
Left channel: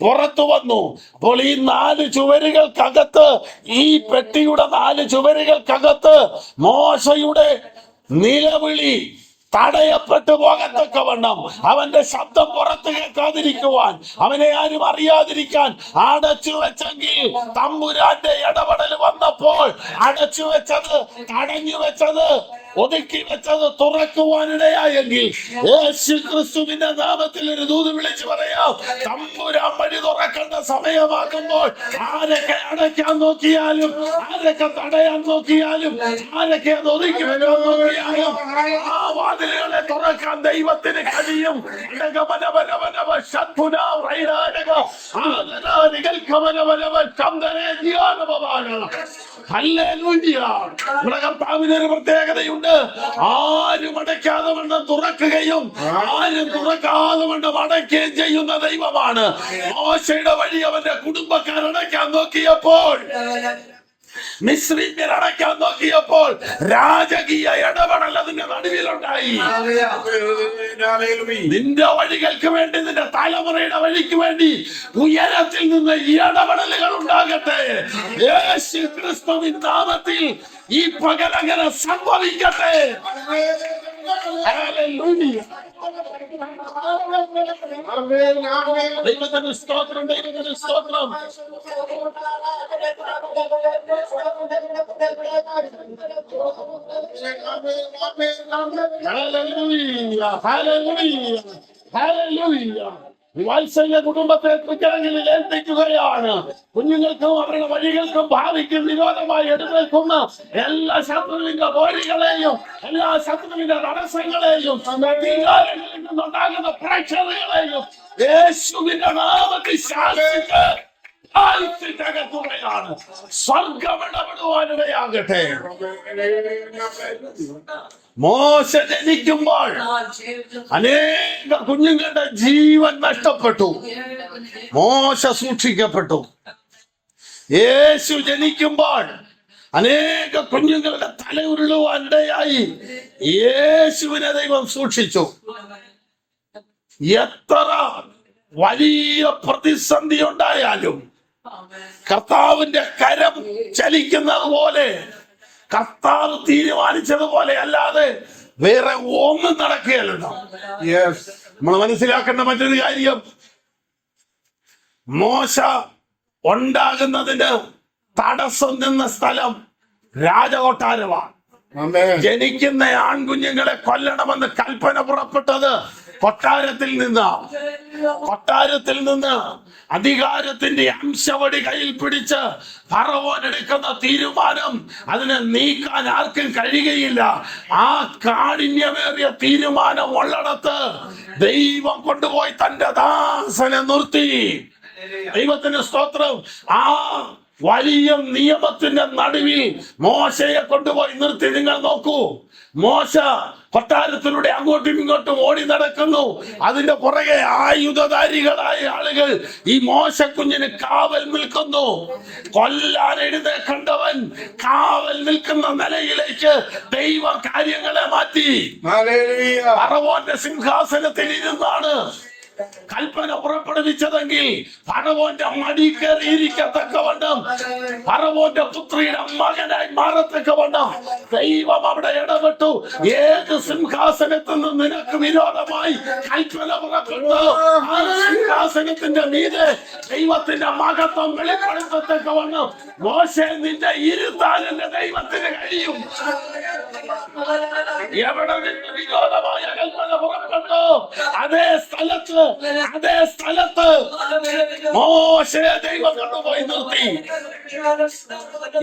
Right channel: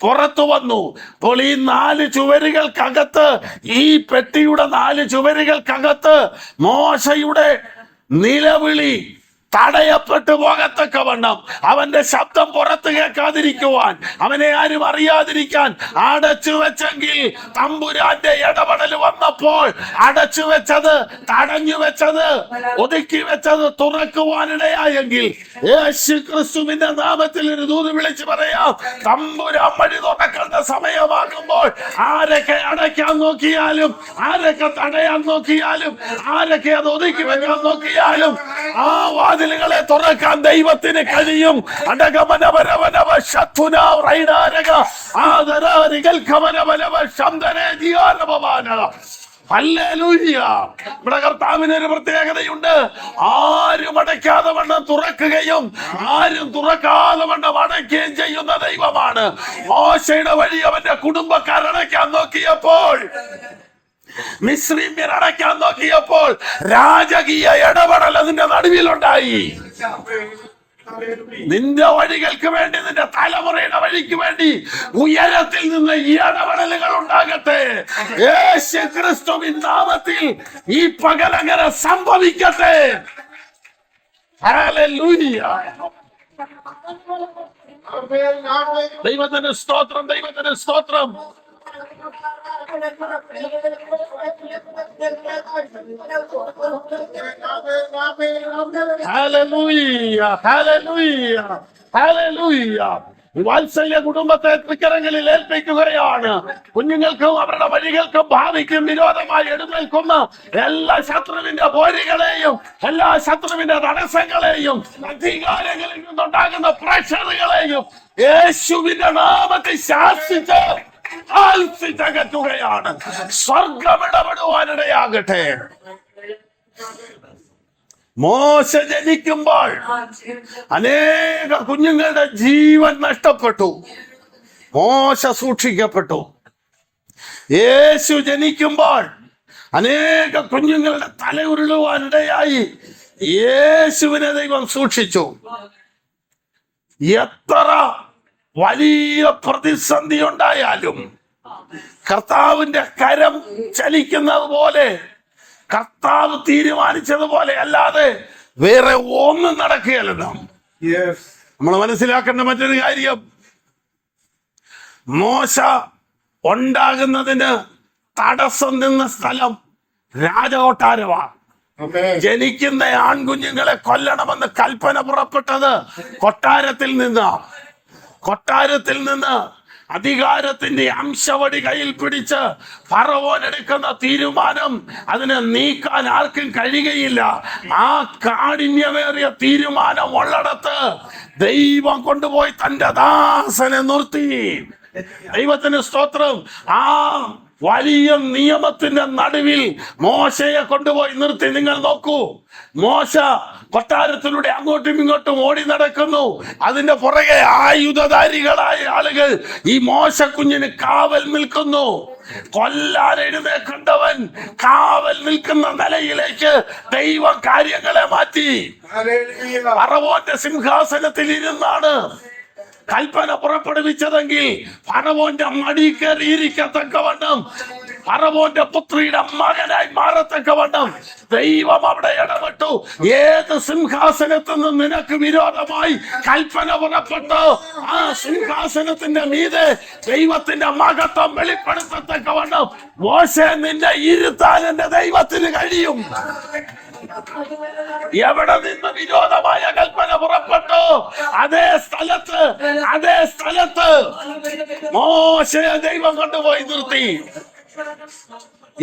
പുറത്തു വന്നു. അപ്പോൾ ഈ 4 ചുവരുകൾക്കകത്ത്, ഈ പെട്ടിയുടെ 4 ചുവരുകൾക്കകത്ത് മോശയുടെ നിലവിളി തടയപ്പെട്ടു പോകത്തക്കവണ്ണം, അവന്റെ ശബ്ദം പുറത്ത് കേൾക്കാതിരിക്കുവാൻ, അവനെ ആരും അറിയാതിരിക്കാൻ അടച്ചു വെച്ചെങ്കിൽ തമ്പുരാന്റെ ഇടപെടൽ വന്നപ്പോൾ അടച്ചു വെച്ചത്, തടഞ്ഞു വെച്ചത്, ഒതുക്കി വെച്ചത് തുറക്കുവാനിടയായെങ്കിൽ യേശു ക്രിസ്തുവിന്റെ നാമത്തിൽ ഒരു ദൂത് വിളിച്ചു പറയാം. തമ്പുരാൻ വഴി തുറക്കേണ്ട സമയമാകുമ്പോൾ ആരൊക്കെ അടയ്ക്കാൻ നോക്കിയാലും, ആരൊക്കെ തടയാൻ നോക്കിയാലും, ആരൊക്കെ അത് ഒതുക്കി വെക്കാൻ നോക്കിയാലും ആ വാതിലുകളെ തുറക്കാൻ ദൈവത്തിന് കഴിയും. നമ്മുടെ കർത്താവിന് ഒരു പ്രത്യേകതയുണ്ട്. ആരും അടയ്ക്കാതെ വണ്ണം തുറക്കുകയും ആരും തുറക്കാതെ വണ്ണം അടയ്ക്കുകയും ചെയ്യുന്ന ദൈവമാണ്. മോശയുടെ വഴി അവന്റെ കുടുംബക്കാർ അടയ്ക്കാൻ നോക്കിയപ്പോൾ, മിസ്രീമ്യർ അടയ്ക്കാൻ നോക്കിയപ്പോൾ രാജകീയ ഇടപെടൽ അതിന്റെ നടുവിലുണ്ടായി. നിന്റെ വഴികൾക്ക് വേണ്ടി, നിന്റെ തലമുറയുടെ വഴിക്ക് വേണ്ടി ഉയരത്തിൽ നിന്ന് ഈ ഇടപെടലുകൾ ഉണ്ടാകട്ടെ. യേശു ക്രിസ്തുവിൻ നാമത്തിൽ ഈ പകലങ്ങനെ സംഭവിക്കട്ടെ. ഹല്ലേലൂയ. ദൈവത്തിന് സ്തോത്രം, ദൈവത്തിന് സ്തോത്രം. Hallelujah, hallelujah, hallelujah. വാത്സല്യ കുടുംബത്തെ തൃക്കരങ്ങളിൽ ഏൽപ്പിക്കുകയാണ്. കുഞ്ഞുങ്ങൾക്കും അവരുടെ വഴികൾക്കും ഭാവിക്കും വിരോധമായി എഴുന്നേൽക്കുന്ന എല്ലാ ശത്രുവിന്റെ പോരുകളെയും, എല്ലാ ശത്രുവിന്റെ തടസ്സങ്ങളെയും, അധികാരങ്ങളിൽ നിന്നുണ്ടാകുന്ന പ്രഷറുകളെയും യേശുവിന്റെ നാമത്തിൽ ശാസിച്ച് അകറ്റുകയാണ്. സ്വർഗം ഇടപെടുവാനിടയാകട്ടെ. മോശ ജനിക്കുമ്പോൾ അനേക കുഞ്ഞുങ്ങളുടെ ജീവൻ നഷ്ടപ്പെട്ടു. മോശ സൂക്ഷിക്കപ്പെട്ടു. യേശു ജനിക്കുമ്പോൾ അനേക കുഞ്ഞുങ്ങളുടെ തല ഉരുളുവാനിടയായി. യേശുവിനെ ദൈവം സൂക്ഷിച്ചു. എത്ര വലിയ പ്രതിസന്ധി ഉണ്ടായാലും കർത്താവിന്റെ കരം ചലിക്കുന്നത് പോലെ, കർത്താവ് തീരുമാനിച്ചതുപോലെ അല്ലാതെ വേറെ ഒന്നും നടക്കുകയല്ല. നമ്മൾ മനസ്സിലാക്കേണ്ട മറ്റൊരു കാര്യം, മോശ ഉണ്ടാകുന്നതിന് തടസ്സം നിന്ന സ്ഥലം രാജകൊട്ടാരമാണ്. ജനിക്കുന്ന ആൺകുഞ്ഞുങ്ങളെ കൊല്ലണമെന്ന് കൽപ്പന പുറപ്പെട്ടത് കൊട്ടാരത്തിൽ നിന്ന് അധികാരത്തിന്റെ അംശവടി കയ്യിൽ പിടിച്ച് ഫറവോൻ എടുക്കുന്ന തീരുമാനം അതിനെ നീക്കാൻ ആർക്കും കഴിയുകയില്ല. ആ കാഠിന്യമേറിയ തീരുമാനം ഉള്ളിടത്ത് ദൈവം കൊണ്ടുപോയി തന്റെ ദാസനെ നിർത്തി. ദൈവത്തിന് സ്തോത്രം. ആ വലിയ നിയമത്തിന്റെ നടുവിൽ മോശയെ കൊണ്ടുപോയി നിർത്തി. നിങ്ങൾ നോക്കൂ, മോശ കൊട്ടാരത്തിലൂടെ അങ്ങോട്ടും ഇങ്ങോട്ടും ഓടി നടക്കുന്നു. അതിന്റെ പുറകെ ആയുധധാരികളായ ആളുകൾ ഈ മോശക്കുഞ്ഞിന് കാവൽ നിൽക്കുന്നു. കൊല്ലാൻ എഴുന്നേൽക്കേണ്ടവൻ കാവൽ നിൽക്കുന്ന നിലയിലേക്ക് ദൈവം കാര്യങ്ങളെ മാറ്റി. ഫറവോന്റെ സിംഹാസനത്തിൽ ഇരുന്നാണ് കൽപ്പന പുറപ്പെടുവിച്ചതെങ്കിൽ ഫറവോന്റെ മടി കയറിയിരിക്കത്തക്കവണ്ണം ഫറവോന്റെ പുത്രിയുടെ മകനായി മാറത്തക്കവണ്ണം ദൈവം അവിടെ ഇടപെട്ടു. ഏത് സിംഹാസനത്തിൽ നിന്ന് നിനക്ക് വിരോധമായി കൽപ്പന പുറപ്പെട്ടു, ആ സിംഹാസനത്തിന്റെ മീതെ ദൈവത്തിന്റെ മഹത്വം വെളിപ്പെടുത്തത്തക്കവണ്ണം മോശെ നിന്നെ ഇരുത്താൻ എന്റെ ദൈവത്തിന് കഴിയും. എവിടെ നിന്ന് വിരോധമായ കൽപ്പന പുറപ്പെട്ടു, അതേ സ്ഥലത്ത് മോശയെ ദൈവം കൊണ്ടുപോയി നിർത്തി.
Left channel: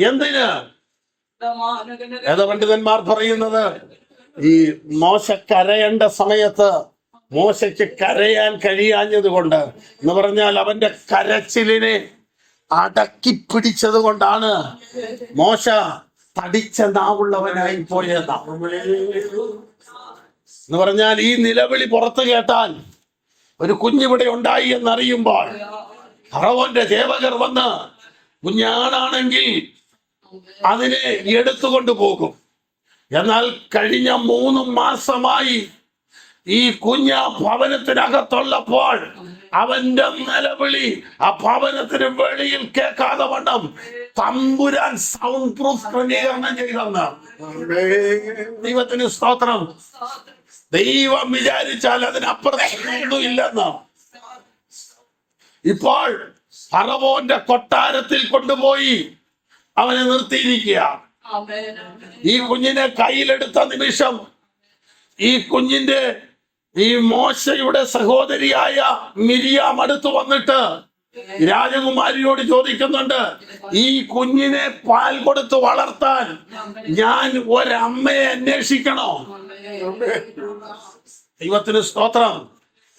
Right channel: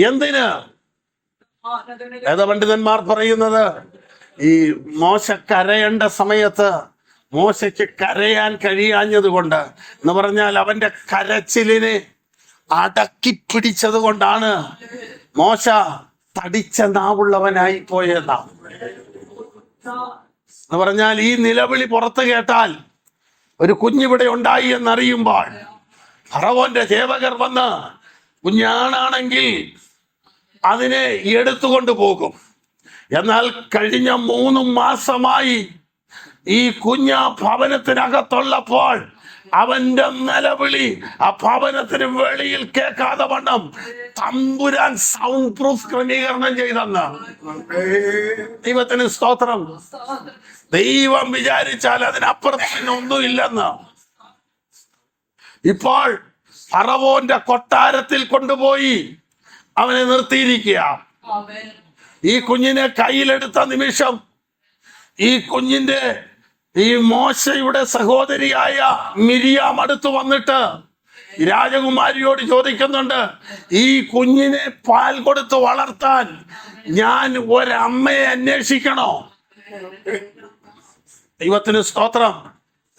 എന്തിന്? വേദപണ്ഡിതന്മാർ പറയുന്നത് ഈ മോശ കരയേണ്ട സമയത്ത് മോശയ്ക്ക് കരയാൻ കഴിയാഞ്ഞത് കൊണ്ട് എന്ന് പറഞ്ഞാൽ അവന്റെ കരച്ചിലിനെ അടക്കി പിടിച്ചത് കൊണ്ടാണ് മോശ തടിച്ച നാവുള്ളവനായി പോയതാ. എന്ന് പറഞ്ഞാൽ ഈ നിലവിളി പുറത്തു കേട്ടാൽ ഒരു കുഞ്ഞിവിടെ ഉണ്ടായി എന്നറിയുമ്പോൾ ഫറവോന്റെ സേവകർ വന്ന് കുഞ്ഞാണാണെങ്കിൽ അതിനെ എടുത്തുകൊണ്ട് പോകും. എന്നാൽ കഴിഞ്ഞ 3 മാസമായി ഈ കുഞ്ഞ ഭവനത്തിനകത്തുള്ളപ്പോൾ അവന്റെ നിലവിളി ആ ഭവനത്തിന് വെളിയിൽ കേൾക്കാതെ വണ്ണം തമ്പുരാൻ സൗണ്ട് പ്രൂഫ് ക്രമീകരണം ചെയ്തെന്ന്. ദൈവത്തിന് സ്തോത്രം. ദൈവം വിചാരിച്ചാൽ അതിനപ്പുറത്ത് ഒന്നുമില്ലെന്ന്. ഇപ്പോൾ ഫറവോന്റെ കൊട്ടാരത്തിൽ കൊണ്ടുപോയി അവനെ നിർത്തിയിരിക്കുക. ഈ കുഞ്ഞിനെ കയ്യിലെടുത്ത നിമിഷം ഈ കുഞ്ഞിന്റെ ഈ മോശയുടെ സഹോദരിയായ മിരിയാം അടുത്ത് വന്നിട്ട് രാജകുമാരിയോട് ചോദിക്കുന്നുണ്ട്, ഈ കുഞ്ഞിനെ പാൽ കൊടുത്ത് വളർത്താൻ ഞാൻ ഒരമ്മയെ അന്വേഷിക്കണോ? ദൈവത്തിന് സ്തോത്രം.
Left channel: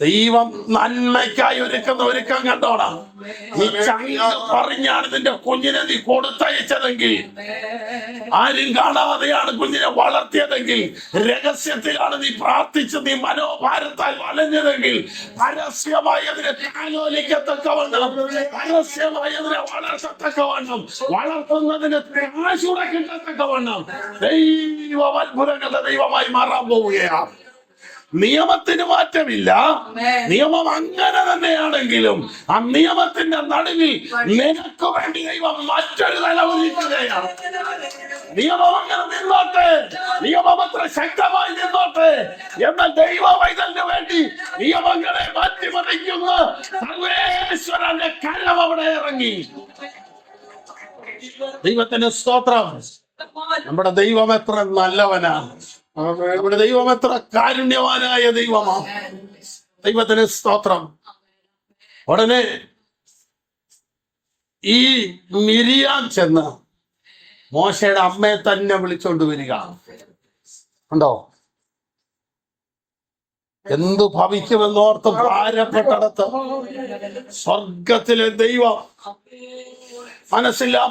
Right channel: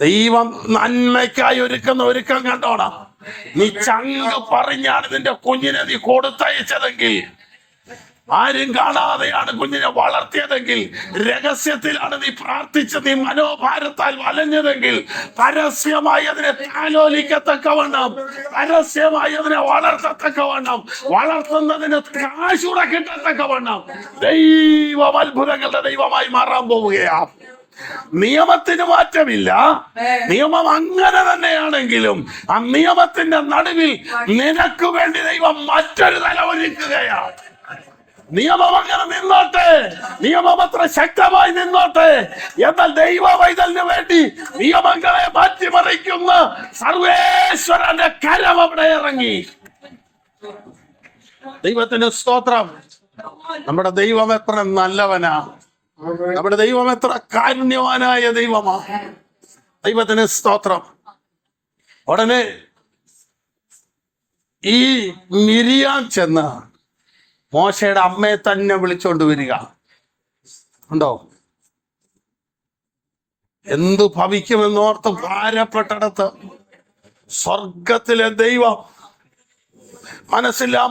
ദൈവം നന്മയ്ക്കായി ഒരുക്കം കണ്ടോടാ. നീ ചങ്ക പറഞ്ഞാണ് നിന്റെ കുഞ്ഞിനെ നീ കൊടുത്തയച്ചതെങ്കിൽ, ആരും കാണാതെയാണ് കുഞ്ഞിനെ വളർത്തിയതെങ്കിൽ, രഹസ്യത്തിലാണ് നീ പ്രാർത്ഥിച്ച് നീ മനോഭാരത്താൽ വലഞ്ഞതെങ്കിൽ, പരസ്യമായി അതിനെ താലോലിക്കത്തക്കവണ്ണം, പരസ്യമായി അതിനെ വളർത്തത്തക്കവണ്ണം, വളർത്തുന്നതിന് കാശൂടെ കിട്ടത്തക്കവണ്ണം ദൈവം അത്ഭുതങ്ങളുടെ ദൈവമായി മാറാൻ പോവുകയാണ്. നിയമത്തിന് മാറ്റമില്ല. നിയമം അങ്ങനെ തന്നെയാണെങ്കിലും ആ നിയമത്തിന്റെ നടുവിൽ നിനക്ക് വേണ്ടി ദൈവം മറ്റൊരു തല ഒരുക്കുകയാണ്. നിയമം അങ്ങനെ നിന്നോട്ടെ, നിയമം അത്ര ശക്തമായി നിന്നോട്ടെ, എന്നാൽ ദൈവ വൈതലിന് വേണ്ടി നിയമങ്ങളെ മാറ്റിമറിക്കുന്ന സർവേശ്വരന്റെ കരം അവിടെ ഇറങ്ങി. ദൈവത്തിന് സ്തോത്രം. നമ്മുടെ ദൈവം എത്ര നല്ലവനാണ്, നമ്മുടെ ദൈവം എത്ര കാരുണ്യവാനായ ദൈവമാണ്. ദൈവത്തിന് സ്തോത്രം. ഉടനെ ഈ മിരിയാം ചെന്ന് മോശയുടെ അമ്മയെ തന്നെ വിളിച്ചോണ്ട് വരിക. ഉണ്ടോ? എന്തു ഭവിക്കുമെന്നോർത്ത് ഭാരപ്പെട്ടടത്ത് സ്വർഗത്തിലെ ദൈവം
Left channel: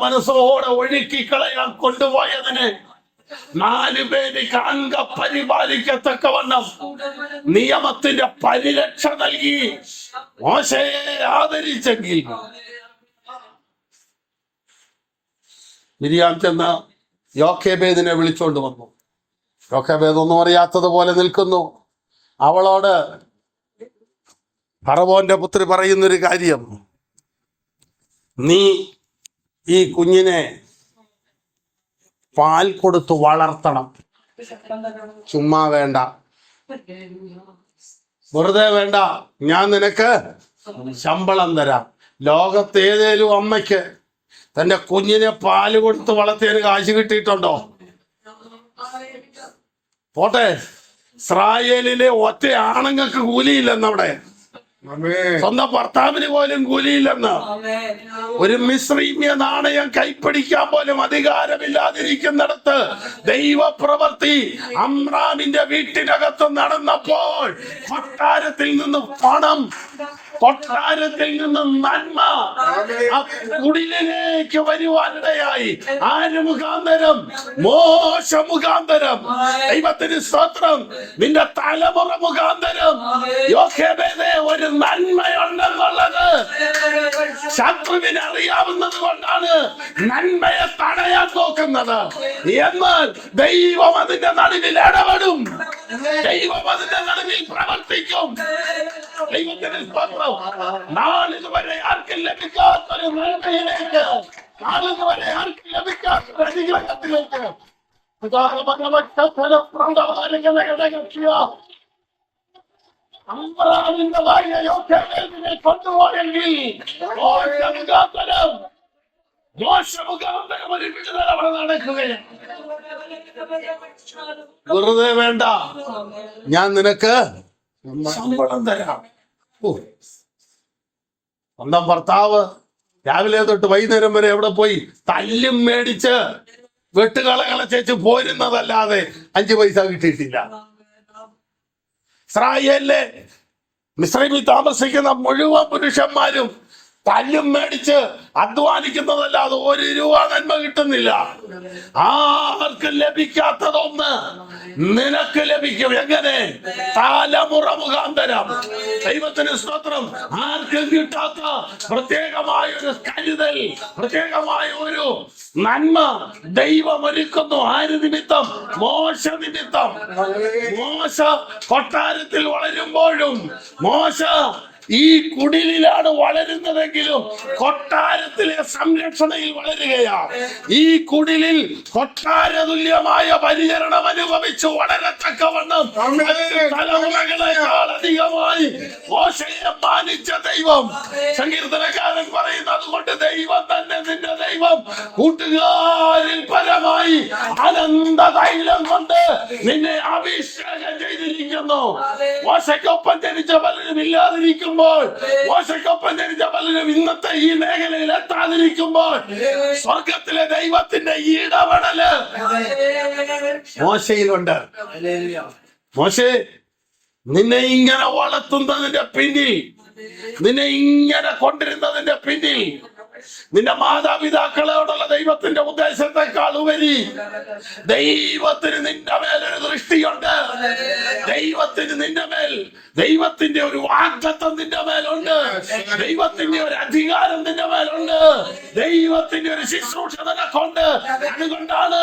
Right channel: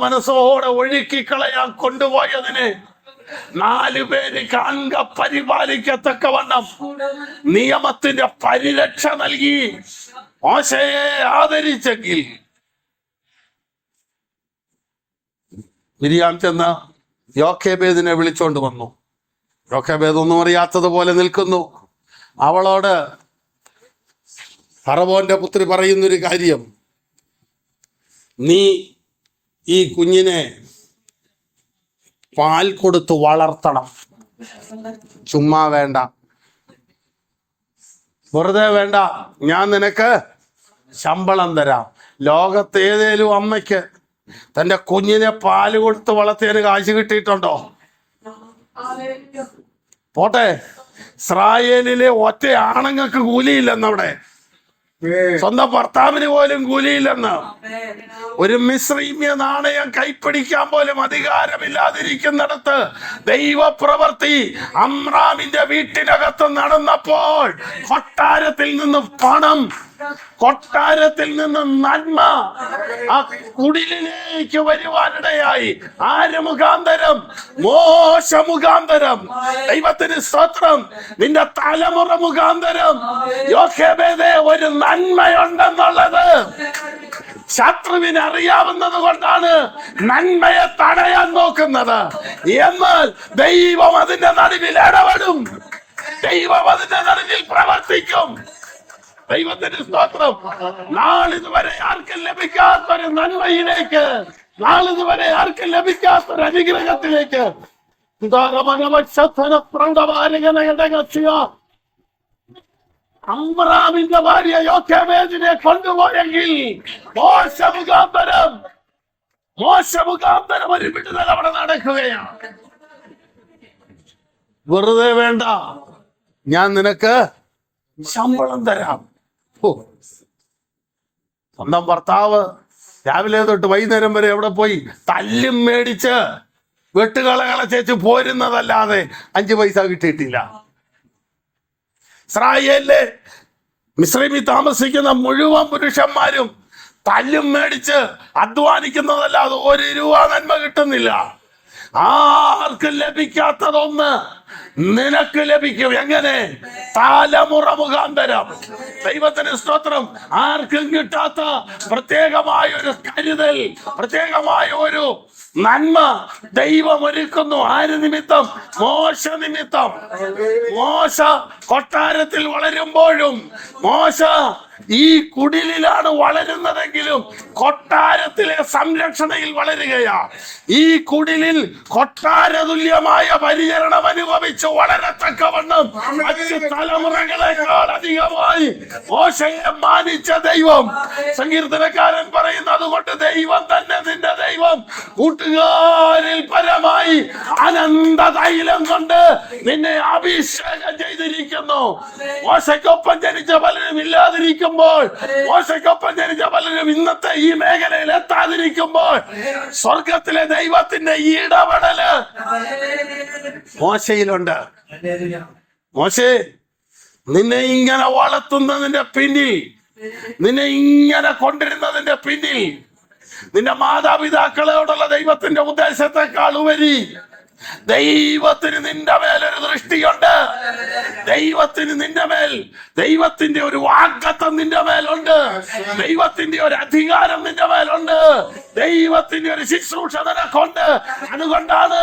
മനസ്സോടെ ഒഴുക്കിക്കളയാൻ കൊണ്ടുപോയതിനെ 4 പേര് അംഗ പരിപാലിക്കത്തക്കവണ്ണം നിയമത്തിന്റെ പരിരക്ഷ നൽകി മോശയെ ആദരിച്ചെങ്കിൽ മിരിയാം ചെന്ന് യോഖേബേദിനെ വിളിച്ചോണ്ട് വന്നു. യോഖേബേദ് ഒന്നും അറിയാത്തതുപോലെ നിൽക്കുന്നു. അവളോട് ഫറവോന്റെ പുത്രി പറയുന്നൊരു കാര്യം, നീ ഈ കുഞ്ഞിനെ പാൽ കൊടുത്ത് വളർത്തണം. ചുമ്മാ വേണ്ട, വെറുതെ വേണ്ട, ഞാൻ നിനക്ക് ശമ്പളം തരാം. ലോകത്ത് ഏതേലും അമ്മയ്ക്ക് തന്റെ കുഞ്ഞിനെ പാല് കൊടുത്ത് വളർത്തിയതിന് കാശ് കിട്ടിയിട്ടുണ്ടോ? പോട്ടെ, ഇസ്രായേലിലെ ഒറ്റ ആണുങ്ങൾക്ക് കൂലിയില്ലെന്നവിടെ, സ്വന്തം ഭർത്താവിന് പോലും കൂലിയില്ലെന്ന്. ഒരു മിസ്രീമ്യ നാണയം കൈപ്പിടിക്കാൻ പോലും അധികാരമില്ലാതിരിക്കുന്നിടത്ത് ദൈവപ്രവൃത്തി അമ്രാമിന്റെ വീട്ടിനകത്ത് നടന്നപ്പോൾ കൊട്ടാരത്തിൽ നിന്ന് പണം, കൊട്ടാരത്തിൽ നിന്ന് നന്മ ആ കുടിലേക്ക് വരുവാനിടയായി. ആര് മുഖാന്തരം? മോശ മുഖാന്തരം. ദൈവത്തിന് സ്തോത്രം. നിന്റെ തലമുറ മുഖാന്തരം യോഖേബേദേ ഒരു നന്മയുണ്ടെന്നുള്ളത് ശത്രുവിന് അറിയാവുന്നത് കൊണ്ടാണ് നന്മയെ തടയാൻ നോക്കുന്നത്. എന്നാൽ ദൈവം അതിന്റെ നടുവിൽ ഇടപെടും, ദൈവം അതിന്റെ നടുവിൽ പ്രവർത്തിക്കും. ദൈവത്തിന് സ്തോത്രം. നാളിതുവരെ ആർക്കും ലഭിക്കാത്തൊരു നന്മയിലേക്ക്, നാളിതുവരെ ആർക്കും ലഭിക്കാത്തൊരു അനുഗ്രഹത്തിലേക്ക് അമ്രാമിന്റെ ഭാര്യ യോക്കേബേദിനെ കൊണ്ടുപോയെങ്കിൽ മോശമുഖാന്തരം ഒരു വിടുതൽ അവിടെ നടക്കുകയാണ്. വെറുതെ വേണ്ട, ഞാൻ നിനക്ക് ശമ്പളം തരാം. സ്വന്തം ഭർത്താവ് രാവിലെ തൊട്ട് വൈകുന്നേരം വരെ എവിടെ പോയി തല്ലും മേടിച്ച് വെട്ടുകളകളച്ചേച്ച് പോരുന്നതല്ലാതെ 5 പൈസ കിട്ടിയിട്ടില്ല. ഇസ്രായേലിലെ മിസ്രൈമിൽ താമസിക്കുന്ന മുഴുവൻ പുരുഷന്മാരും തല്ലും മേടിച്ച് അധ്വാനിക്കുന്നതല്ലാതെ 1 രൂപ നന്മ കിട്ടുന്നില്ല. ആർക്കും ലഭിക്കാത്തതൊന്ന് നിനക്ക് ലഭിക്കും. എങ്ങനെ? തലമുറ മുഖാന്തരം. ദൈവത്തിന് സ്തോത്രം. ആർക്കും കിട്ടാത്ത പ്രത്യേകമായ ഒരു കരുതൽ, പ്രത്യേകമായ ഒരു നന്മ ദൈവം ഒരുക്കുന്നു. ആര് നിമിത്തം? മോശ നിമിത്തം. മോശ കൊട്ടാരത്തിൽ വളരുമ്പോഴും മോശ ഈ കുടിലിലാണ് വളരുന്നതെങ്കിലും കൊട്ടാരത്തിലെ സംരക്ഷണയിൽ വളരുകയാണ്. ഈ കുടിലിൽ കൊട്ടാരതുല്യമായ പരിചരണം അനുഭവിച്ച് വളരത്തക്കവണ്ണം മറ്റ് തലമുറകളെക്കാൾ അധികമായി മോശയെ മാനിച്ച ദൈവം. സങ്കീർത്തനക്കാരൻ പറയുന്നു, അതുകൊണ്ട് ദൈവം തന്നെ നിന്റെ ദൈവം കൂട്ടുകാരിൽ പരമായി അനന്ത തൈലം കൊണ്ട് നിന്നെ അഭിഷേകം ചെയ്തിരിക്കുന്നു. മോശയ്ക്കൊപ്പം ജനിച്ച പലരും ഇല്ലാതിരിക്കുമ്പോൾ, മോശയ്ക്കൊപ്പം ജനിച്ച പലരും ഇന്നത്തെ ഈ മേഖലയിൽ എത്താതിരിക്കുമ്പോൾ സ്വർഗത്തിലെ ദൈവത്തിന്റെ ഇടപെടല് മോശയിലുണ്ട്. മോശേ, നിന്നെ ഇങ്ങനെ വളർത്തുന്നതിന്റെ പിന്നിൽ, നിന്നെ ഇങ്ങനെ കൊണ്ടിരുന്നതിന്റെ പിന്നിൽ നിന്റെ മാതാപിതാക്കളോടുള്ള ദൈവത്തിന്റെ ഉദ്ദേശത്തെക്കാൾ ഉപരി ദൈവത്തിന് നിന്റെ മേലൊരു ദൃഷ്ടിയുണ്ട്. ദൈവത്തിന് നിന്റെ മേൽ, ദൈവത്തിന്റെ ഒരു വാഗ്ദത്തം നിന്റെ മേലുണ്ട്. ദൈവത്തിന്റെ ഒരു അധികാരം നിന്റെ മേലുണ്ട്. ദൈവത്തിന്റെ ഒരു ശുശ്രൂഷ നിനക്കുണ്ട്. അതുകൊണ്ടാണ്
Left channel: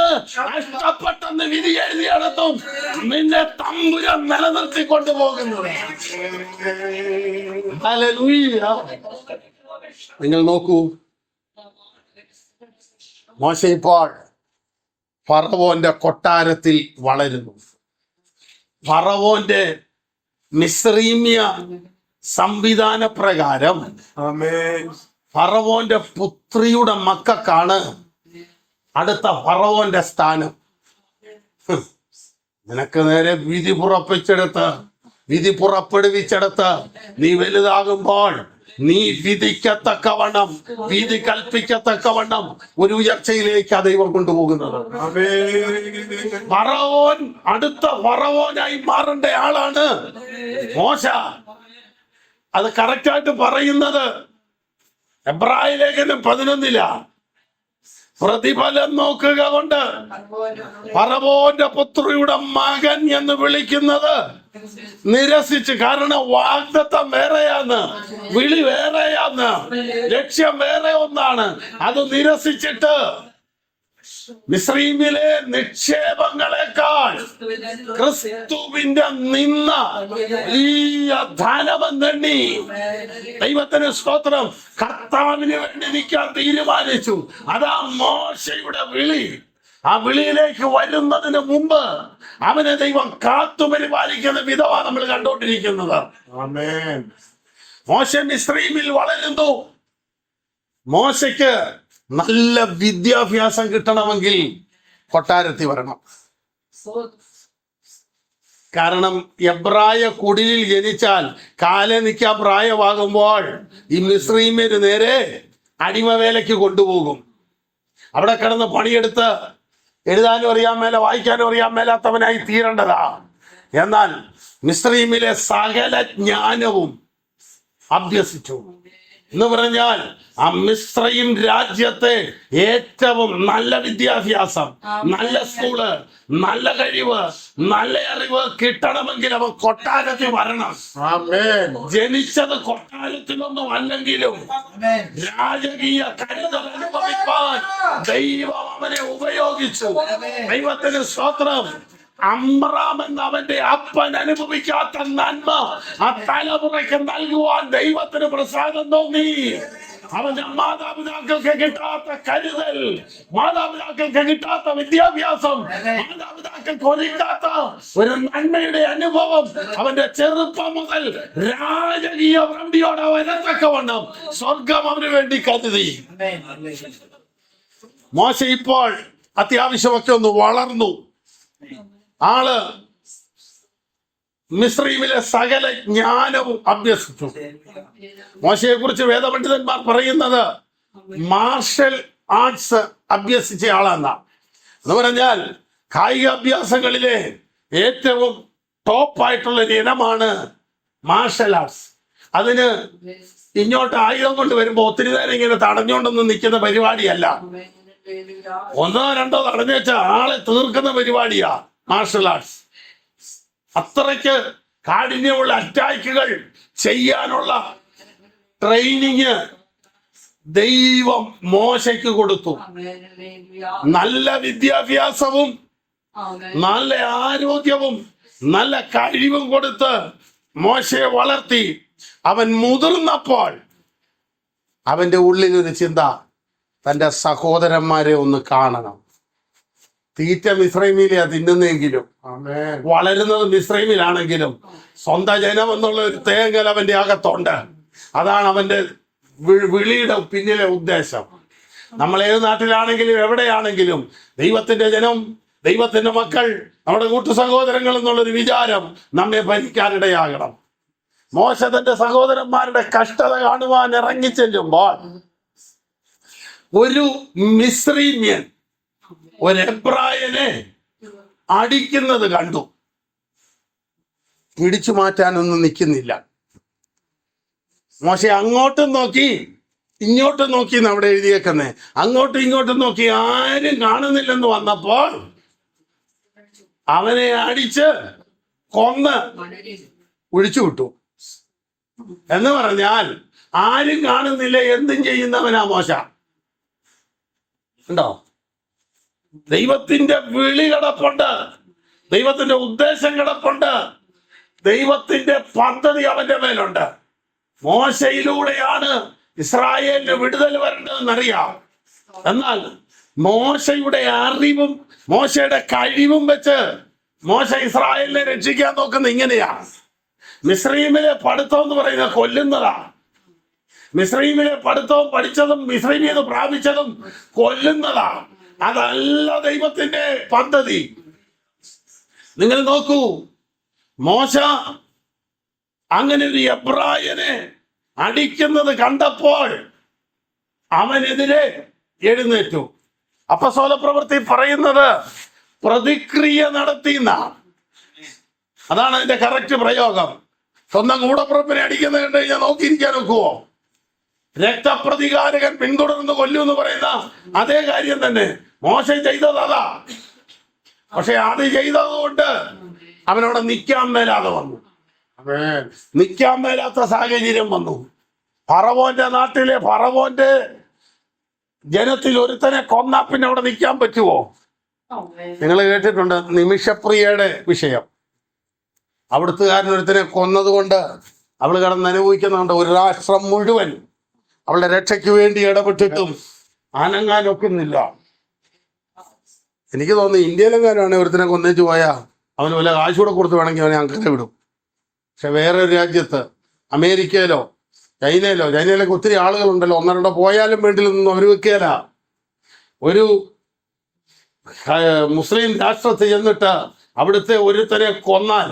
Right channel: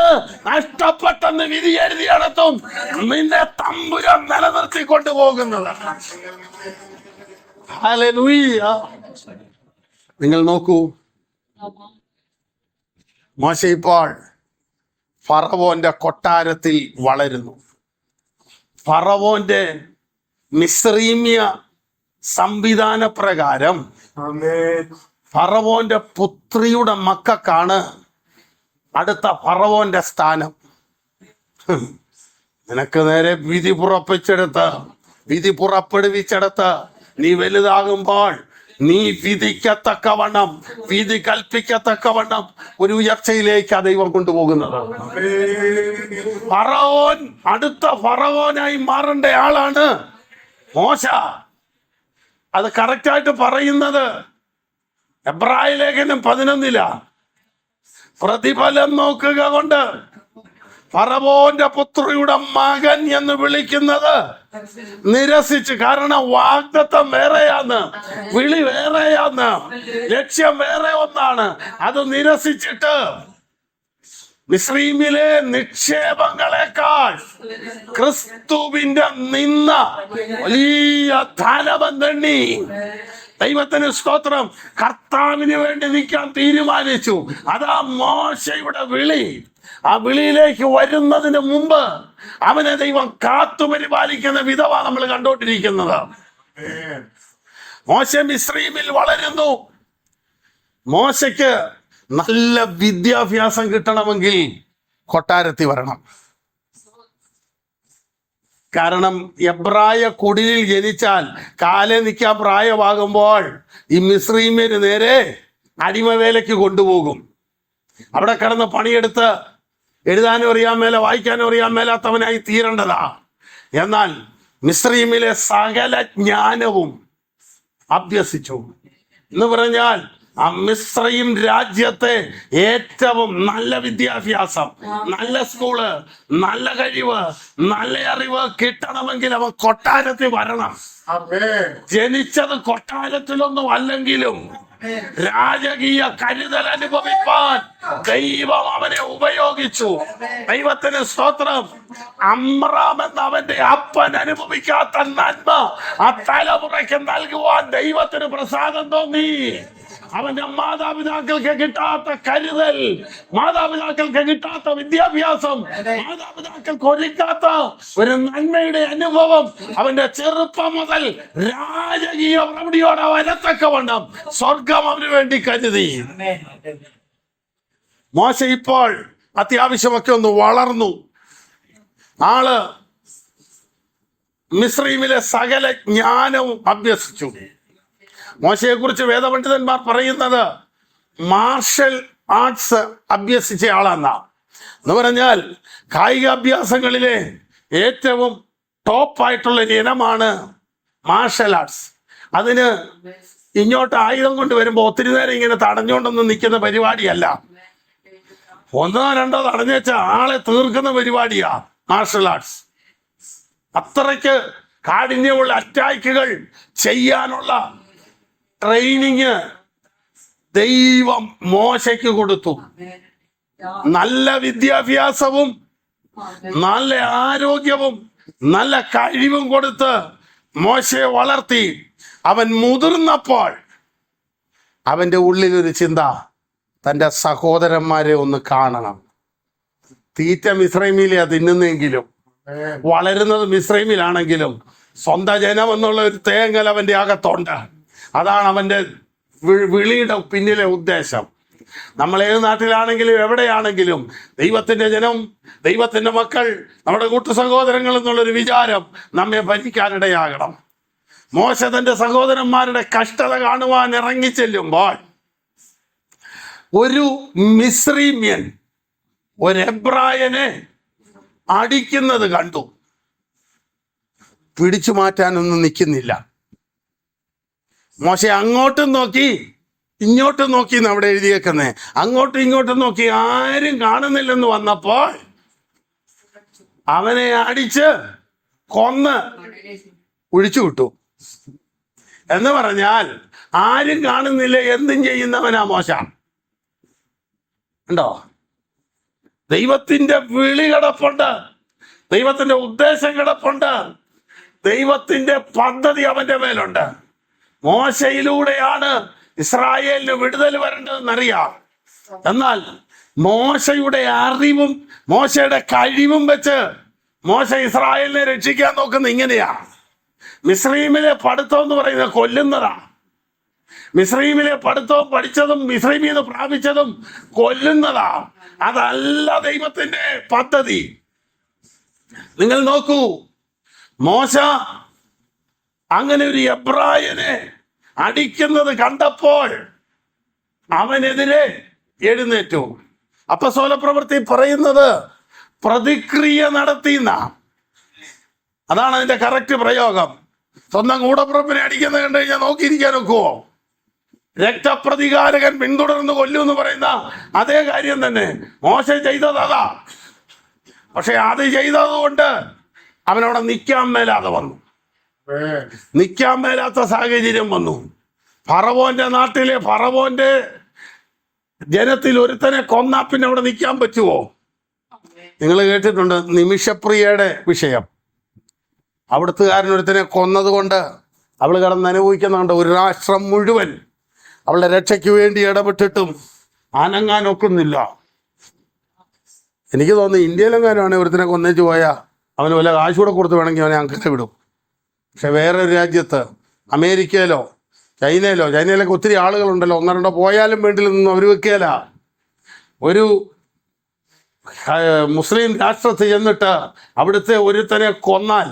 നഷ്ടപ്പെട്ടെന്ന് വിധി എഴുതിയിടത്തും നിന്നെ തമ്പുരാൻ നിലനിർത്തി കൊണ്ടുപോകുന്നത്. ഹല്ലേലൂയ. നിങ്ങൾ നോക്കൂ, മോശ ഇപ്പോൾ ഫറവോന്റെ കൊട്ടാരത്തിൽ വളരുന്നു. ഫറവോന്റെ മിസ്രീമ്യ സംവിധാന പ്രകാരം ഫറവോന്റെ പുത്രിയുടെ മക്കൾക്കാണ് അടുത്ത ഫറവോന്റെ സ്ഥാനം. നിനക്ക് നേരെ വിധി പുറപ്പെടുവിച്ചെടുത്ത് നീ വലുതാകുമ്പോൾ നീ വിധിക്കത്തക്കവണ്ണം, വിധി കൽപ്പിക്കത്തക്കവണ്ണം ഒരു ഉയർച്ചയിലേക്ക് ദൈവം കൊണ്ടുപോകുന്നത്. ഫറവോൻ അടുത്ത ഫറവോനായി മാറേണ്ട ആളാണ് മോശ. അത് കറക്റ്റായിട്ട് പറയുന്നത് എബ്രായ ലേഖനം 11 പ്രതിഫലം നോക്കുക കൊണ്ട് ഫറവോന്റെ പുത്രിയുടെ മകൻ എന്ന് വിളിക്കുന്നത് നിരസിച്ച്. കാരണം വാഗ്ദത്തം വേറെയാന്ന്, വിളി വേറെയാന്ന്, ലക്ഷ്യം വേറെ ഒന്നാണ്. അത് നിരസിച്ചിട്ട് മിസ്രൈമിലെ നിക്ഷേപങ്ങളെക്കാൾ ക്രിസ്തുവിന്റെ നിന്ന വലിയ ധനമെന്നെണ്ണി ദൈവത്തിന് സ്തോത്രം കർത്താവിന് വേണ്ടി നിൽക്കാൻ തീരുമാനിച്ചു. അതാ മോശയുടെ വിളി. ആ വിളിയിലേക്ക് വരുന്നതിന് മുമ്പ് അവനെ ദൈവം കാത്തു പരിപാലിക്കുന്ന വിധമാണ് നമ്മൾ കണ്ടോണ്ടിരിക്കുന്നത്. മോശ മിസ്രൈമിൽ വളരുന്നു. മോശയ്ക്ക് നല്ല വിദ്യാഭ്യാസം കിട്ടണമെങ്കിൽ കൊട്ടാരത്തിൽ വരണം. കാരണം എബ്രായ കുടിലിൽ ജനിച്ചാൽ കാലെ നിൽക്കാൻ പ്രായമാകുമ്പോൾ ഈ മിസ്രൈമ്യര് നേരെ അടിമവേലയ്ക്ക് കൊണ്ടുപോകും. അവിടെ കിടന്ന് പണിയെടുത്ത് എഴുതാനും അറിയാൻ മേല വായിക്കാനും അറിയാൻ മേലാത്തവനായി തീരേണ്ടതാ. എന്നാൽ മിസ്രൈമിലെ സകല ജ്ഞാനവും അഭ്യസിച്ചു എന്ന് പറഞ്ഞാൽ ആ മിസ്രയീം രാജ്യത്തെ ഏറ്റവും നല്ല വിദ്യാഭ്യാസം, നല്ല സ്കൂള്, നല്ല കഴിവ്, നല്ല അറിവ് കിട്ടണമെങ്കിൽ അവൻ കൊട്ടാരത്തിൽ വരണം. ആമേൻ. ജനിച്ചത് കൊട്ടാരത്തിലൊന്നും അല്ലെങ്കിലും രാജകീയ കരുതൽ അനുഭവിപ്പാൻ ദൈവം അവനെ ഉപയോഗിച്ചു. ദൈവത്തിന് സ്തോത്രം. അമ്രാം എന്ന അവന്റെ അപ്പൻ അനുഭവിക്കാത്ത നന്മ ആ തലമുറയ്ക്ക് നൽകുവാൻ ദൈവത്തിന് പ്രസാദം തോന്നി. അവന്റെ മാതാപിതാക്കൾക്ക് കിട്ടാത്ത കരുതൽ, മാതാപിതാക്കൾക്ക് കിട്ടാത്ത വിദ്യാഭ്യാസം, മാതാപിതാക്കൾക്ക് ഒരുക്കാത്ത ഒരു നന്മയുടെ അനുഭവം അവന്റെ ചെറുപ്പം മുതൽ രാജകീയ പ്രവൃത്തിയോടെ വരത്തക്കവണ്ണം സ്വർഗം അവന് വേണ്ടി കരുതി. മോശ ഇപ്പോൾ അത്യാവശ്യമൊക്കെ ഒന്ന് വളർന്നു. ആള് മിസ്രൈമിലെ സകല ജ്ഞാനവും അഭ്യസിച്ചു. മോശയെ കുറിച്ച് വേദപണ്ഡിതന്മാർ പറയുന്നത് മാർഷൽ ആർട്സ് അഭ്യസിച്ച ആളെന്നാ. എന്ന് പറഞ്ഞാൽ കായിക അഭ്യാസങ്ങളിലെ ഏറ്റവും ടോപ്പായിട്ടുള്ള ഒരു ഇനമാണ് മാർഷൽ ആർട്സ്. അതിന് ഇങ്ങോട്ട് ആയുധം കൊണ്ട് വരുമ്പോ ഒത്തിരി നേരം ഇങ്ങനെ തടഞ്ഞുകൊണ്ടൊന്നും നിൽക്കുന്ന പരിപാടിയല്ല. ഒന്നോ രണ്ടോ തടഞ്ഞു വെച്ച ആളെ തീർക്കുന്ന പരിപാടിയാ മാർഷൽ ആർട്സ്. അത്രയ്ക്ക് കാഠിന്യമുള്ള അറ്റാക്കുകൾ ചെയ്യാനുള്ള ട്രെയിനിങ് ദൈവം മോശയ്ക്ക് കൊടുത്തു. നല്ല വിദ്യാഭ്യാസവും നല്ല ആരോഗ്യവും നല്ല കഴിവും കൊടുത്ത് മോശയെ വളർത്തി. അവൻ മുതിർന്നപ്പോൾ അവന്റെ ഉള്ളിൽ ഒരു ചിന്ത, തൻ്റെ സഹോദരന്മാരെ ഒന്ന് കാണണം. തീറ്റ മിസ്രൈമിലെയാ തിന്നുന്നെങ്കിലും, ആമേൻ. വളരുന്നത് മിസ്രൈമിലാണെങ്കിലും സ്വന്തം ജനം എന്നുള്ള ഒരു തേങ്ങൽ അവന്റെ അകത്തുണ്ട്. അതാണ് അവന്റെ വിളിയുടെ പിന്നിലെ ഉദ്ദേശം. നമ്മൾ ഏത് നാട്ടിലാണെങ്കിലും എവിടെയാണെങ്കിലും ദൈവത്തിന്റെ ജനം, ദൈവത്തിന്റെ മക്കൾ, നമ്മുടെ കൂട്ടു സഹോദരങ്ങൾ എന്നുള്ളൊരു വിചാരം നമ്മെ ഭരിക്കാനിടയാകണം. മോശ തന്റെ സഹോദരന്മാരുടെ കഷ്ടത കാണുവാൻ ഇറങ്ങിച്ചെല്ലുമ്പോൾ ഒരു മിസ്രീമ്യൻ ഒരു എബ്രായനെ അടിക്കുന്നത് കണ്ടു. പിടിച്ചു മാറ്റാനൊന്നും നിൽക്കുന്നില്ല. മോശ അങ്ങോട്ടും നോക്കി ഇങ്ങോട്ടും നോക്കി അവിടെ എഴുതിയേക്കുന്നേ. അങ്ങോട്ടും ഇങ്ങോട്ടും നോക്കി ആരും കാണുന്നില്ലെന്ന് വന്നപ്പോൾ അവനെ അടിച്ച് കൊന്ന് ഒഴിച്ചു വിട്ടു. എന്ന് പറഞ്ഞാൽ ആരും കാണുന്നില്ല, എന്തും ചെയ്യുന്നവനാ മോശ. ഉണ്ടോ? ദൈവത്തിന്റെ വിളി കിടപ്പുണ്ട്, ദൈവത്തിന്റെ ഉദ്ദേശം കിടപ്പുണ്ട്, ദൈവത്തിന്റെ പദ്ധതി അവന്റെ മേലുണ്ട്. മോശയിലൂടെയാണ് ഇസ്രായേലിന് വിടുതൽ വരേണ്ടതെന്നറിയാം. എന്നാൽ മോശയുടെ അറിവും മോശയുടെ കഴിവും വെച്ച് മോശ ഇസ്രായേലിനെ രക്ഷിക്കാൻ നോക്കുന്ന ഇങ്ങനെയാ. മിസ്രൈമിലെ പഠിത്തം എന്ന് പറയുന്നത് കൊല്ലുന്നതാ. മിസ്രൈമിലെ പഠിത്തവും പഠിച്ചതും മിസ്രൈമിൽ നിന്ന് പ്രാപിച്ചതും കൊല്ലുന്നതാ. അതല്ല ദൈവത്തിന്റെ പദ്ധതി. നിങ്ങൾ നോക്കൂ, മോശ അങ്ങനെ ഒരു എബ്രായനെ അടിക്കുന്നത് കണ്ടപ്പോൾ അവനെതിരെ എഴുന്നേറ്റു. അപ്പോസ്തല പ്രവൃത്തി പറയുന്നത് പ്രതിക്രിയ നടത്തിയെന്ന, അതാണ് അതിന്റെ കറക്റ്റ് പ്രയോഗം. സ്വന്തം കൂടപ്പുറപ്പിനെ അടിക്കുന്നത് കണ്ടു കഴിഞ്ഞാൽ നോക്കിയിരിക്കാൻ ഒക്കുവോ? രക്തപ്രതികാരകൻ പിന്തുടർന്ന് കൊല്ലൂ എന്ന് പറയുന്ന അതേ കാര്യം തന്നെ മോശ ചെയ്തത് അതാ. പക്ഷെ അത് ചെയ്തത് കൊണ്ട് അവനവിടെ നിൽക്കാൻ മേലാതെ വന്നു. ആമേൻ. നിൽക്കാൻ മേലാത്ത സാഹചര്യം വന്നു. ഫറവോന്റെ നാട്ടിലെ ഫറവോന്റെ ജനത്തിൽ ഒരുത്തനെ കൊന്നാ പിന്നെ അവിടെ നിൽക്കാൻ പറ്റുമോ? നിങ്ങൾ കേട്ടിട്ടുണ്ട് നിമിഷപ്രിയയുടെ വിഷയം. അവിടുത്തുകാരനൊരുത്തനെ കൊന്നത് കൊണ്ട് അവൾ കിടന്ന് അനുഭവിക്കുന്നുണ്ട്. ഒരു രാഷ്ട്രം മുഴുവൻ അവളുടെ രക്ഷയ്ക്ക് വേണ്ടി ഇടപെട്ടിട്ടും അനങ്ങാൻ ഒക്കുന്നില്ല. എനിക്ക് തോന്നുന്നു ഇന്ത്യയിലെങ്ങാനും ഒരുത്തനെ കൊന്നേച്ച് പോയാൽ അവന് വല്ല കാശ് കൂടെ കൊടുത്ത് വേണമെങ്കിൽ അവനെ അങ്ങനെ വിടും. പക്ഷെ വേറൊരു രാജ്യത്ത്, അമേരിക്കയിലോ ചൈനയിലൊക്കെ ഒത്തിരി ആളുകളുണ്ടല്ലോ, ഒന്നോ രണ്ടോ പോയാലും വീട്ടിലൊന്നും അവർ വെക്കുകയില്ല. ഒരു മുസ്ലിം രാഷ്ട്രത്തിൽ ചെന്നിട്ട് അവിടുത്തെ ഒരുത്തനെ കൊന്നാൽ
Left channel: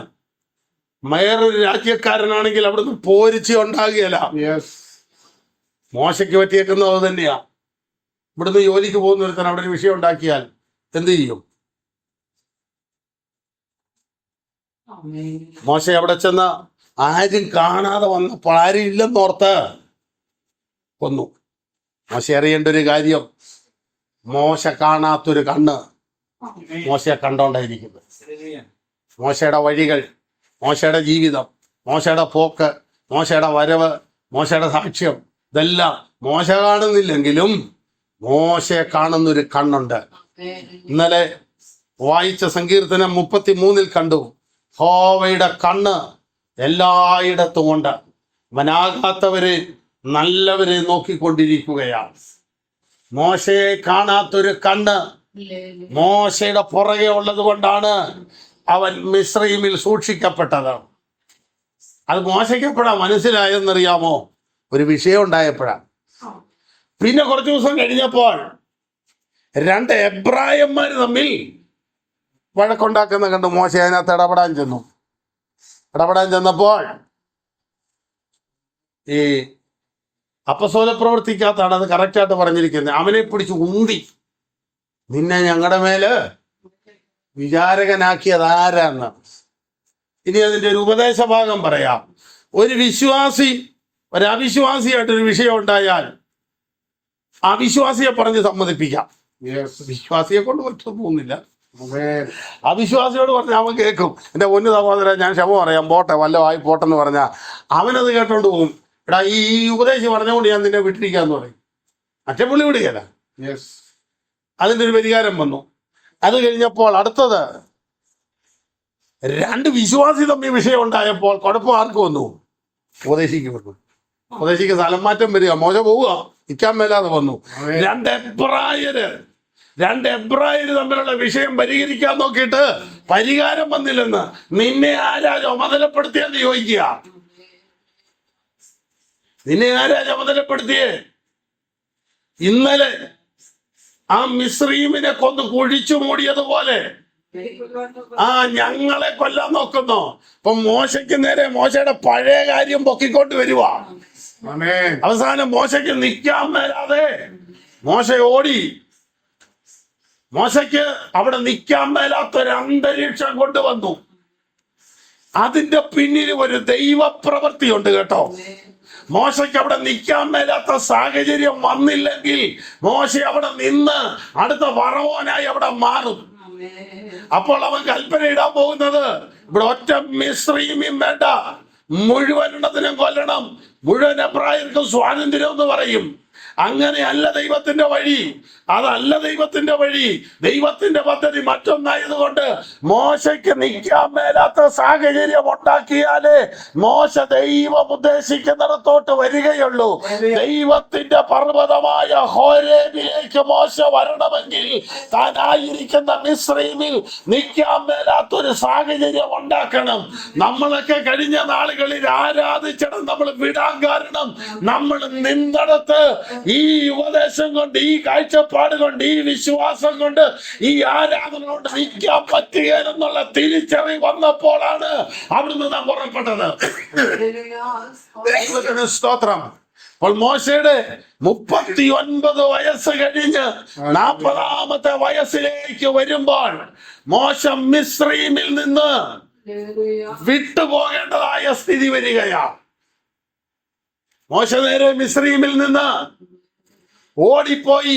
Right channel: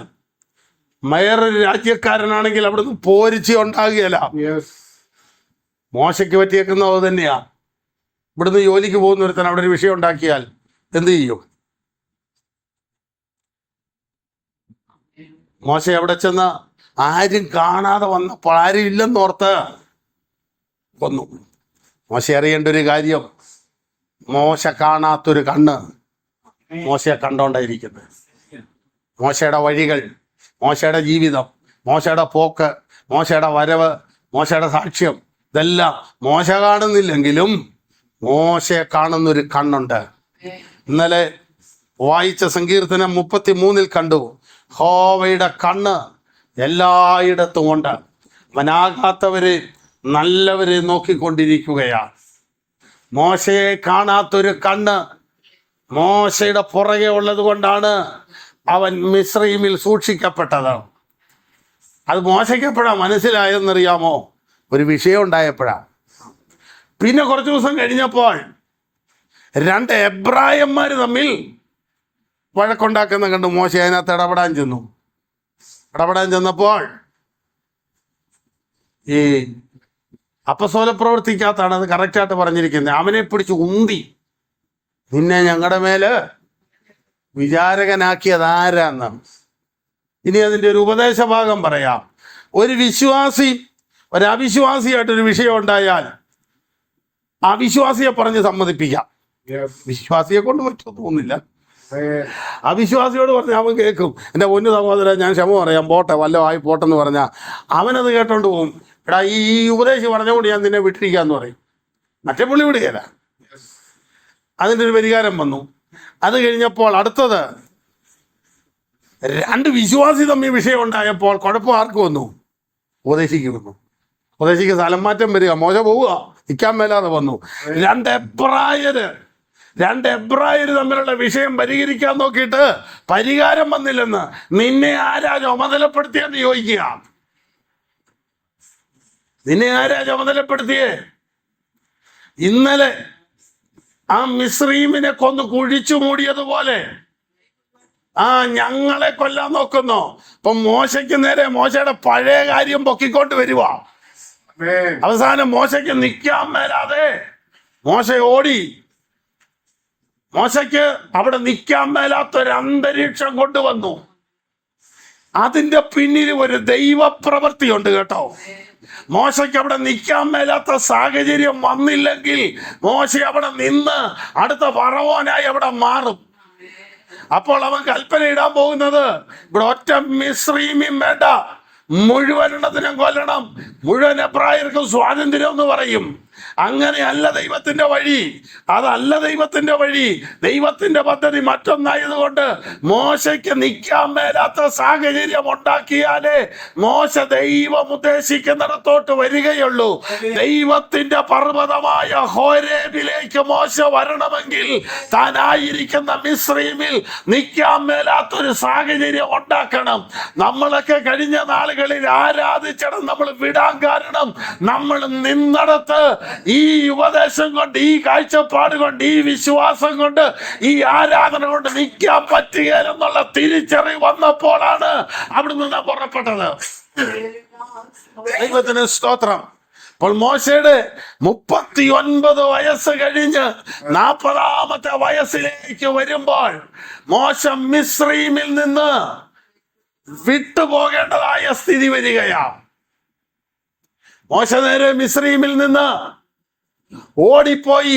വേറൊരു രാജ്യക്കാരനാണെങ്കിൽ അവിടുന്ന് പോരിച്ച ഉണ്ടാകുകയില്ല. യെസ്. മോശയ്ക്ക് പറ്റിയേക്കുന്നത് അത് തന്നെയാ. ഇവിടുന്ന് ജോലിക്ക് പോകുന്ന ഒരുത്തൻ അവിടെ ഒരു വിഷയം ഉണ്ടാക്കിയാൽ എന്ത് ചെയ്യും? മോശ അവിടെ ചെന്ന് ആരും കാണാതെ വന്നപ്പോൾ ആരും ഇല്ലെന്നോർത്ത് കൊന്നു. മോശ അറിയേണ്ട ഒരു കാര്യം, മോശ കാണാത്തൊരു കണ്ണ് മോശയെ കണ്ടോണ്ടായിരിക്കുന്നത്. മോശയുടെ വഴികൾ, മോശയുടെ ജീവിതം, മോശയുടെ പോക്ക്, മോശയുടെ വരവ്, മോശയുടെ സാക്ഷ്യം, ഇതെല്ലാം മോശ കാണുന്നില്ലെങ്കിലും മോശയെ കാണുന്നൊരു കണ്ണുണ്ട്. ഇന്നലെ വായിച്ച സങ്കീർത്തനം 33 കണ്ടു, യഹോവയുടെ കണ്ണ് എല്ലായിടത്തും ഉണ്ട്, അവനാകാത്തവരെ നല്ലവരെ നോക്കിക്കൊണ്ടിരിക്കുകയാണ്. മോശയെ കാണാത്തൊരു കണ്ണ് മോശയുടെ പുറകെ ഉള്ളത് കൊണ്ടാണ് അവൻ മിസ്രയീമിൽ സൂക്ഷിക്കപ്പെട്ടത്. അത് മോശയ്ക്ക് എപ്പോഴാ മനസ്സിലായെന്നറിയാമോ? ഒരു വിഷയം ഉണ്ടായപ്പോഴാ. പിന്നെ കുറച്ചു ദിവസം കഴിഞ്ഞപ്പോൾ 2 എബ്രായന്മാർ തമ്മിൽ വഴക്കുണ്ടാക്കുന്ന കണ്ട് മോശ അതിനകത്ത് ഇടപെടാൻ ചെന്നപ്പോൾ ഈ അപ്പസ്തോല പ്രവൃത്തിക്കകത്താണ് അത് കറക്റ്റായിട്ട് പറഞ്ഞിരിക്കുന്നത്. അവനെ പിടിച്ച് ഉന്തി, നിന്നെ ഞങ്ങളുടെ മേല് വിചാരകനാക്കിയത് ആരാന്ന്. ഇനി അതിന്റെ ഒരു ഉപദേശ ഭാഗം പറയാം. ഒരു വിശ്വാസി ഒരു അവിശ്വാസിയായിട്ടൊരു വിഷയം ഉണ്ടായാൽ അവിശ്വാസിയെ പറഞ്ഞ് സമ്മതിപ്പിക്കാം. വിശ്വാസിയെ കൊണ്ട് പറ്റൊന്നുമില്ല. അവിശ്വാസിയോട് പറഞ്ഞാൽ അവൻ കേൾക്കും. എൻ്റെ പൊന്നു സഹോദരൻ, ഞാൻ ക്ഷമ പറയാം, പോട്ടെ, വല്ലതും ആയി പോട്ടെന്ന് പറഞ്ഞാൽ അവനത് കേട്ടോണ്ട് പോകും. എടാ, ഈ ഉപദേശം പറഞ്ഞുകൊണ്ട് ഞാൻ നിന്നെ വിട്ടിരിക്കാന്ന് പറയും. മറ്റേ പുള്ളി വിടുകയല്ല. അതിൻ്റെ ഒരു പരിഹാരം വന്നു. അത് കഴിഞ്ഞപ്പോൾ അടുത്തത് 2 വിശ്വാസി തമ്മിൽ വിഷയം ഉണ്ടായപ്പോൾ കുഴപ്പം ആർക്ക് വന്നു? ഉപദേശിക്ക് വന്നു. ഉപദേശിക്ക് സ്ഥലം മാറ്റം വരിക, മോശ പോവുക, നിൽക്കാൻ മേലാതെ വന്നു. 2 എബ്രായര് തമ്മിലുള്ള വിഷയം പരിഹരിക്കാൻ നോക്കിയിട്ട് പരിഹാരം വന്നില്ലെന്ന് നിന്നെ ആരാ ചുമതലപ്പെടുത്തിയെന്ന് ചോദിക്കുക. നിന്നെ ആരാ ചുമതലപ്പെടുത്തിയേ? ഇന്നലെ ആ മിസ്രയീമിനെ കൊന്ന് കുഴിച്ചു മൂടിയതുപോലെ ഞങ്ങളെ കൊല്ലാൻ നോക്കുന്നു. അപ്പൊ മോശയ്ക്ക് നേരെ മോശയുടെ പഴയ കാര്യം പൊക്കിക്കൊണ്ട് വരുക. അവസാനം മോശയ്ക്ക് നിൽക്കാൻ മേലാതെ മോശ ഓടി. മോശയ്ക്ക് അവിടെ നിൽക്കാൻ മേലാത്തൊരു അന്തരീക്ഷം കൊണ്ടുവന്നു. അതിന്റെ പിന്നിൽ ഒരു ദൈവപ്രവൃത്തിയുണ്ട് കേട്ടോ. മോശയ്ക്ക് അവിടെ നിൽക്കാൻ മേലാത്ത സാഹചര്യം വന്നില്ലെങ്കിൽ മോശ അവിടെ നിന്ന് അടുത്ത ഫറവോനായി അവിടെ മാറും. അപ്പോൾ അവൻ കൽപ്പന ഇടാൻ പോകുന്നത്, ഇവിടെ ഒറ്റ മിസ്രയീമ്യം വേണ്ട, മുഴുവനെണ്ണത്തിനും കൊല്ലണം, മുഴുവൻ എബ്രായർക്കും സ്വാതന്ത്ര്യം എന്ന് പറയും. അങ്ങനെയല്ല ദൈവത്തിന്റെ വഴി, അതല്ല ദൈവത്തിന്റെ വഴി. ദൈവത്തിന്റെ പദ്ധതി മറ്റൊന്നായതുകൊണ്ട് മോശയ്ക്ക് നിൽക്കാൻ മേലാത്ത സാഹചര്യം ഉണ്ടാക്കിയാലേ മോശ ദൈവം ഉദ്ദേശിക്കുന്നിടത്തോട്ട് വരികയുള്ളൂ. ദൈവത്തിന്റെ പർവ്വതമായ ഹോരേബിലേക്ക് മോശ വരണമെങ്കിൽ താനായിരിക്കുന്ന മിസ്രയീമിൽ നിൽക്കാൻ മേലാത്തൊരു സാഹചര്യം ഉണ്ടാക്കണം. നമ്മളൊക്കെ കഴിഞ്ഞ നാളുകളിൽ ആരാധിച്ചടം നമ്മൾ വിടാൻ കാരണം നമ്മൾ നിന്നിടത്ത് ഈ ഉപദേശം കൊണ്ട്, ഈ കാഴ്ചപ്പാട് കൊണ്ട്, ഈ വിശ്വാസം കൊണ്ട്, ഈ ആരാധന കൊണ്ട് നിൽക്കാൻ പറ്റുകയെന്നുള്ള തിരിച്ചറിവ് വന്നപ്പോഴാണ് അവിടുന്ന് നാം പുറപ്പെട്ടത്. ദൈവത്തിന് സ്തോത്രം. അപ്പോൾ മോശയുടെ 39 വയസ്സ് കഴിഞ്ഞ് 40ാമത്തെ വയസ്സിലേക്ക് വരുമ്പോൾ മോശ മിസ്രയീമിൽ നിന്ന് വിട്ടുപോകേണ്ടതായ സ്ഥിതി വരികയാണ്. മോശ നേരെ മിസ്രയീമിൽ നിന്ന് ഓടിപ്പോയി.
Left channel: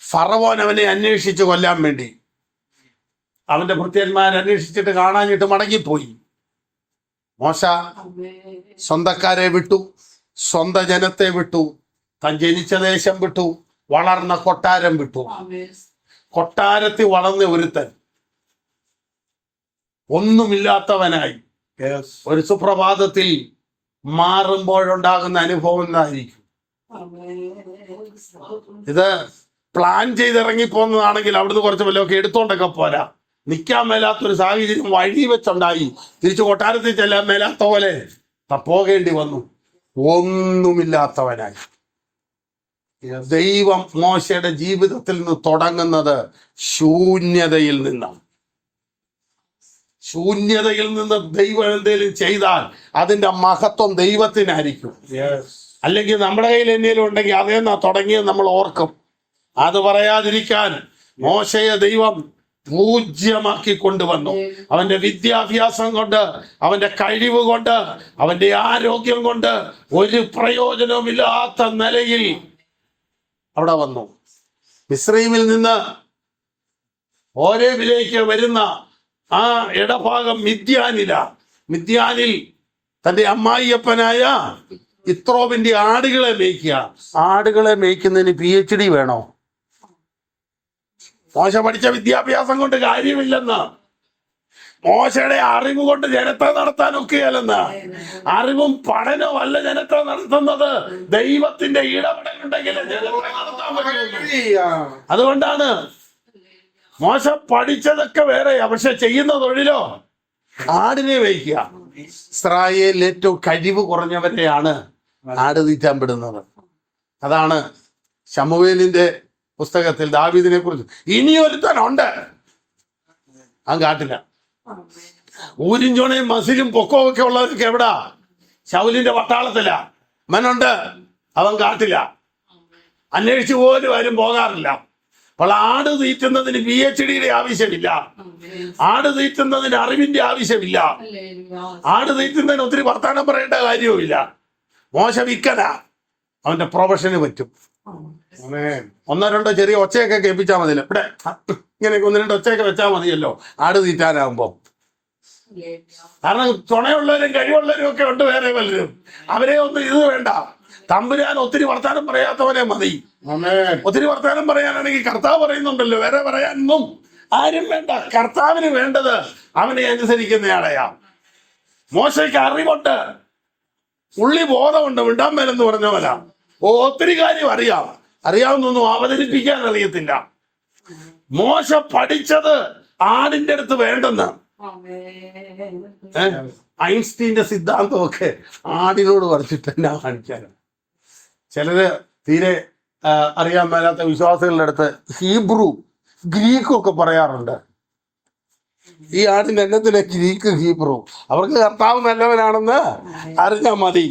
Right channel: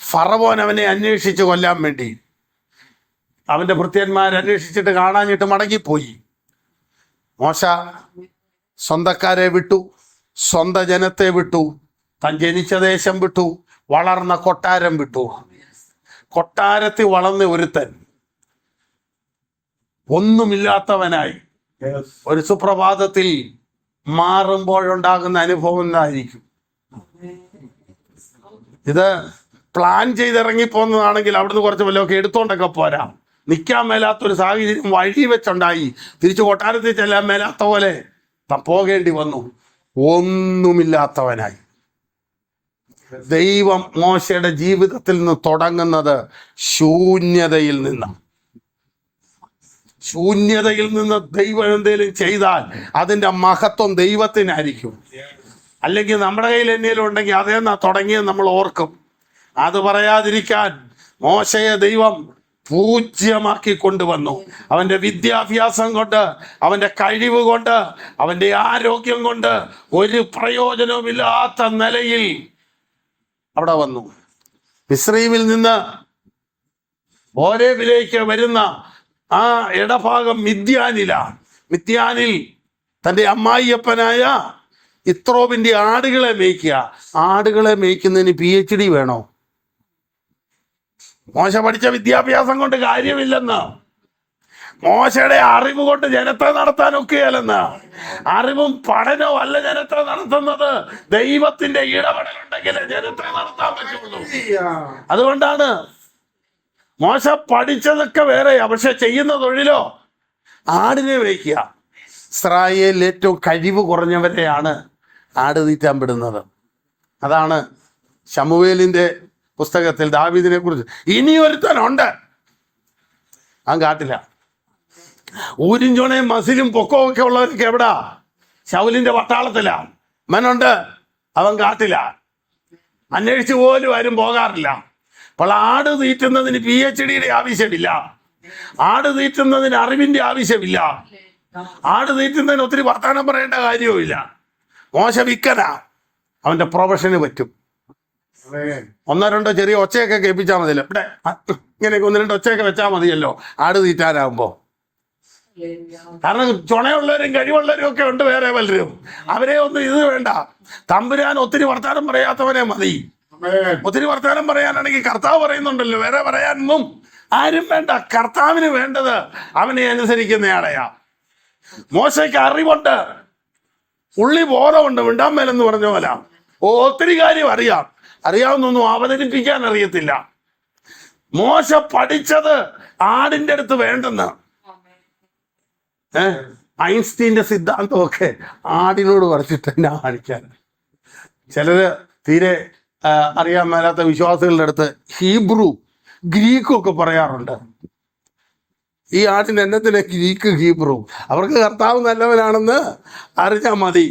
ഫറവോൻ അവനെ അന്വേഷിച്ച് കൊല്ലാൻ വേണ്ടി, അവന്റെ ഭൃത്യന്മാരെ അന്വേഷിച്ചിട്ട് കാണാഞ്ഞിട്ട് മടങ്ങിപ്പോയി. മോശ സ്വന്തക്കാരെ വിട്ടു, സ്വന്തം ജനത്തെ വിട്ടു, താൻ ജനിച്ച ദേശം വിട്ടു, വളർന്ന കൊട്ടാരം വിട്ടു. കൊട്ടാരത്തിൽ വളർന്ന ഒരുത്തൻ ഒന്നുമില്ലാത്തവനായി ഒരു സുപ്രഭാതത്തിൽ മാറുമ്പോഴുണ്ടാകുന്ന അനുഭവം എന്തായിരിക്കും? ഇത് പ്ലാൻ ചെയ്തിറങ്ങിപ്പോന്നതാണെങ്കിൽ അവിടുന്ന് കുറച്ച് വല്ലതൊക്കെ എടുത്തോണ്ടൊക്കെ പോരാ. നിൽക്കാൻ മേലാത്തൊരു സാഹചര്യം വഴി വെച്ചുണ്ടായി. തിരിച്ചു കൊട്ടാരത്തിൽ ചെല്ലാൻ മേലാത്ത പോലെ പോകേണ്ടി വന്നു. ഒന്നുമില്ലാത്തവനായി. ദൈവം മോശയുടെ ജീവിതത്തിൽ നിന്ന് തുടങ്ങുന്നത് ശൂന്യതയിൽ നിന്നാണ്. ശൂന്യതയിൽ നിന്ന് ദൈവം എന്തെങ്കിലും ചെയ്താൽ അതിന്റെ മഹത്വം ദൈവത്തിനായിരിക്കും. അല്ലെങ്കിൽ നമ്മുടെ കയ്യിൽ എന്തെങ്കിലും ഉണ്ടെങ്കിൽ അതേന്നാ തുടങ്ങിയത് നമ്മൾ ഓർക്കും. അത് പറയാതിരിക്കാൻ മോശയെ ദൈവം പൂജ്യമാക്കി കൊണ്ടുവന്നു. അവന്റെ വിദ്യാഭ്യാസം കൊണ്ട്, അവന്റെ കഴിവ് കൊണ്ട്, അവന്റെ ആരോഗ്യം കൊണ്ട് ഒരു പ്രയോജനവുമില്ലാത്ത നിലയിൽ അവിടെ വന്നു. മിസ്രയീമിൽ നിന്ന് ഹോരേബിലേക്ക് വരുന്ന ആ ഇടഭാഗം മിദ്യാനിൽ തന്റെ അമ്മായിയപ്പനായ ഇത്രോവിന്റെ ആടുകളെ മേയ്ക്കുക. ആടുകളെ മേയ്ക്കുന്നതിന് PhD വേണോ? മോശ പഠിച്ച വിദ്യാഭ്യാസം കൊണ്ട് കാര്യമില്ലെന്ന്, മോശയുടെ അറിവ് കൊണ്ട് ജനത്തെ നടത്താൻ ഒക്കെയല്ലെന്ന്. അറിവും പഠനവും അല്ല ജനത്തെ നടത്തുന്നത്, ദൈവത്തിന്റെ ഇടപെടലുണ്ടെങ്കിൽ ജനത്തെ നടത്താൻ പറ്റുള്ളൂ. അതുകൊണ്ടാണ് മോശ പഠിച്ചതൊക്കെ വേറെയാ, പക്ഷെ ചെയ്യുന്ന തൊഴിലോ ആടിനെ മേയ്ക്കുക. ഇസ്രായേലിൽ ഏറ്റവും കഴിവ് കുറഞ്ഞവരെയാണ് ആട് തീറ്റാൻ വിടുന്നത്. അതാണ് ശമൂവേലിന്റെ പുസ്തകത്തിൽ ദാവീദിനെ കുറിച്ച് ഇനിയൊരുത്തനുണ്ട്, അവൻ കാട്ടില്ല. ഊരിഞ്ചോണയും മസിലും പൊക്കവും ഒക്കെ ഉള്ളവരൊക്കെ എവിടാ? ശൗലിന്റെ പട്ടാളത്തിലാ. മനുണ്ട്, അവൻ കാട്ടില്ല, അന്വേഷിച്ചു പോലും ആരും പോകാറില്ല. അപ്പോൾ ആട് തീറ്റുന്നതിന് PhDയുടെ ആവശ്യമില്ല, ആട് തീറ്റുന്നതിന് അറിവിന്റെ ആവശ്യമില്ല, ആട് തീറ്റുന്നതിന് ഒത്തിരി വർത്തമാനം പറയേണ്ട കാര്യവുമില്ല. മോശ വിക്കനാ, അവന്റെ പ്രൊഫഷന് പറ്റും. ഒന്നോ രണ്ടോ ചെറിയ ഒച്ചയൊക്കെ കേൾപ്പിച്ചാൽ മതിയല്ലോ, ഇവിടെ ഇങ്ങനെ 1-2 ഒച്ചയൊക്കെ വെച്ചാൽ മതിയല്ലോ ആട് തീറ്റാനാകുമ്പോ. കാരണം ചുണയുള്ളവരും കഴിവുള്ളവരും ഒക്കെ ഉണ്ട് വേറെ പലരും, അവരെ ഒന്നും ഇത് വേണ്ട. തമ്പുരാൻ ഒത്തിരി വർത്താനം പറയാത്തവനെ മതി. ഒത്തിരി വർത്താനം പറയാനാണെങ്കിൽ കർത്താവ് പറയുന്നുണ്ടല്ലോ, വേറെ പറയാനൊന്നും ആരും വേണ്ട. കർത്താവിന് വേണ്ടത് അവനെ അനുസരിക്കുന്നയാളെയാ. മോശയ്ക്ക് അറിവുണ്ട്, ഉള്ളി ബോധമുണ്ട്, വിണ്ടാൻ മേലെന്ന് പറഞ്ഞ പോലെ. ഒത്തിരി കാര്യം അറിയാവുന്നൊന്നും അവതരിപ്പിക്കാൻ അറിയത്തില്ല. മോശ പഠിച്ചത് ആടിന്റെ അടുത്ത് വേണ്ടെന്ന്. ഐൻസ്റ്റീന്റെ സിദ്ധാന്തമൊക്കെ ആടിനോട് കുറച്ചിട്ട് എന്നാ കാണിക്കാൻ. ചിലര് തീരെ അറിയാൻ മേലാത്ത വിശ്വാസികളുടെ അടുത്ത് ഹീബ്രു ഗ്രീക്കും ഒക്കെ പറയാറുണ്ട്. ഈ ആടിന്റെ എന്നത്തിന് ഗ്രീക്ക് ഹീബ്രു? അവർക്ക് കർത്താവ് നല്ലവനാണെന്ന് അറിഞ്ഞാൽ മതി.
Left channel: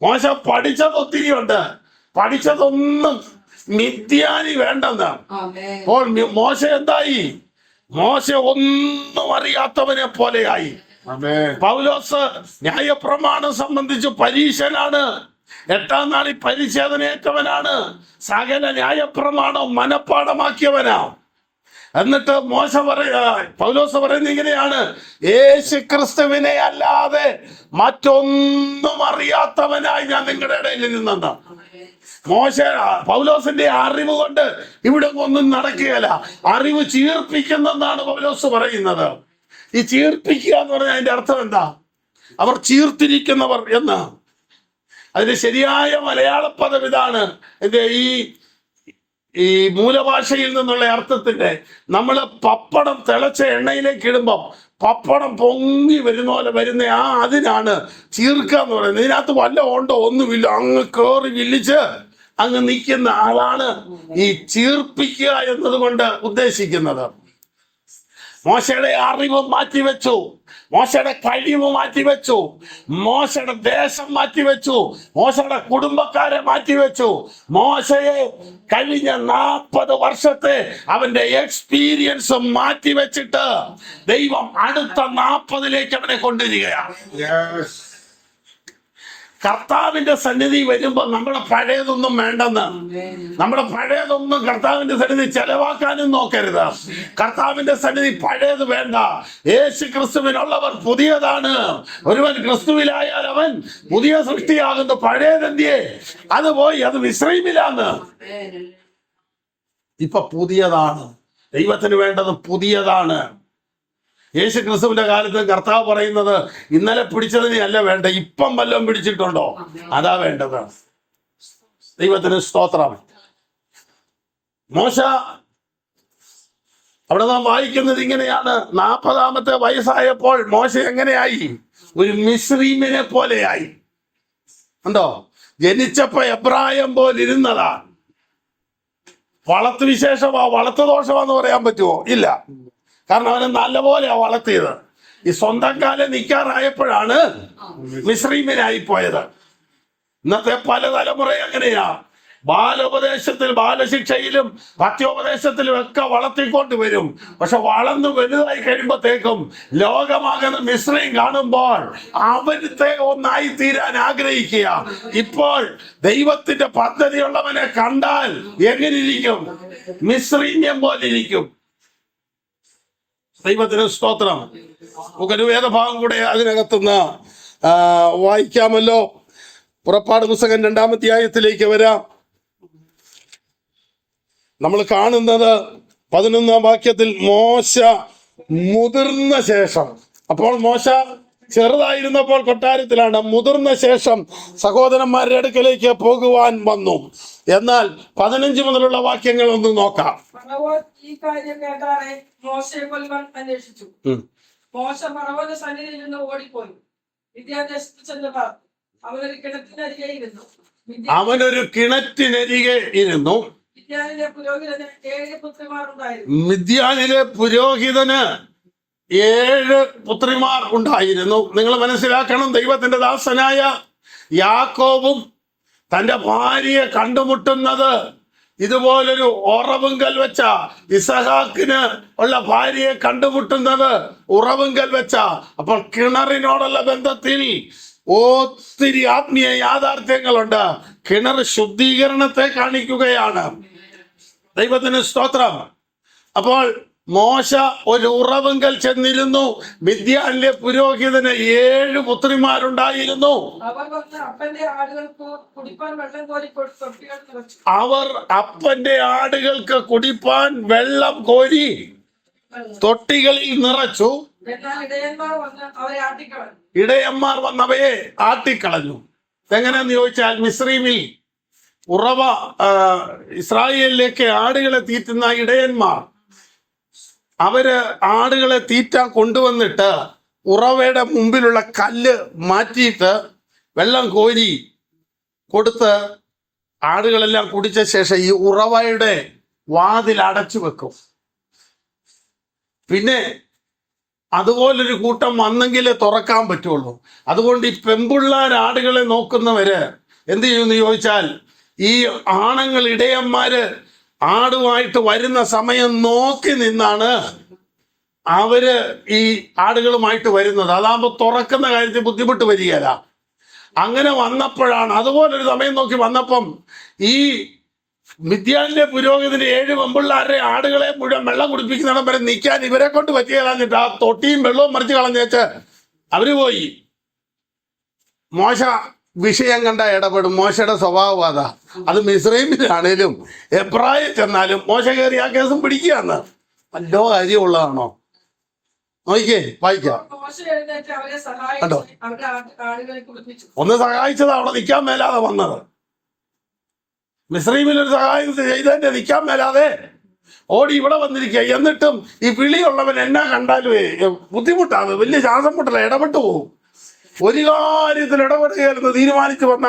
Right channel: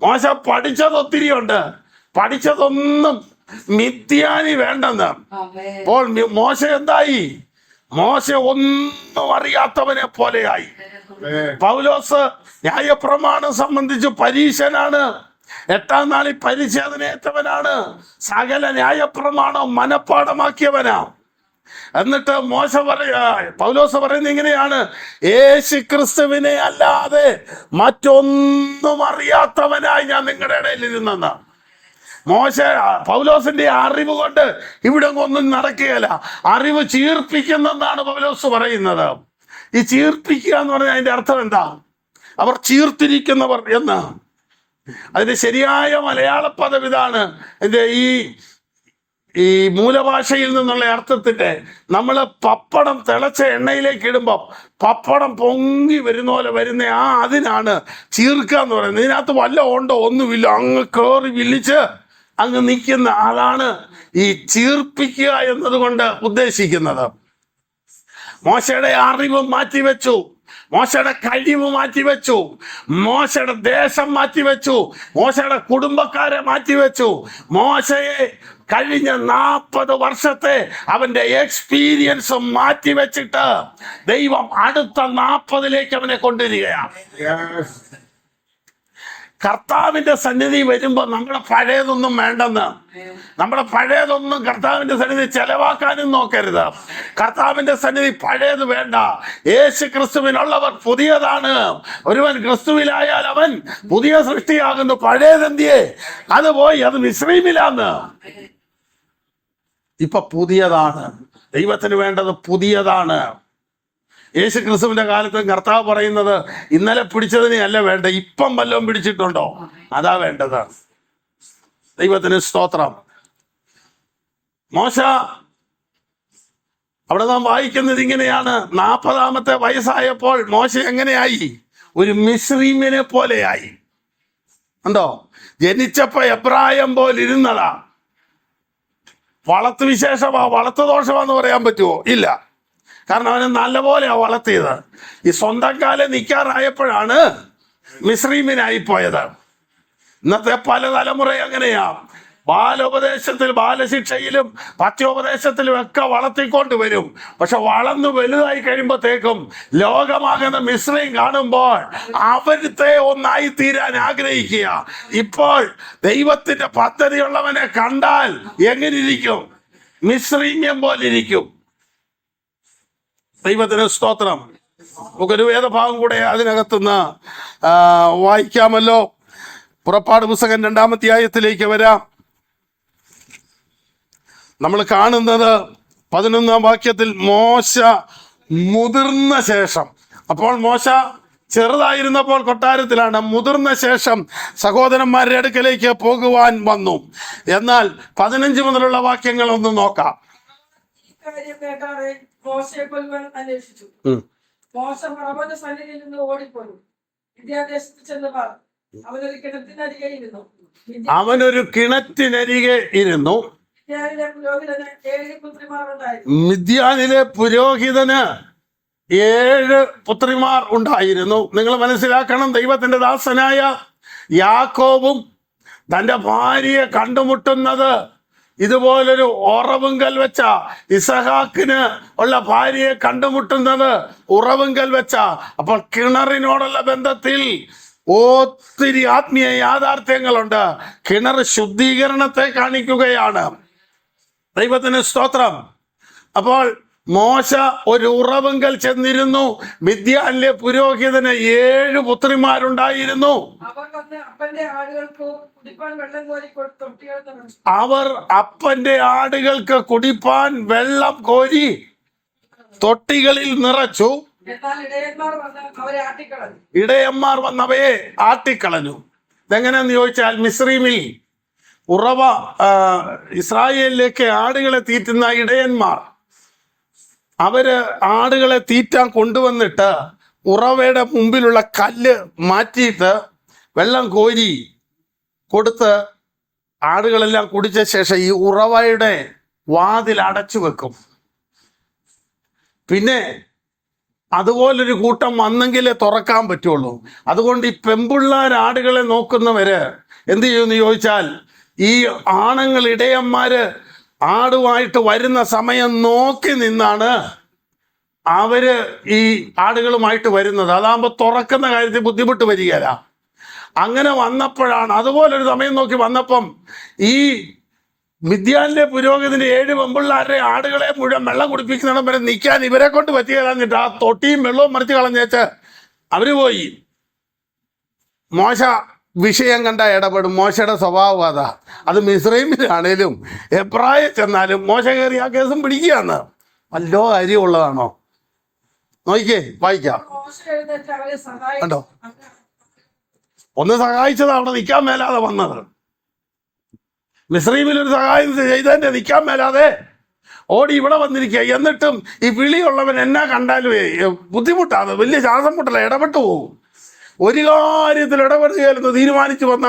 മോശ പഠിച്ചത് ഒത്തിരി ഉണ്ട്, പഠിച്ചതൊന്നും മിഥ്യാനി വേണ്ടെന്ന്. അപ്പോൾ മോശ എന്തായി? മോശ ഒന്നും അറിയാത്തവനെ പോലെയായി. പൗലോസ് ന്യായപ്രമാണം സംബന്ധിച്ച് പരീശനാണ്, 8-ാം നാളിൽ പരിച്ഛേദനയേറ്റവനാണ്, സകല ന്യായപ്രമാണം മനഃപ്പാടമാക്കിയവനാ. എന്നിട്ട് പൗലോസ് പറയുന്നത് ഇങ്ങനെയാണ്: യേശു ക്രിസ്തുവിനെ അല്ലാതെ മറ്റൊന്നും അറിയാത്തവനായി ഞാൻ നിങ്ങളുടെ ഇടയിൽ ഇരുന്നെന്ന്. പൗലോസിന്റെ അറിവ് കൊണ്ട് ഇവിടെ ഒന്നും നടക്കുകയില്ല. അറിവ് ചീർപ്പിക്കുന്നെന്നാണ് പൗലോസ് പറയുന്നത്. ഈ ചീർപ്പിക്കുക എന്ന് പറഞ്ഞാൽ അതിന്റെ അർത്ഥം എന്താ? അവർ ചീർത്തിരിക്കുന്നവർ എന്ന്. അതിന്റെ ശരിയായ മലയാള പദം ഇതാണ്. ഇതിന്റെ ഈ മൂലഭാഷയിൽ നിന്നുള്ള അർത്ഥത്തിന്റെ, നമ്മള് പപ്പടം തിളച്ച എണ്ണയിലേക്ക് ഇടുമ്പോൾ പപ്പടം പൊങ്ങി വരുന്ന പോലെ വരുന്ന അതിനാണ് ചീർക്കുക എന്ന് പറയുന്നത്. ഇതിനകത്ത് വല്ല ഉണ്ടോ? ഒന്നുമില്ല, അങ്ങ് കേറി വില്ലിച്ച് അങ്ങ് നിൽക്കുന്ന ആളാണ് ഈ ചീർപ്പിക്കുക എന്നതുകൊണ്ട് ഉദ്ദേശിക്കുന്നത്. മോശയുടെ അറിവ് മാറ്റിവെച്ചു, മോശയുടെ കഴിവ് മാറ്റിവെച്ചു, മോശയുടെ ദേശം മാറ്റിവെച്ചു, മോശയുടെ കുടുംബക്കാരെ മാറ്റിവെച്ചു. മോശയെ കഴിഞ്ഞ 40 വർഷത്തെ അവന്റെ എക്സ്പീരിയൻസ് മാറ്റിവെച്ചിട്ട് ദൈവം അടുത്ത 40ലേക്ക് അവനെ കൊണ്ടുവരികയാണ്. കർത്താവിന്റെ സന്നിധി വരുമ്പോ നമ്മുടെ പഴയതൊന്നും വേണ്ടെന്ന്, നമ്മുടെ പഴയതൊന്നും കർത്താവിന്റെ സന്നിധി ചെലവാക്കാനും നോക്കരുത്. കർത്താവിന്റെ സന്നിധി പഴയത് വേണ്ട. യേശു ക്രിസ്തുവിനുള്ളവർ പുതിയതാണ്. ഒരുവൻ ക്രിസ്തുവിലായാൽ അവൻ പുതിയ സൃഷ്ടിയാകുന്നു. പഴയതെന്തിയെ? അത് പോയി, അത് മിസ്രയീമിലാന്ന്. ഇപ്പൊ പുതിയതാണ്. ദൈവത്തിന് വേണ്ടത് പുതിയതാണ്. യേശു ക്രിസ്തുവിന്റെ കാലത്ത് കർത്താവ് പറയുന്നത് ഇന്നലെ പിടിച്ചതിനെ അല്ല വേണ്ട, ഇപ്പം വല്ലതും പിടിച്ചിട്ടുണ്ടോ അതാ വേണ്ടത്. ദൈവത്തിന് സ്തോത്രം. മോശ അവിടെ നാം വായിക്കുന്നത് ഇങ്ങനെയാണ്: 40-ാമത്തെ വയസ്സായപ്പോൾ മോശ എങ്ങനെയായി? ഒരു മിസ്രീമിനെ പോലെയായി. ഉണ്ടോ? ജനിച്ചപ്പോ എബ്രായം പോലെ ഇരുന്നതാ. വളർത്തു വിശേഷമാ, വളർത്തു ദോഷമാന്ന് പറയാൻ പറ്റുമോ? ഇല്ല. കാരണം അവനെ നല്ലപോലെ വളർത്തിയത്. ഈ സ്വന്തം കാലം നിൽക്കാറായപ്പോഴാണ് മിസ്രീമിനായി പോയത്. ഇന്നത്തെ പല തലമുറ അങ്ങനെയാ. ബാലോപദേശത്തിലും ബാലശിക്ഷയിലും പത്യോപദേശത്തിലും ഒക്കെ വളർത്തിക്കൊണ്ട് വരും. പക്ഷെ വളർന്നു വലുതായി കഴിയുമ്പോഴത്തേക്കും ലോകമാകുന്ന മിശ്രയും കാണുമ്പോൾ അവിടുത്തെ ഒന്നായി തീരാൻ ആഗ്രഹിക്കുക. ഇപ്പോൾ ദൈവത്തിന്റെ പദ്ധതിയുള്ളവനെ കണ്ടാൽ എങ്ങനെയിരിക്കും? മിശ്രീമ്യം പോലെ ഇരിക്കും. ദൈവത്തിന് സ്തോത്രം. നമുക്കൊരു വേദഭാഗം കൂടെ അതിനകത്തുനിന്ന് വായിക്കാമല്ലോ. പുറപ്പാട് പുസ്തകം 2-ാം അധ്യായത്തിലേക്ക് വരാം. നമ്മൾ കാണുന്നത് 11-ാം വാക്യത്തിൽ മോശ മുതിർന്ന ശേഷം, അപ്പോൾ മോശ ചെറുതായിരുന്നപ്പോൾ കൊട്ടാരത്തിലാണ്, മുതിർന്ന ശേഷം സഹോദരന്മാരുടെ അടുക്കലേക്ക് പോകുവാൻ വന്നു. എന്നാൽ 15 മുതലുള്ള വാക്യങ്ങൾ ഒന്ന് നോക്കാം. ഫറവോൻ ഈ കാര്യം കേട്ടാറെ മോശയെ കൊല്ലുവാൻ അന്വേഷിച്ചു. മോശ ഫറവോന്റെ സന്നിധിയിൽ നിന്ന് ഓടിപ്പോയി വിദ്യാദേശത്ത് ചെന്ന് പറഞ്ഞു. അവനൊരു കിണറ്റിനരികെ ഇരുന്നു. അവനൊരു കിണറ്റിനരികെ ഇരുന്നു. മിദ്യാനിലെ പുരോഹിതന് 7 പുത്രിമാർ ഉണ്ടായിരുന്നു. മിദ്യാനിലെ പുരോഹിതന് 7 പുത്രിമാർ ഉണ്ടായിരുന്നു. നിങ്ങൾ മനസ്സിലാക്കണം, ദൈവത്തിന്റെ ദാസനായ യാക്കോബും തന്റെ ഭാര്യയെ കണ്ടുമുട്ടുന്നത് ഇതുപോലൊരു ഉറവുങ്കൽ വെച്ച, ഇസഹാക്കിന് ഉള്ള ഭാര്യയെ കണ്ടുമുട്ടുന്നത് ഉറവുങ്കൽ വെച്ച. അപ്പോൾ കിണറിനോടുള്ള ബന്ധത്തിൽ ഒത്തിരി ആത്മീയ യാഥാർത്ഥ്യങ്ങളുണ്ട്. കിണർ ശുദ്ധീകരണത്തെ കാണിക്കുകയാണ്. ദൈവത്തിന് സ്തോത്രം. അപ്പോൾ മോശ ഒരു ഉറവുങ്കൽ ചെന്നിരുന്നു. മിദ്യാനിലെ പുരോഹിതന് 7 പുത്രിമാരുണ്ടായിരുന്നു. അവർ വന്ന് അപ്പന്റെ ആടുകൾക്ക് കുടിപ്പാൻ വെള്ളം കോരി തൊട്ടികൾ നിറച്ചു. അവർ അപ്പന്റെ ആടുകൾക്ക് കുടിപ്പാൻ വെള്ളം കോരി തൊട്ടികളിൽ നിറച്ചു. എന്നാൽ ഇടയന്മാർ വന്ന് അവരെ ആട്ടിക്കളഞ്ഞു. ഇടയന്മാർ വന്നവയെ ആട്ടിക്കളഞ്ഞു. ഇതെങ്ങനെയാന്ന് ചോദിച്ചാൽ, മിസ്രൈമിൽ ഉറവ ഇസ്രായേലിലേക്ക് ആടുകളെ തീറ്റുന്ന ഇടയന്മാർ, അവര് ആടുകളെ തീറ്റാൻ കൊണ്ടുവന്നിട്ട് ഉറവയുടെ മുമ്പിലുള്ള കല്ല് മാറ്റിയിട്ട് വെള്ളം കോരി കൊടുത്ത് ആടുകളെല്ലാം കുടിച്ച ശേഷം ഈ ഉറവയുടെ വാതിൽ അടച്ചു വെക്കും. പിന്നെ അതുപോലൊരു കൂട്ടം വന്നെങ്കിലേ തുറക്കാൻ പറ്റുള്ളൂ. അതുകൊണ്ട് ഈ പെമ്പിള്ളാർ ആടുകളെ നോക്കുന്നവര് എന്ത് ചെയ്യുമെന്ന് ചോദിച്ചാൽ, ഈ ആണുങ്ങൾ ഇടയന്മാര് ആടുമായിട്ട് വരുന്ന സമയം നോക്കി നിന്നാണ് അവര് ഈ ആടുകളുമായിട്ട് വരുന്നത്. അതാകുമ്പോൾ തുറക്കുന്ന കാര്യത്തിൽ ബുദ്ധിമുട്ട് വരികയില്ല. അങ്ങനെ വന്നപ്പോഴാണ്, അതുപോലൊരു സമയം നോക്കി വന്നപ്പം ഈ മിദ്യാനിലെ പുരോഹിതന് 7 പെമ്പിള്ളാരുടെ ആടുകളെ മുഴുവൻ വെള്ളം കുടിപ്പിക്കുന്നിടം വരെ നിൽക്കാൻ ഇവരെ കൊണ്ട് പറ്റിയാലാഞ്ഞിട്ട് ആ തൊട്ടിയും വെള്ളവും മറിച്ച് കളഞ്ഞേച്ച് അവര് പോയി. മോശ വിഷയം കണ്ട ഇടപെടും. മോശയുടെ സ്വഭാവം അതാ. അത് മിസ്രൈമിലാണേലും എബ്രായ ചെന്നാലും മോശ കയറി ആ കേസും പിടിക്കുകയാണ്. വല്ലോ കാര്യമുള്ളതാണോ? നോക്കിക്കേ, വായിക്കാം. മോശ എഴുന്നേറ്റ് അവരെ സഹായിച്ചു. അവരുടെ ആടുകളെ കുളിപ്പിച്ചു. ഒന്ന് സഹായിച്ചത് അവിടെ നിൽക്കാൻ മേലാതെ വന്നത്. മിസ്രൈമിൽ ഒരു സഹായം ചെയ്തതിന്റെ നിൽക്കാൻ മേലാതെ ഓടി ഇവിടെ വന്നിരിക്കുക. എന്നിട്ടും ഈ വിളിയുള്ളവൻ എന്നാ കണ്ടാലും ബുദ്ധിമുട്ടാണ്, വലിയ ശ്വാസം മുട്ടല, ഇടപെട്ടു പോകും. ഒരു കാര്യത്തിൽ ഇടപെടുകയെന്ന് തീരുമാനിച്ചു വന്ന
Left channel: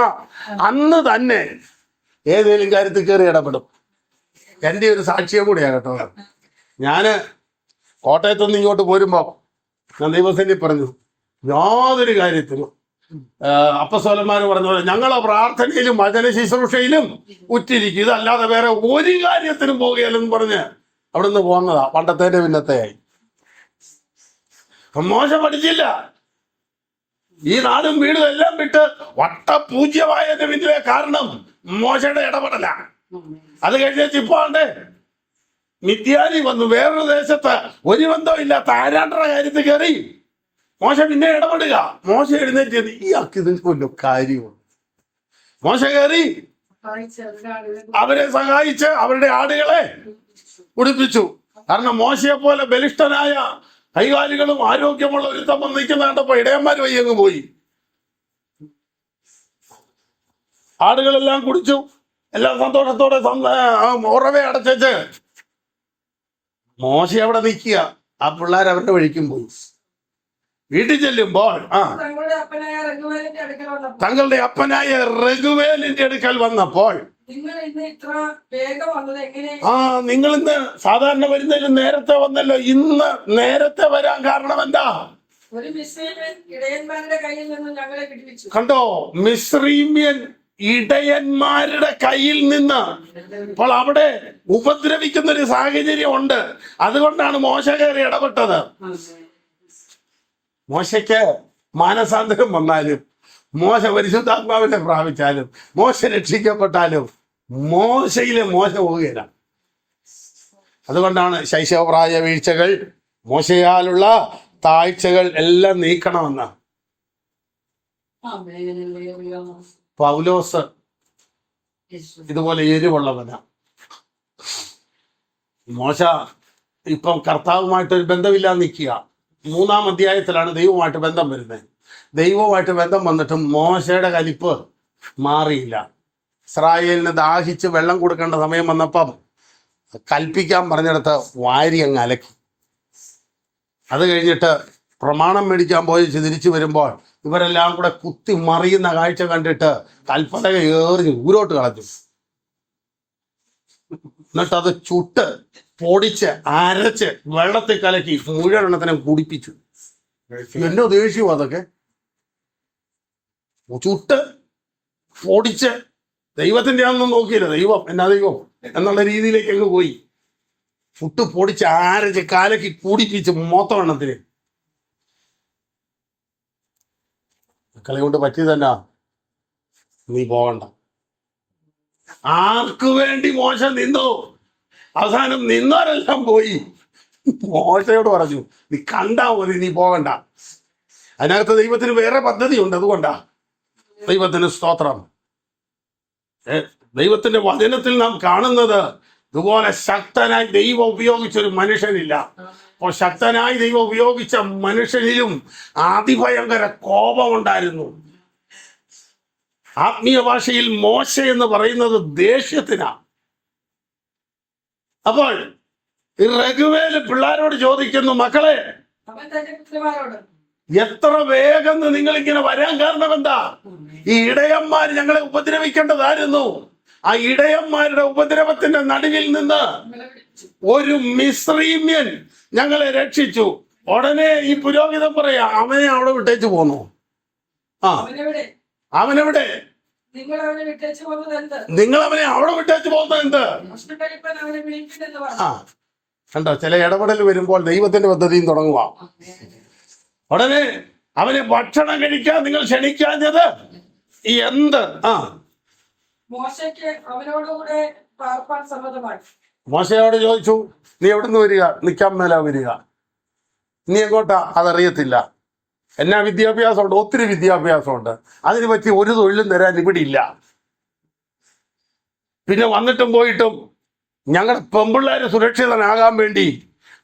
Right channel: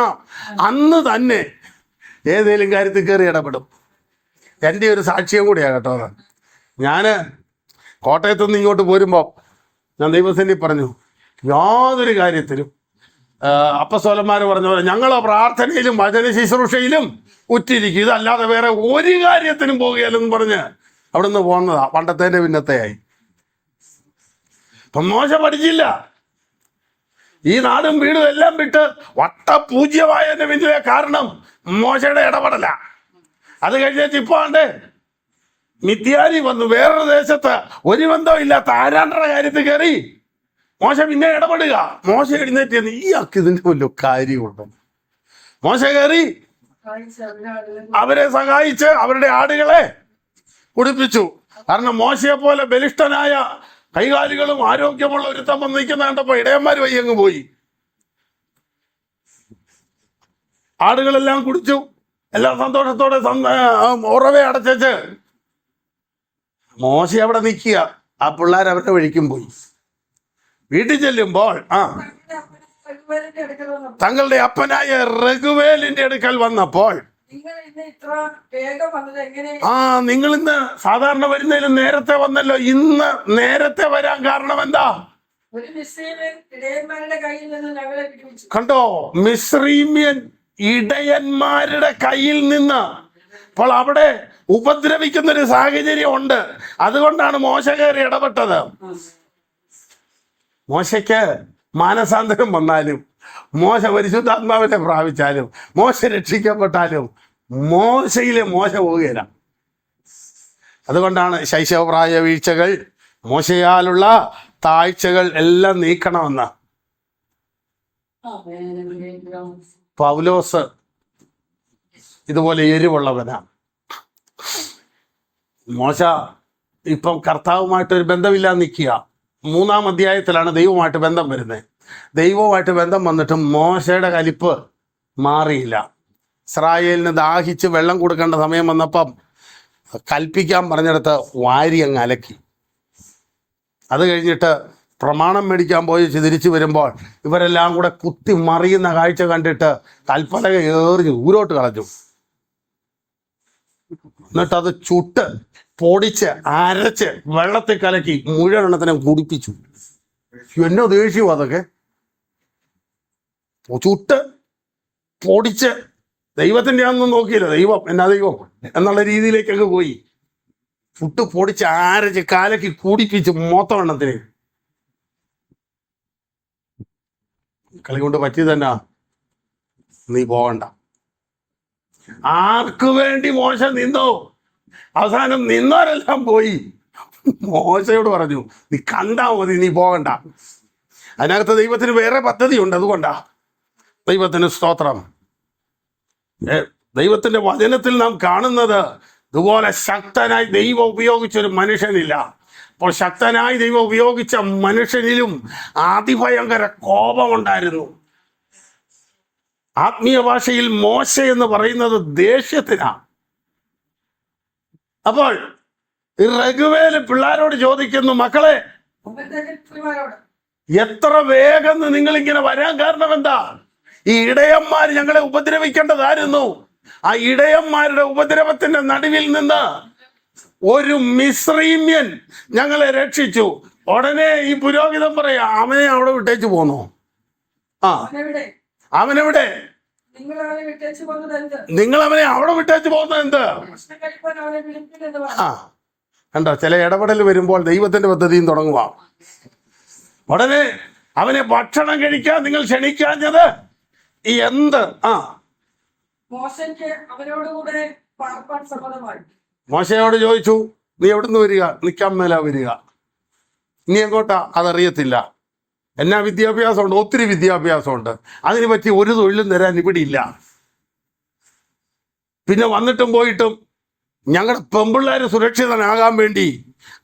അന്ന് തന്നെ ഏതെങ്കിലും കാര്യത്തിൽ കയറി ഇടപെടും. എൻ്റെ ഒരു സാക്ഷ്യം കൂടിയാണ് കേട്ടോ. ഞാന് കോട്ടയത്തു നിന്ന് ഇങ്ങോട്ട് പോരുമ്പോൾ ഞാൻ ദൈവസേനയിൽ പറഞ്ഞു, യാതൊരു കാര്യത്തിലും അപ്പസ്തോലന്മാർ പറഞ്ഞ ഞങ്ങൾ പ്രാർത്ഥനയിലും വചന ശുശ്രൂഷയിലും ഉറ്റിരിക്കും, ഇതല്ലാതെ വേറെ ഒരു കാര്യത്തിനും പോകുകയില്ലെന്ന് പറഞ്ഞ് അവിടെ നിന്ന് പോകുന്നതാ. പണ്ടത്തേന്റെ പിന്നത്തെയായി. മോശ പഠിച്ചില്ല. ഈ നാടും വീടും എല്ലാം വിട്ട് വട്ടപൂജ്യമായതിന്റെ പിന്നിലെ കാരണം മോശയുടെ ഇടപെടല. അത് കഴിഞ്ഞിട്ട് ഇപ്പൊ ആണ്ട് മിദ്യാനി വന്നു. വേറൊരു ദേശത്ത് ഒരു ബന്ധമില്ലാത്ത ആരാണ്ടര കാര്യത്തിൽ കയറി മോശ പിന്നെ ഇടപെടുക. മോശ എഴുന്നേറ്റ് ഈയാൾക്ക് ഇതിന്റെ വല്ല കാര്യമുണ്ടോ? മോശ കയറി അവരെ സഹായിച്ച് അവരുടെ ആടുകളെ കുടിപ്പിച്ചു. കാരണം മോശയെ പോലെ ബലിഷ്ഠനായ കൈകാലികളും ആരോഗ്യമുള്ള ഒരു തമ്മം നിൽക്കുന്ന കണ്ടപ്പോ ഇടയന്മാർ വയ്യങ്ങ് പോയി. ആടുകളെല്ലാം കുടിച്ചു. എല്ലാം സന്തോഷത്തോടെ ഉറവെ അടച്ചു. മോശ അവിടെ നിൽക്കുക. ആ പിള്ളേർ അവരുടെ വഴിക്കും പോയി. വീട്ടിൽ ചെല്ലുമ്പോൾ തങ്ങളുടെ അപ്പനായ റഘുവേലിന്റെ അടുക്കൽ വന്നപ്പോൾ, നിങ്ങൾ ഇന്ന് സാധാരണ വരുന്നതിലും നേരത്തെ വന്നല്ലോ. ഇന്ന് നേരത്തെ വരാൻ കാരണം എന്താ? കണ്ടോ, മിസ്രീമ്യൻ ഇടയന്മാരുടെ കയ്യിൽ നിന്ന്. അപ്പോൾ അവിടെ ഉപദ്രവിക്കുന്ന ഒരു സാഹചര്യം ഉണ്ട്. അതുകൊണ്ടാണ് മോശ കയറി ഇടപെട്ടത്. മോശയ്ക്ക് മാനസാന്തരം വന്നാലും, മോശ പരിശുദ്ധാത്മാവിനെ പ്രാപിച്ചാലും, മോശ രക്ഷിക്കപ്പെട്ടാലും മോശയിലെ മോശ പോവുകയില്ല. അതുകൊണ്ടാണ് ശൈശവപ്രായ വീഴ്ചകൾ, മോശയാലുള്ള താഴ്ചകൾ എല്ലാം നീക്കണമെന്ന് പൗലോസ് ഇതുപോലെ എരിവുള്ളവനാ. മോശ ഇപ്പം കർത്താവുമായിട്ടൊരു ബന്ധമില്ലാതെ നിൽക്കുക. 3-ാം അധ്യായത്തിലാണ് ദൈവമായിട്ട് ബന്ധം വരുന്നത്. ദൈവവുമായിട്ട് ബന്ധം വന്നിട്ട് മോശയുടെ കലിപ്പ് മാറിയില്ല. ഇസ്രായേലിന് ദാഹിച്ച് വെള്ളം കൊടുക്കേണ്ട സമയം വന്നപ്പം കൽപ്പിക്കാൻ പറഞ്ഞിടത്ത് വാരി അങ്ങ് അലക്കി. അത് കഴിഞ്ഞിട്ട് പ്രമാണം മേടിക്കാൻ പോയി തിരിച്ചു വരുമ്പോൾ ഇവരെല്ലാം കൂടെ കുത്തി മറിയുന്ന കാഴ്ച കണ്ടിട്ട് കൽപ്പലക ഏറിഞ്ഞ് ഊരോട്ട് കളഞ്ഞു. എന്നിട്ടത് ചുട്ട് പൊടിച്ച് അരച്ച് വെള്ളത്തിൽ കലക്കി മുഴുവൻ എണ്ണത്തിനെ കുടിപ്പിച്ചു. എന്നോ ദേഷ്യവും അതൊക്കെ. ചുട്ട് പൊടിച്ച് ദൈവത്തിന്റെ ഒന്നും നോക്കിയില്ല, ദൈവം എന്നാ ദൈവം എന്നുള്ള രീതിയിലേക്ക് അങ്ങ് പോയി. ചുട്ട് പൊടിച്ച് അരച്ച് കലക്കി കുടിപ്പിച്ച് മൊത്തം എണ്ണത്തിന്. കളി കൊണ്ട് പറ്റിയതന്നാ, നീ പോകണ്ട. ആർക്കു വേണ്ടി മോശ നിന്നോ? അവസാനം നിന്നവരെല്ലാം പോയി. മോശയോട് പറഞ്ഞു, നീ കണ്ടാ മതി, നീ പോകണ്ട. അതിനകത്ത് ദൈവത്തിന് വേറെ പദ്ധതിയുണ്ട്. അതുകൊണ്ടാ ദൈവത്തിന് സ്തോത്രം. ദൈവത്തിന്റെ വചനത്തിൽ നാം കാണുന്നത് ഇതുപോലെ ശക്തനായി ദൈവം ഉപയോഗിച്ചൊരു മനുഷ്യനില്ല. അപ്പോൾ ശക്തനായി ദൈവം ഉപയോഗിച്ച മനുഷ്യനിലും അതിഭയങ്കര കോപമുണ്ടായിരുന്നു. ആത്മീയ ഭാഷയിൽ മോശ എന്ന് പറയുന്നത് ദേഷ്യത്തിനാ. അപ്പോൾ രഘുവേല് പിള്ളേരോട് ചോദിക്കുന്നു, മക്കളെ എത്ര വേഗം നിങ്ങളിങ്ങനെ വരാൻ കാരണം എന്താ? ഈ ഇടയന്മാർ ഞങ്ങളെ ഉപദ്രവിക്കേണ്ടതായിരുന്നു. ആ ഇടയന്മാരുടെ ഉപദ്രവത്തിന്റെ നടുവിൽ നിന്ന് ഒരു മിസ്രീമ്യൻ ഞങ്ങളെ രക്ഷിച്ചു. ഉടനെ ഈ പുരോഹിതൻ പറയാ, അവനെ അവിടെ വിട്ടേച്ചു പോന്നു. ആ, അവനെവിടെ? നിങ്ങൾ അവനെ അവിടെ വിട്ടേച്ചു പോകുന്നത് എന്ത്? ആ, കണ്ടോ, ചില ഇടപെടൽ വരുമ്പോൾ ദൈവത്തിന്റെ പദ്ധതിയും തുടങ്ങുക. ഉടനെ അവനെ ഭക്ഷണം കഴിക്കാൻ നിങ്ങൾ ക്ഷണിക്കാഞ്ഞത് ഈ എന്ത്? ആ, മോശയോട് ചോദിച്ചു, നീ എവിടുന്ന് വരിക? നിൽക്കാൻ മേല വരിക. നീ എങ്ങോട്ടാ? അതറിയത്തില്ല. എന്നാ വിദ്യാഭ്യാസമുണ്ട്? ഒത്തിരി വിദ്യാഭ്യാസമുണ്ട്. അതിന് പറ്റി ഒരു തൊഴിലും തരാൻ ഇവിടെ ഇല്ല. പിന്നെ വന്നിട്ടും പോയിട്ടും ഞങ്ങളുടെ പെമ്പിള്ളേർ സുരക്ഷിതനാകാൻ വേണ്ടി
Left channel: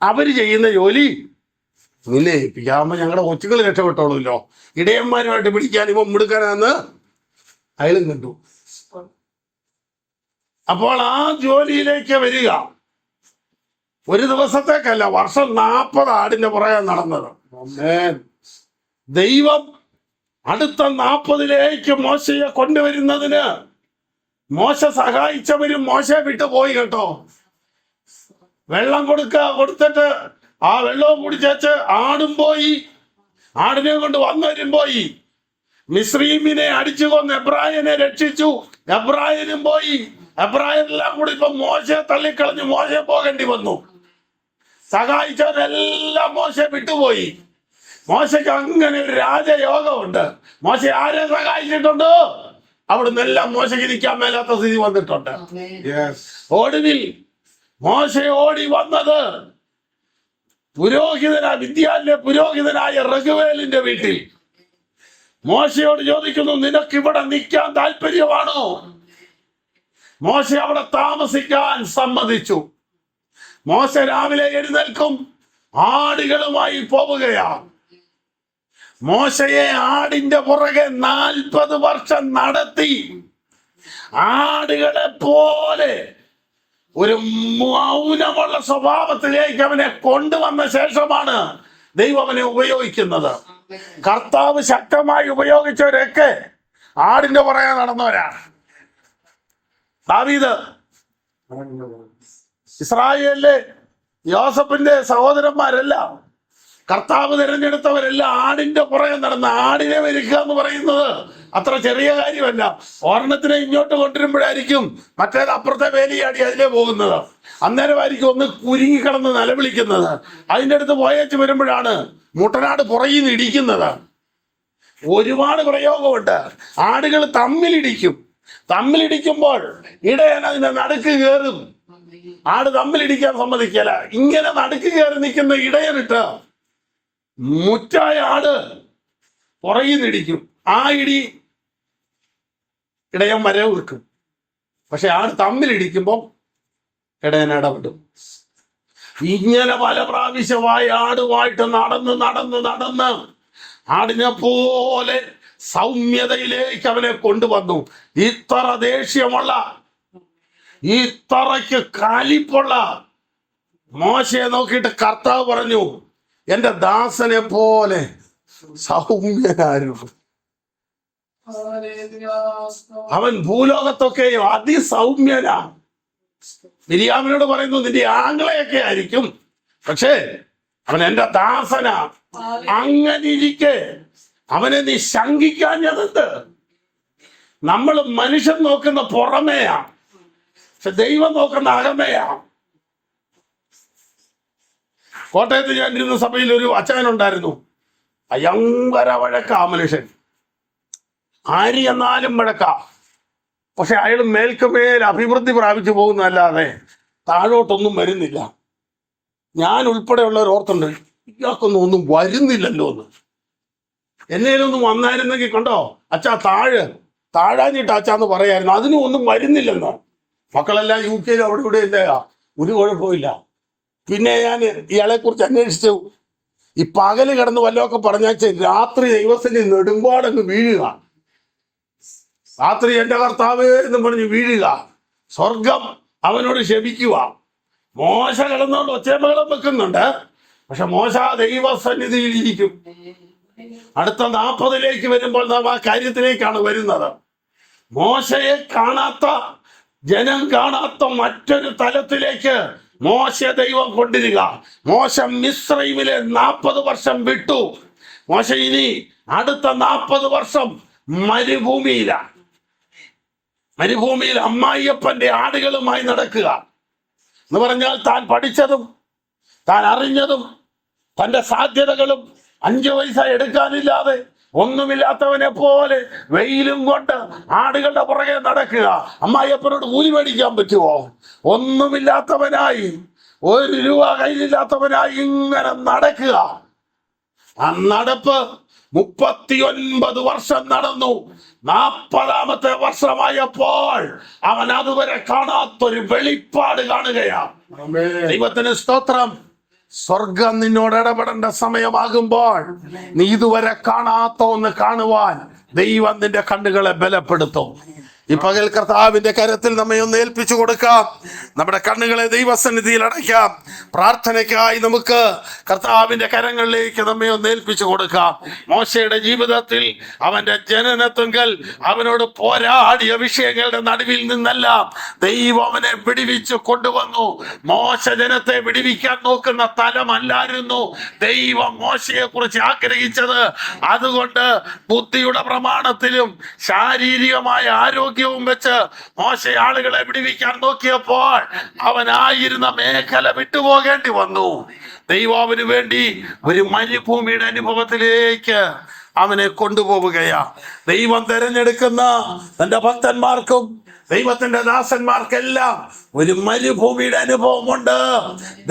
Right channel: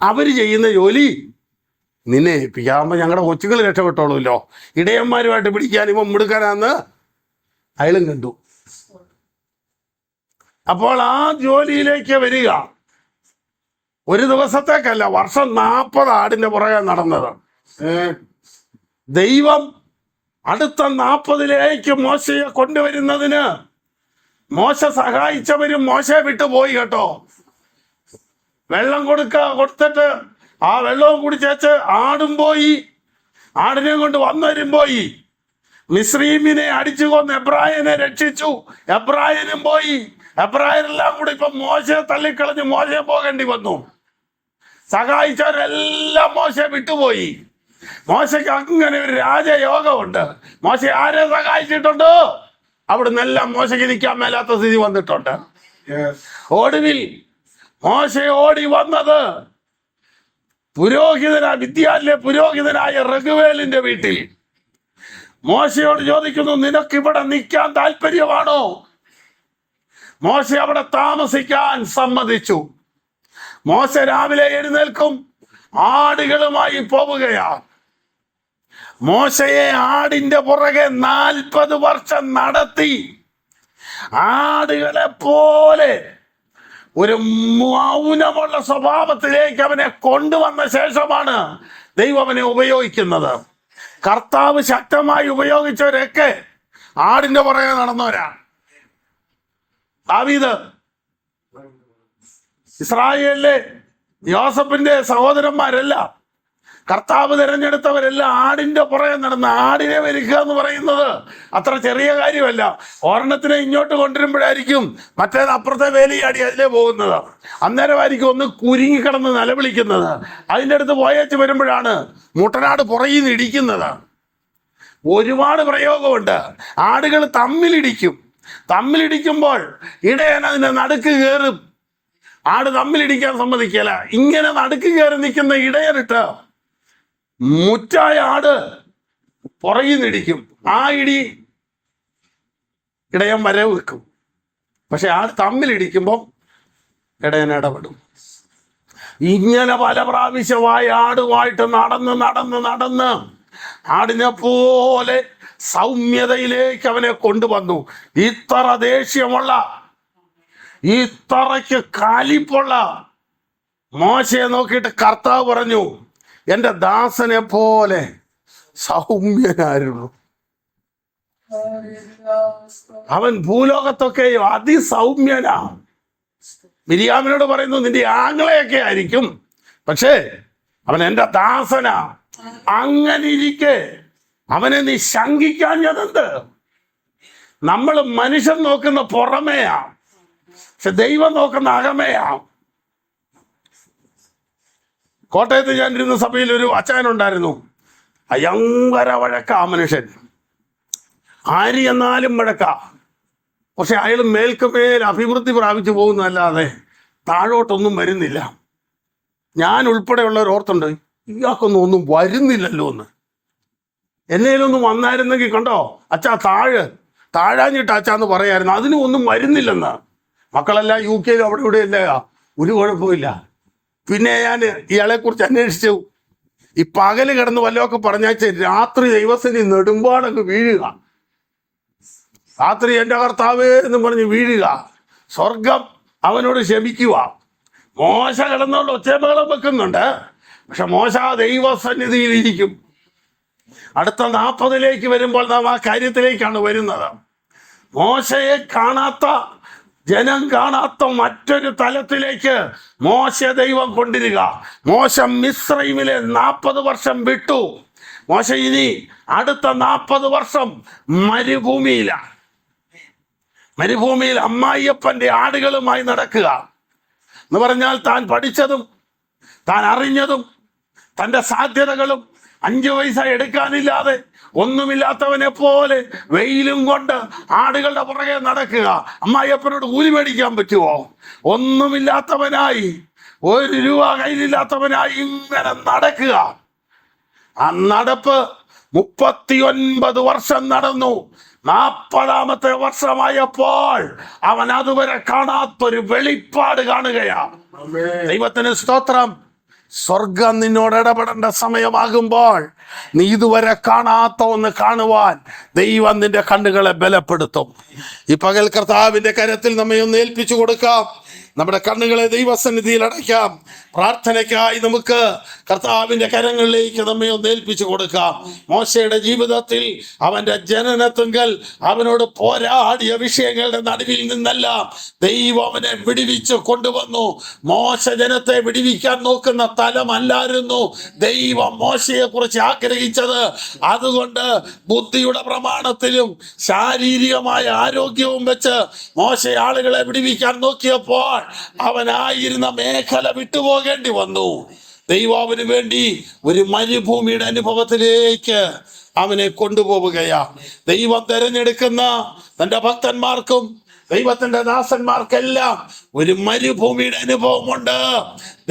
അവർ ചെയ്യുന്ന ജോലി നിന്നെ ഏൽപ്പിക്കാകുമ്പോൾ ഞങ്ങളുടെ കൊച്ചുകൾ രക്ഷപ്പെട്ടോളൂല്ലോ. ഇടയന്മാരുമായിട്ട് പിടിക്കാൻ ഇവൻ മിടുക്കാനാന്ന് അയലും കണ്ടു. അപ്പോൾ ആ ജോലിയിലേക്ക് വരിക. ഒരു ദിവസത്തേക്കല്ല, വർഷം 40 ആടിന്റെ പുറകെ നടന്നത്. ദൈവം അടുത്ത 40ലേക്ക് മോശയെ കൊണ്ടുവരുന്നതിന് മോശ സഹായിച്ചവരും മോശയെ വിട്ടുപോയി കേട്ടോ. വെള്ളം കൊടുത്തിട്ട് ആ വെള്ളവും കുടിച്ചേച്ച് ആടും പോയി. ആടിനെ കൊണ്ട് വന്നവരും പോയി. മിസ്രീമിനെ അടിച്ചു കൊന്ന് എബ്രായനെ രക്ഷിച്ചു. എബ്രായനും പോയി. എബ്രായരെല്ലാം കൂടി ഇപ്പൊ മോശയെ തള്ളിക്കളഞ്ഞ് മോശയെ പോകേണ്ടി വന്നു. സഹായിച്ചവരെല്ലാം മോശയെ വിട്ടുപോയി. മോശയ്ക്ക് അങ്ങനെ ഒരു രാജയോഗമുണ്ട്. മോശ ആരെ സഹായിച്ചിട്ടുണ്ടോ അവിടുന്ന് എല്ലാം മോശയ്ക്ക് നിൽക്കാൻ മേലാത്ത സ്ഥിതി വന്നിട്ടുണ്ട്. ഒടുവിൽ മോശ ഓടി വന്നത് വിദ്യാലയ പുരോഹിതനായ രഘുവേലിന്റെ വീട്ടിൽ. മോശയോട് ചോദിക്കുന്നു, നിനക്ക് ഇവിടെ നിൽക്കാൻ താല്പര്യമാണോ? മോശ അവിടെ താമസിക്കാൻ സമ്മതിച്ചു. മോശ രാവിലെ എഴുന്നേൽക്കും, ആടുകളുമായി പോവുകയാണ്. മോശയെ ആടിന്റെ പുറകെ 40 വർഷം നടത്തി ആടുകളെ പോലെ ഒരു മൗനമുള്ള സ്വഭാവത്തിലേക്ക് അവനെ കൊണ്ടുവന്ന ശേഷമാണ് ദൈവം അവനെ ഉപയോഗിക്കുന്നത്. കർത്താവ് ശക്തമായി ഉപയോഗിച്ചവരൊക്കെ ആടിന്റെ പുറകെ നടന്നവരാ. ദാവീദ് ഇസ്രായേലിലെ യോസഫിന്റെ സഹോദരന്മാരല്ല, കർത്താവ് തിരഞ്ഞെടുത്തവരെല്ലാം ആടിന്റെ പുറകെ നടന്ന് ആടിനെ മെരുക്കുക എന്ന് പറയുന്നത് അത്ര ചെറിയ കാര്യമല്ല. ഒരെണ്ണത്തിനെ ഇങ്ങോട്ട് കൊണ്ടുവരുമ്പോഴായിരിക്കും മറ്റേത് അപ്പുറത്തെ വേലിയാടി അതിലേ പോകുന്നത്. അന്നേരമായിരിക്കും ഒന്ന് കുരുങ്ങിക്കിടന്ന് നിലവിളിക്കുന്നത്. അതിൻ്റെ അടുത്ത് പോയേച്ച് വരുമ്പോഴാണ് മുട്ടനാട് പുറകിൽ നിന്ന് ഇടിക്കുന്നത്. ഒരുപാട് പ്രയോഗമുണ്ട്. ആടുകൾ തമ്മിലിടിക്കുമ്പോൾ ഇടയൻ അതിന്റെ നടുക്ക് കയറും. ആട് തമ്മിലിടിക്കാൻ സമ്മതിക്കല. ഇങ്ങനെ നടുക്ക് കയറി നിൽക്കുന്ന ഇടയനിട്ട് മുറ്റായ ആട് പുറകിൽ നിടിക്കും. ആ ഇടി ഇടയൻ വരവ് വെക്കും. പക്ഷെ ആട് തമ്മിലിടിക്കുമ്പോൾ ഇടയൻ ഇടപെടും. ഇങ്ങനെ പല പ്രാവശ്യമായി ആടുമായിട്ട് നടന്ന് ആടിനെ പോലെ സൗമ്യതയിലേക്ക് അവനെ കൊണ്ടുവന്നു. ഇത്ര ദേഷ്യമുള്ള, ഇത്രയ്ക്ക് കാലിപ്പുള്ള മോശയെ നോക്കിയിട്ട് കർത്താവ് പറഞ്ഞു, എന്റെ ദാസനെ പോലെ സൗമ്യനായിരുന്നു. അവൻ ഭൂലോകത്തൊക്കെയോ അതിസൗമ്യനാ. മിരിയാമിനോട് പറയുന്നു, നിന്റെ ആങ്ങളെയൊക്കെ ആയിരിക്കും, പക്ഷേ അവൻ എന്റെ ദാസനാ. അങ്ങനെ ഇരിക്കെ അവനെ നീ ശങ്കിക്കാഞ്ഞതെന്ത്? നമ്മൾ മനുഷ്യൻ നോക്കുന്ന പുറമേയാ, പക്ഷെ ദൈവം നോക്കുന്ന അകമേയാ. കോട്ടയത്ത് ഞാൻ ഇരുന്ന സഭയിൽ ഒരു അച്ചായനുണ്ടായിരുന്നു. ഭയങ്കര വഴക്കാ മനുഷ്യൻ. ആര് എന്നാലും വഴക്കാ. പക്ഷെ അയാൾ മേൽക്കുമേൽ അഭിവൃദ്ധി പ്രാപിച്ചു പോകുന്നതല്ലാതെ താഴോട്ടൊന്നും വരുന്നില്ല. ഞാൻ ഉൾപ്പെടെയുള്ളവർ ഓർത്തുണ്ട്, ഇയാൾക്കൊന്നും വരുന്നില്ലല്ലോ എന്ന്. എന്നേലൊന്നും വന്നായിരുന്നെങ്കിൽ കണ്ടോ അച്ഛാ താഴാഞ്ഞിട്ട് അച്ഛാന്ന് പറയായിരുന്നു. അതിനും ഒന്നും വരുന്നില്ലെന്ന്. മക്കളെല്ലാം UK അവിടെ ഇവിടെ ഇല്ല, ഒരു കുഴപ്പമില്ല. പിന്നെ ഞാൻ ഇയാളെ കുറിച്ച് അന്വേഷിച്ചു. ഈ പകല് കിടന്ന് വല്ലതൊക്കെ പറഞ്ഞാൽ രാത്രി ദൈവത്തിന് നെടുമ്പാടങ്ങ് വീഴുക. രാത്രി എന്റെ കർത്താവ് എന്ന് പറഞ്ഞ് വീഴുക. സ്വർഗം അവനോട് ക്ഷമിക്കുക. മോശ കിടന്നുകൊണ്ട് ഒച്ചമകളും വെക്കുന്നുണ്ട്. പക്ഷെ മോശ ദൈവസന്നിധിയിലിരിക്കും. അടുത്ത 40 വരുമ്പോൾ നാം ആ കാര്യത്തിലേക്കാണ് വരുന്നത്. മോശയെ കാണാത്ത, ജനം കാണാത്ത മറ്റൊരു തലത്തിലേക്ക് മോശ ദൈവം കൊണ്ടിരിക. മോശ മിസ്രൈമിലെ 40 വർഷം വിട്ടു. മോശ ഇനി അടുത്ത 40 വർഷം മരുഭൂമിയിൽ അമ്മായിയപ്പന്റെ ആടുകളുമായി നടക്കുക എന്ന് പറഞ്ഞാൽ താൻ പഠിച്ചതും താൻ അറിഞ്ഞതും തൻ്റെ സാധ്യതകളും 5 പൈസ എടുക്കാനില്ലാതെ ഒന്നുമില്ലാത്തവനെ പോലെ വെയിലും കൊണ്ട് ആടുകളുടെ പുറകെ നടക്കുക. അമ്മായിയപ്പനോട് കൂലി മേടിക്കാൻ പറ്റുമോ? ഒന്നുമില്ലാത്തവനായി, 1 രൂപ കയ്യിലില്ലാത്തവനായി ഇങ്ങനെ നടക്കുക. ആ നടപ്പ് 39 വർഷം നടന്നു. 40ാമത്തെ വർഷമായപ്പോൾ അവൻ അതുവരെ കാണാത്തൊരു വെളിപ്പാട് കാണുകയാ. ദൈവത്തിന് സ്തോത്രം. സ്വർഗം നിന്നോട് ഇടപെടേണ്ട സമയമാകുമ്പോൾ നീ ഇതുവരെ കാണാത്ത ഒന്ന് കാണുവാൻ ദൈവം നിന്റെ കണ്ണുകളെ ബലപ്പെടുത്തും. ഈ പകൽ കർത്താവിന്റെ കരത്തിൽ നമ്മെ ഒന്ന് ഏൽപ്പിച്ചു കൊടുക്കാം. നമ്മുടെ കണ്ണുകളെ ദൈവസന്നിധിയിൽ അടയ്ക്കാം. പ്രാർത്ഥനയ്ക്കായി നമുക്ക് കർത്താവിന്റെ കരങ്ങളിലേക്ക് നമ്മെ ഒന്ന് ഏൽപ്പിച്ചു കൊടുക്കാം. മോശയുടെ ജീവിതത്തിൽ അവന്റെ ജനനത്തുങ്കൽ അവനോട് പോരാടിയ വിഷയങ്ങളുടെ നടുവിൽ നിന്നെല്ലാം ദൈവം അവനെ വിടുവിച്ച് കൊണ്ടുവന്നു. മോശ ജനത്തെ വിടുവിക്കാൻ നോക്കുന്ന തലമല്ലായിരുന്നു ദൈവം മോശയെ കുറിച്ച് ആഗ്രഹിച്ചത്. അതുകൊണ്ട് ബുദ്ധിയുടെ പ്രമാണത്തിലും ശാരീരികമായ ആരോഗ്യവും വെച്ച് മോശ ആളുകളെ വിടുവിക്കാൻ നോക്കിയപ്പോൾ അവനായിരുന്ന മേഖല വിട്ടുപോകേണ്ടി വന്നു. ദൈവം അവന് വേണ്ടി ഒരു മരുഭൂമിയുടെ അനുഭവത്തിലേക്ക് അവനെ കൊണ്ടുപോവുകയാ. ദൈവം തിരഞ്ഞെടുക്കുന്ന തന്റെ ഭക്തന്മാർക്കും ദൈവത്തിന്റെ ദാസന്മാർക്കെല്ലാം ഒരു മരുഭൂമിയുടെ അനുഭവമുണ്ട്.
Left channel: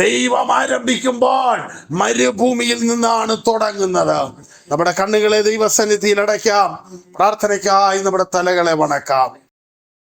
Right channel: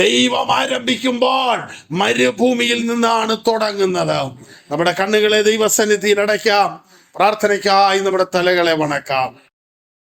ദൈവം ആരംഭിക്കുമ്പോൾ മരുഭൂമിയിൽ നിന്നാണ് തുടങ്ങുന്നത്. നമ്മുടെ കണ്ണുകളെ ദൈവസന്നിധിയിൽ അടയ്ക്കാം. പ്രാർത്ഥനയ്ക്കായി നമ്മുടെ തലകളെ വണക്കാം.